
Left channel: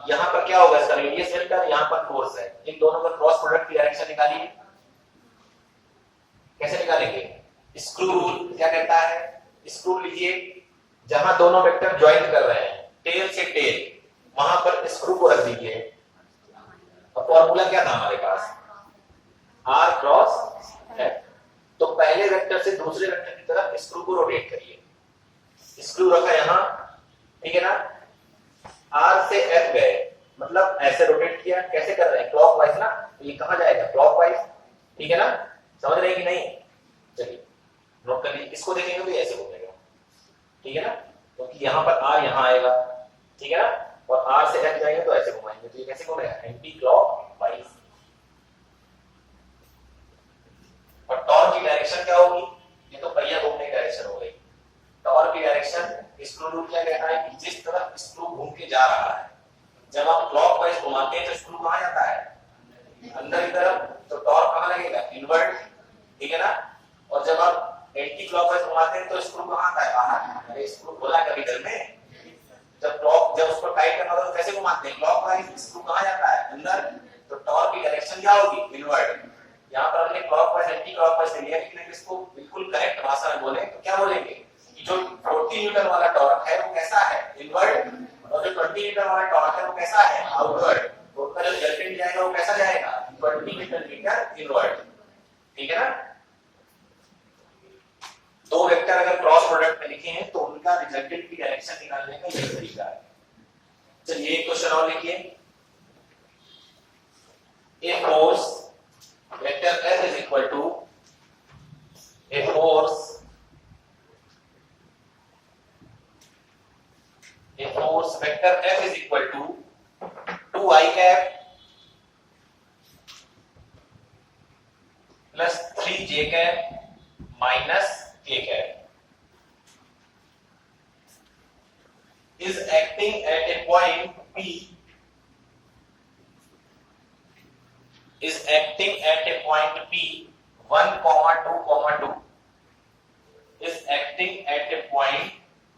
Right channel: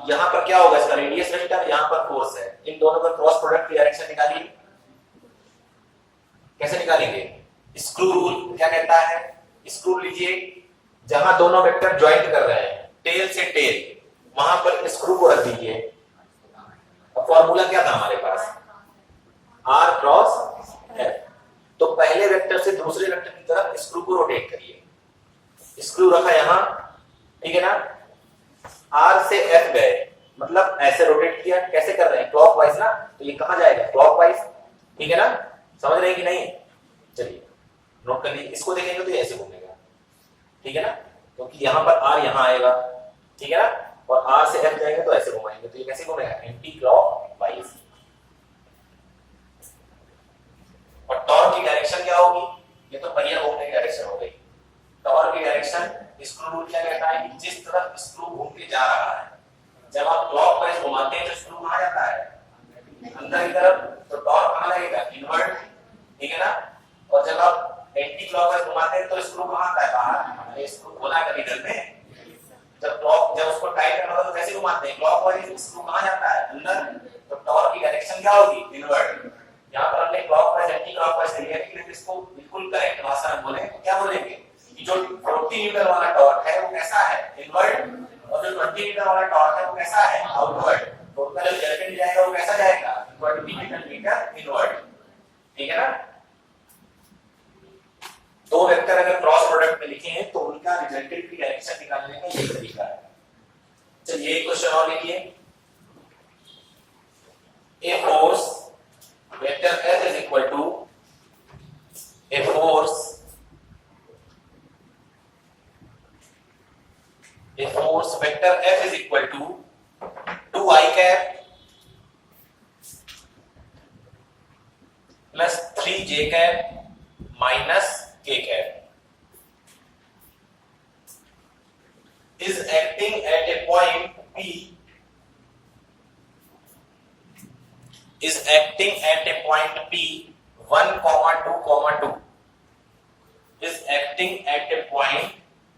यहाँ पर क्या होगा, इसका रेडियस वेक्टर, यहाँ पर फोर्स है, इन दोनों का क्रॉस प्रोडक्ट की डायरेक्शन निकालिए। कैसे निकालेंगे? स्क्रू रूल क्या कहता है? स्क्रू लीजिए, जहां दोनों वेक्टर ज्वाइंट कर रहे हैं टेल से टेल, वहां पर स्क्रू को रख दीजिए। अब फॉर्मूला क्या था हमारे पास? R cross F। तो पहले वेक्टर से दूसरे वेक्टर की तरफ स्क्रू को रोटेट करिए। स्क्रू रखा यहां, ठीक है ना। R से F गए, मतलब ऐसे रोटेट किया। कैसे कर रहे हैं? क्लॉकवाइज ना, तो ये कहां जाएगा? क्लॉकवाइज, ठीक है ना। समझ रहे हैं कि नहीं? चलिए नोट कर लीजिए। इसको देखेंगे तो ये ऐसे घूमेगा, ठीक है ना, क्योंकि तो यहां पर R यहां आएगा, ठीक है ना, और R से F जाएंगे तो ऐसे घुमाएंगे, तो ये कैसे घूमेगा? Anti clockwise. और टॉर्क की डायरेक्शन क्या होगी? ये तो पहिया घूमने की डायरेक्शन हो गई। टॉर्क की डायरेक्शन, स्क्रू रूल क्या कहता है कि जिस तरफ स्क्रू घूम के जा रहा है, जब आप क्लॉकवाइज घुमाते हैं तो स्क्रू कहां जाता है? अंदर की तरफ। तो टॉर्क कहां लगेगा? इनवर्ट, ठीक है ना। और जब आप एंटी क्लॉकवाइज घुमाते हैं तो स्क्रू कहां आता है? बाहर। अरे स्क्रू खोला है कभी घर में? जब उसको टाइट करना होता है तो कैसे घुमाते हैं? क्लॉकवाइज। स्क्रू कहां जाता है? अंदर। तो टॉर्क की डायरेक्शन क्या होगी? इनवर्ट। यहाँ पर हमने क्लॉकवाइज एंटी क्लॉकवाइज लिया, लेकिन इसको बिल्कुल करेक्ट भाषा में बोले तो क्या बोलेंगे कि जो 40 न्यूटन वाला टॉर्क है वो कैसा है? इनवर्ट। और जो 20 न्यूटन वाला टॉर्क है वो कैसा है? आउटवर्ड। तो उसका जो रिजल्टेंट जाएगा वो कैसा जाएगा? 20 न्यूटन मीटर इनवर्ट, ठीक है ना। दो वेक्टर अगर क्रॉस प्रोडक्ट में लिखे हैं तो उनका रिजल्टेंट की डायरेक्शन निकालने का यही तरीका है। चलिए एक क्वेश्चन और लिखिए। A force vector F is equal to a force vector F is equal to 2i cap plus 3j cap minus k cap is acting at a point P is acting at a point P 1, 2, 2 is acting at a point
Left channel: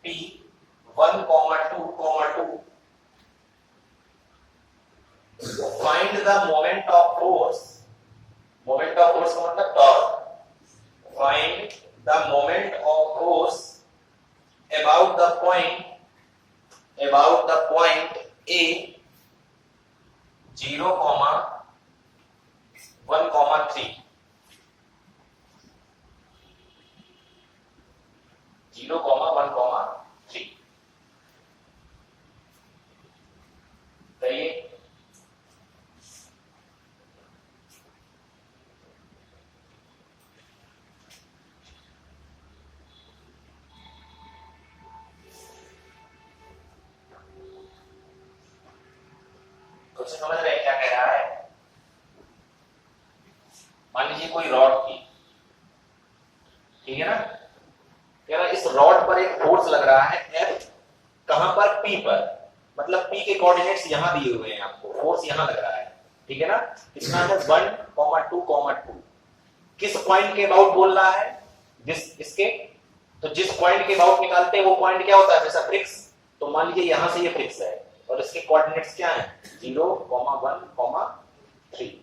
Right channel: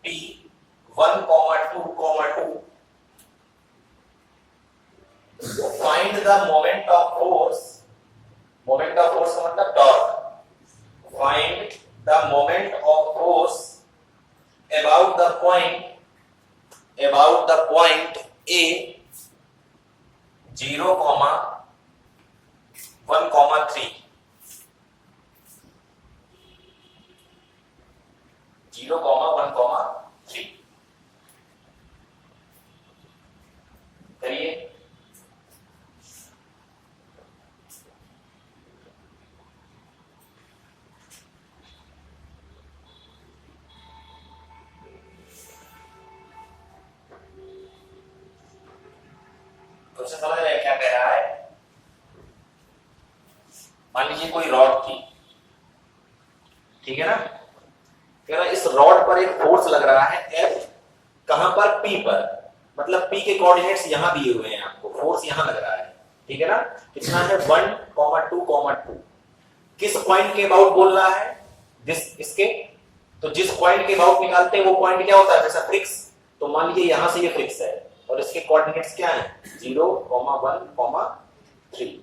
P 1, 2, 2. Find the moment of force. Moment of force का मतलब torque. Find the moment of force about the point A 0, 1, 3 0, 1, 3 करिए। तो समझ रहे हैं क्या कह रहा है? मान लीजिए कोई रॉड थी, ठीक है ना। कह रहा इस रॉड पर एक फोर्स लग रहा है F, कहां पर? P पर। मतलब P के कोऑर्डिनेट्स यहां दिए हुए हैं आपको, फोर्स यहां लग रहा है, ठीक है ना। कितना है? 1, 2, 2। किस पॉइंट के अबाउट बोल रहा है? इसके। तो जिस पॉइंट के अबाउट निकालते हैं वो पॉइंट क्या होता है? जैसा फिक्स। तो मान लीजिए यहां से ये फिक्स है और इसके कोऑर्डिनेट्स क्या हैं? 0, 1, 3।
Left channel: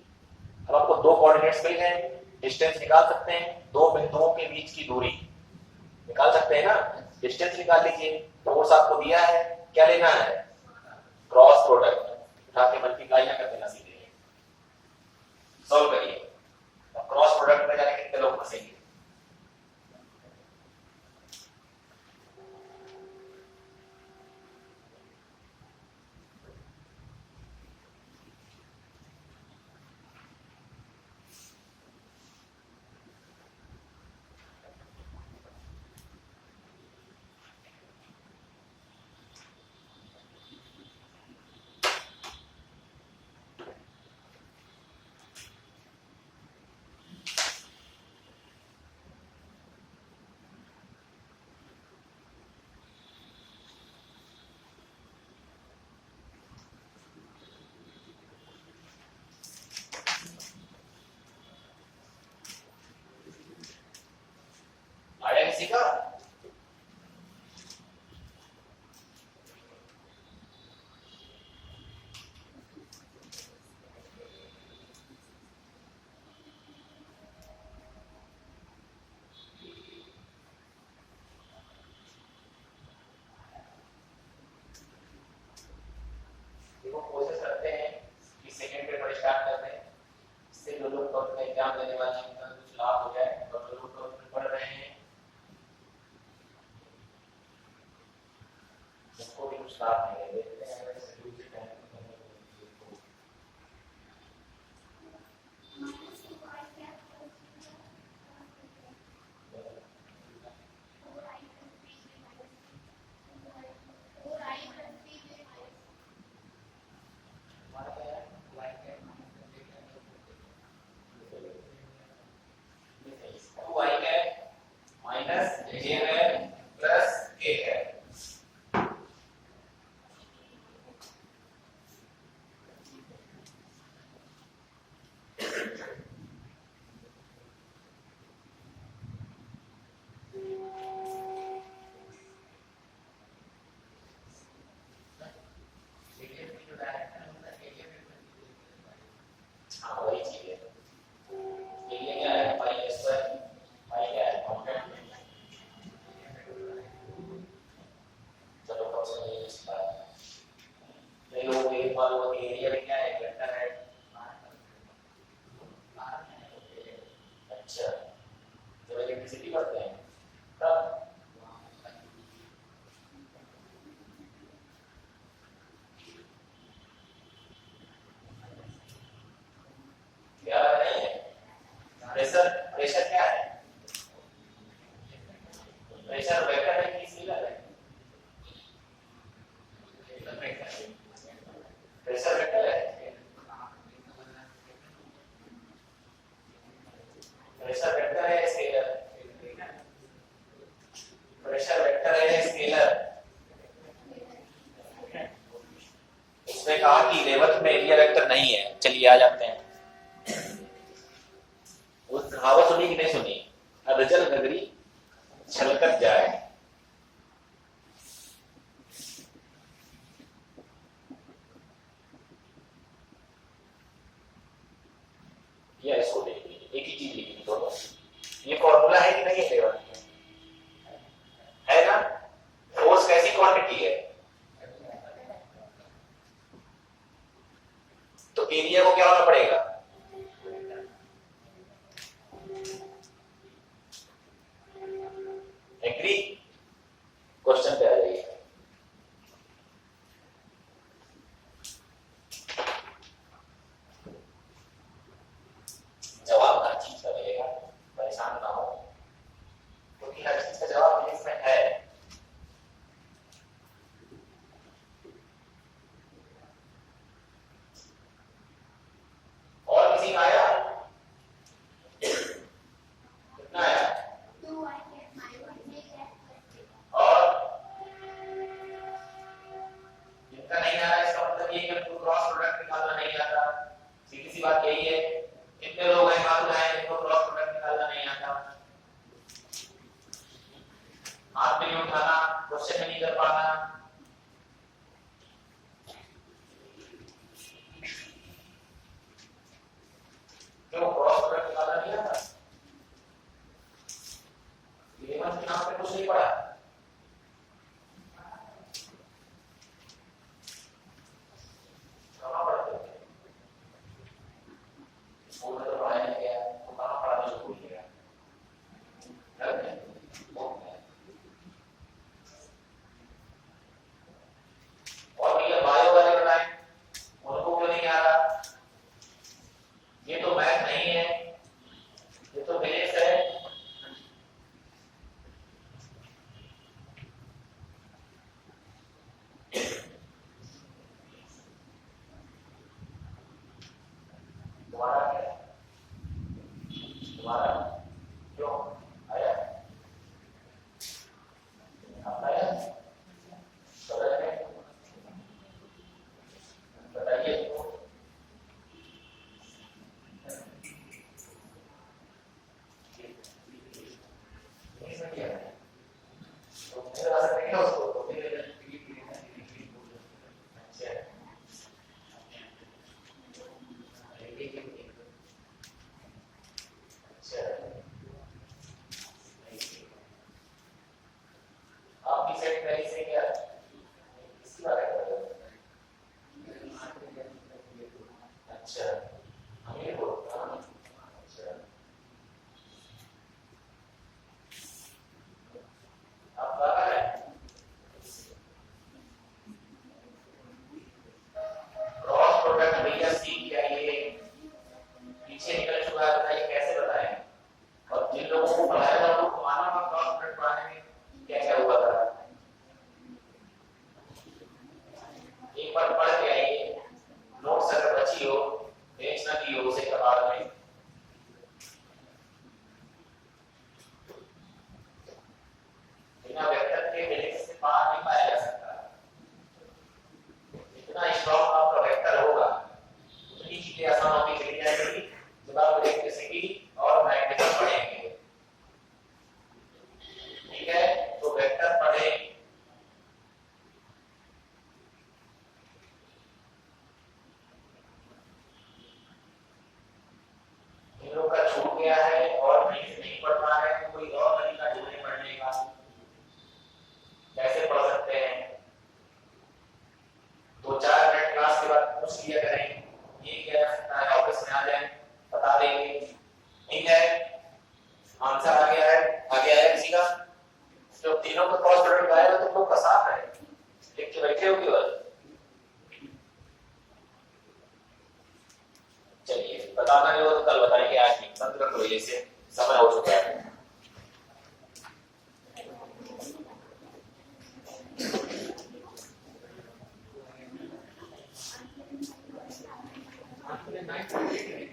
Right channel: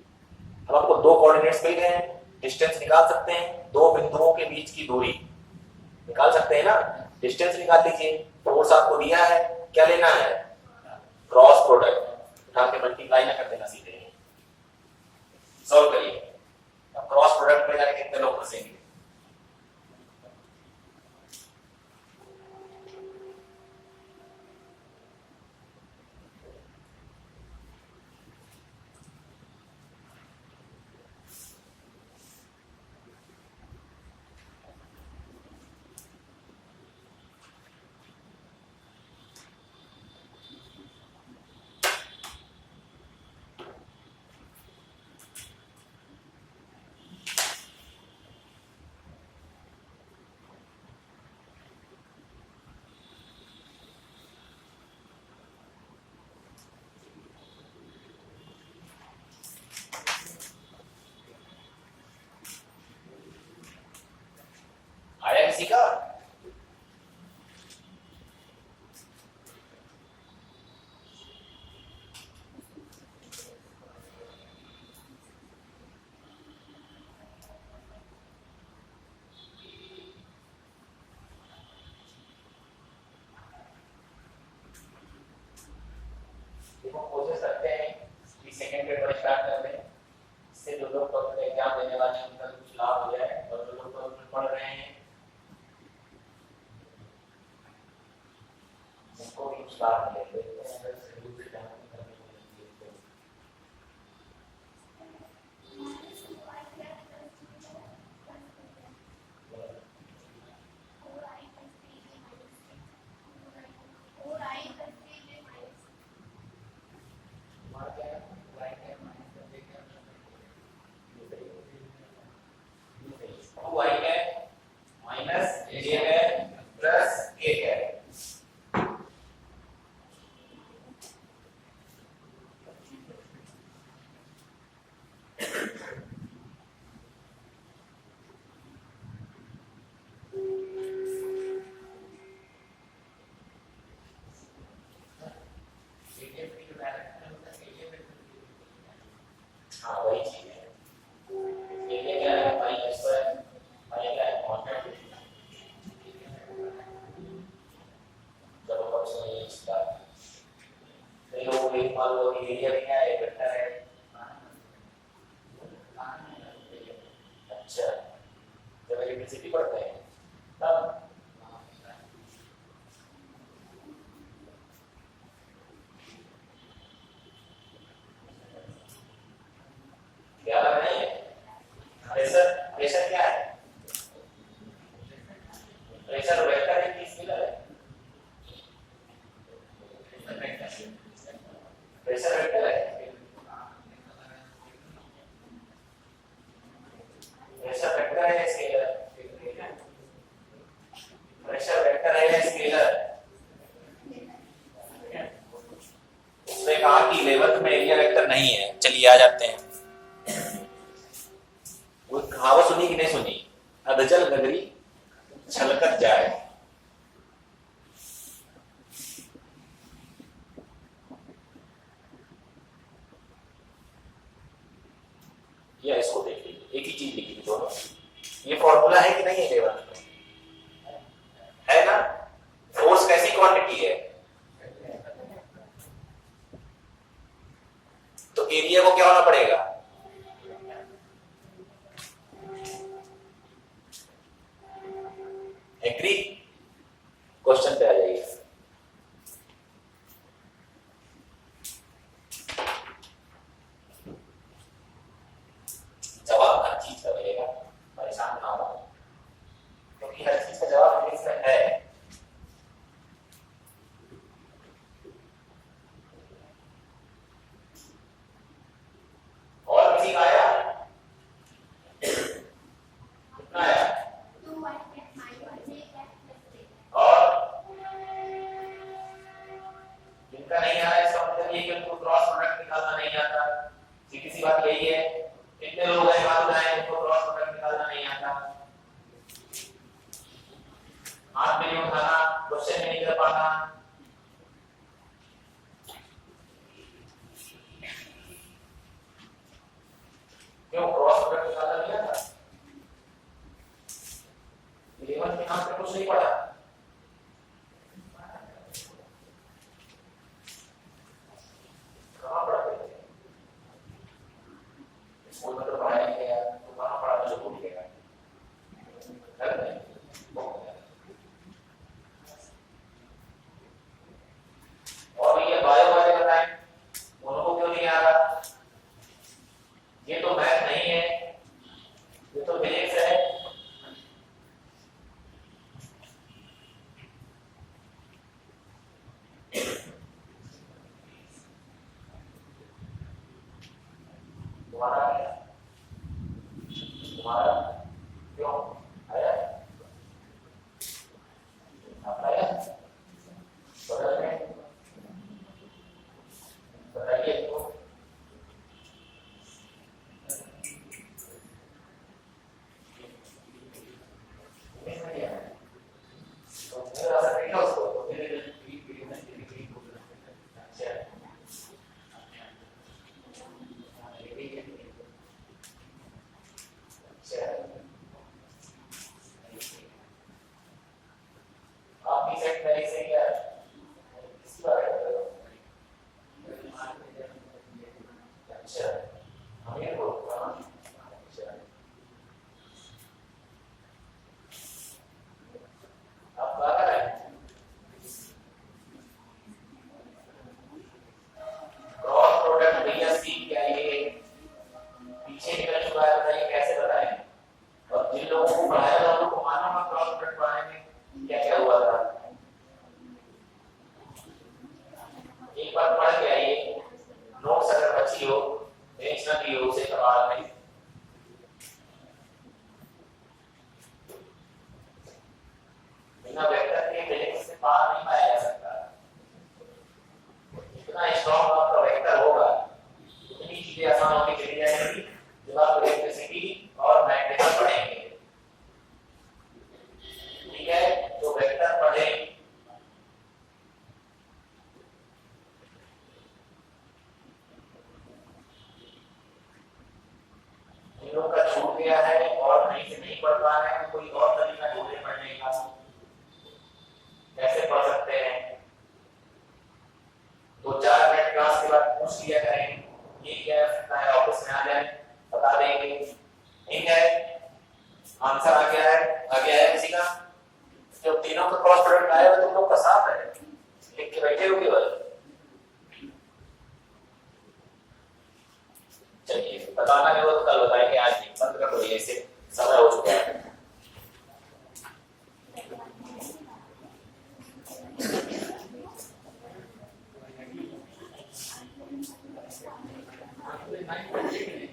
अब आपको दो कोऑर्डिनेट्स मिल गए, डिस्टेंस निकाल सकते हैं, दो बिंदुओं के बीच की दूरी निकाल सकते हैं ना। डिस्टेंस निकाल लीजिए, फोर्स आपको दिया है, क्या लेना है? क्रॉस प्रोडक्ट, उठा के मल्टीप्लाई ना कर देना, सीधे सॉल्व करिए। अब क्रॉस प्रोडक्ट में जाने कितने लोग फंसेंगे? देखो कोशिश करते हैं कि सेकंड पेपर स्टार्ट कर दें, इससे जो लोग टॉपिक का एग्जाम देने वाले हैं उनका कुछ लाभ हो जाए, और जो लोग टॉपिक पढ़ रहे हैं उनको भी कुछ लाभ मिले। देखते हैं अगर शेड्यूल से टाइम करने को मिले तो आ जाते हैं। वो कहावत सुनी कि नहीं सुनी? अधजल नगरी छलकत जाए। या इसको देख लीजिए, एक ही चीज लिखी थी दोनों। ये फॉर्मूला है कि नहीं है लेवल है ना? फोर्स कैसी क्वांटिटी है? तो एरिया को क्या होना पड़ेगा? एग्री? क्वेश्चन पे आ जाइए। जवाब हर चीज का मिलेगा, परेशान ना हो, क्योंकि हर चीज का जवाब इंग्लिश में है। और किसी का आया? कितना आया? और जिनका नहीं आ रहा है इसका मतलब ये कि उनको क्रॉस प्रोडक्ट निकालना नहीं आता। सीधी सी बात यही है। कितने लोग हैं हाथ उठाएं जिनको क्रॉस प्रोडक्ट निकालना नहीं आता? हाथ में नहीं उठाना, क्वेश्चन में नहीं कर पाना। क्यों क्रॉस प्रोडक्ट निकालना नहीं आता? इलेवन के नाम पे कुछ नहीं पढ़ा? कहाँ पढ़ते थे? 9.8 है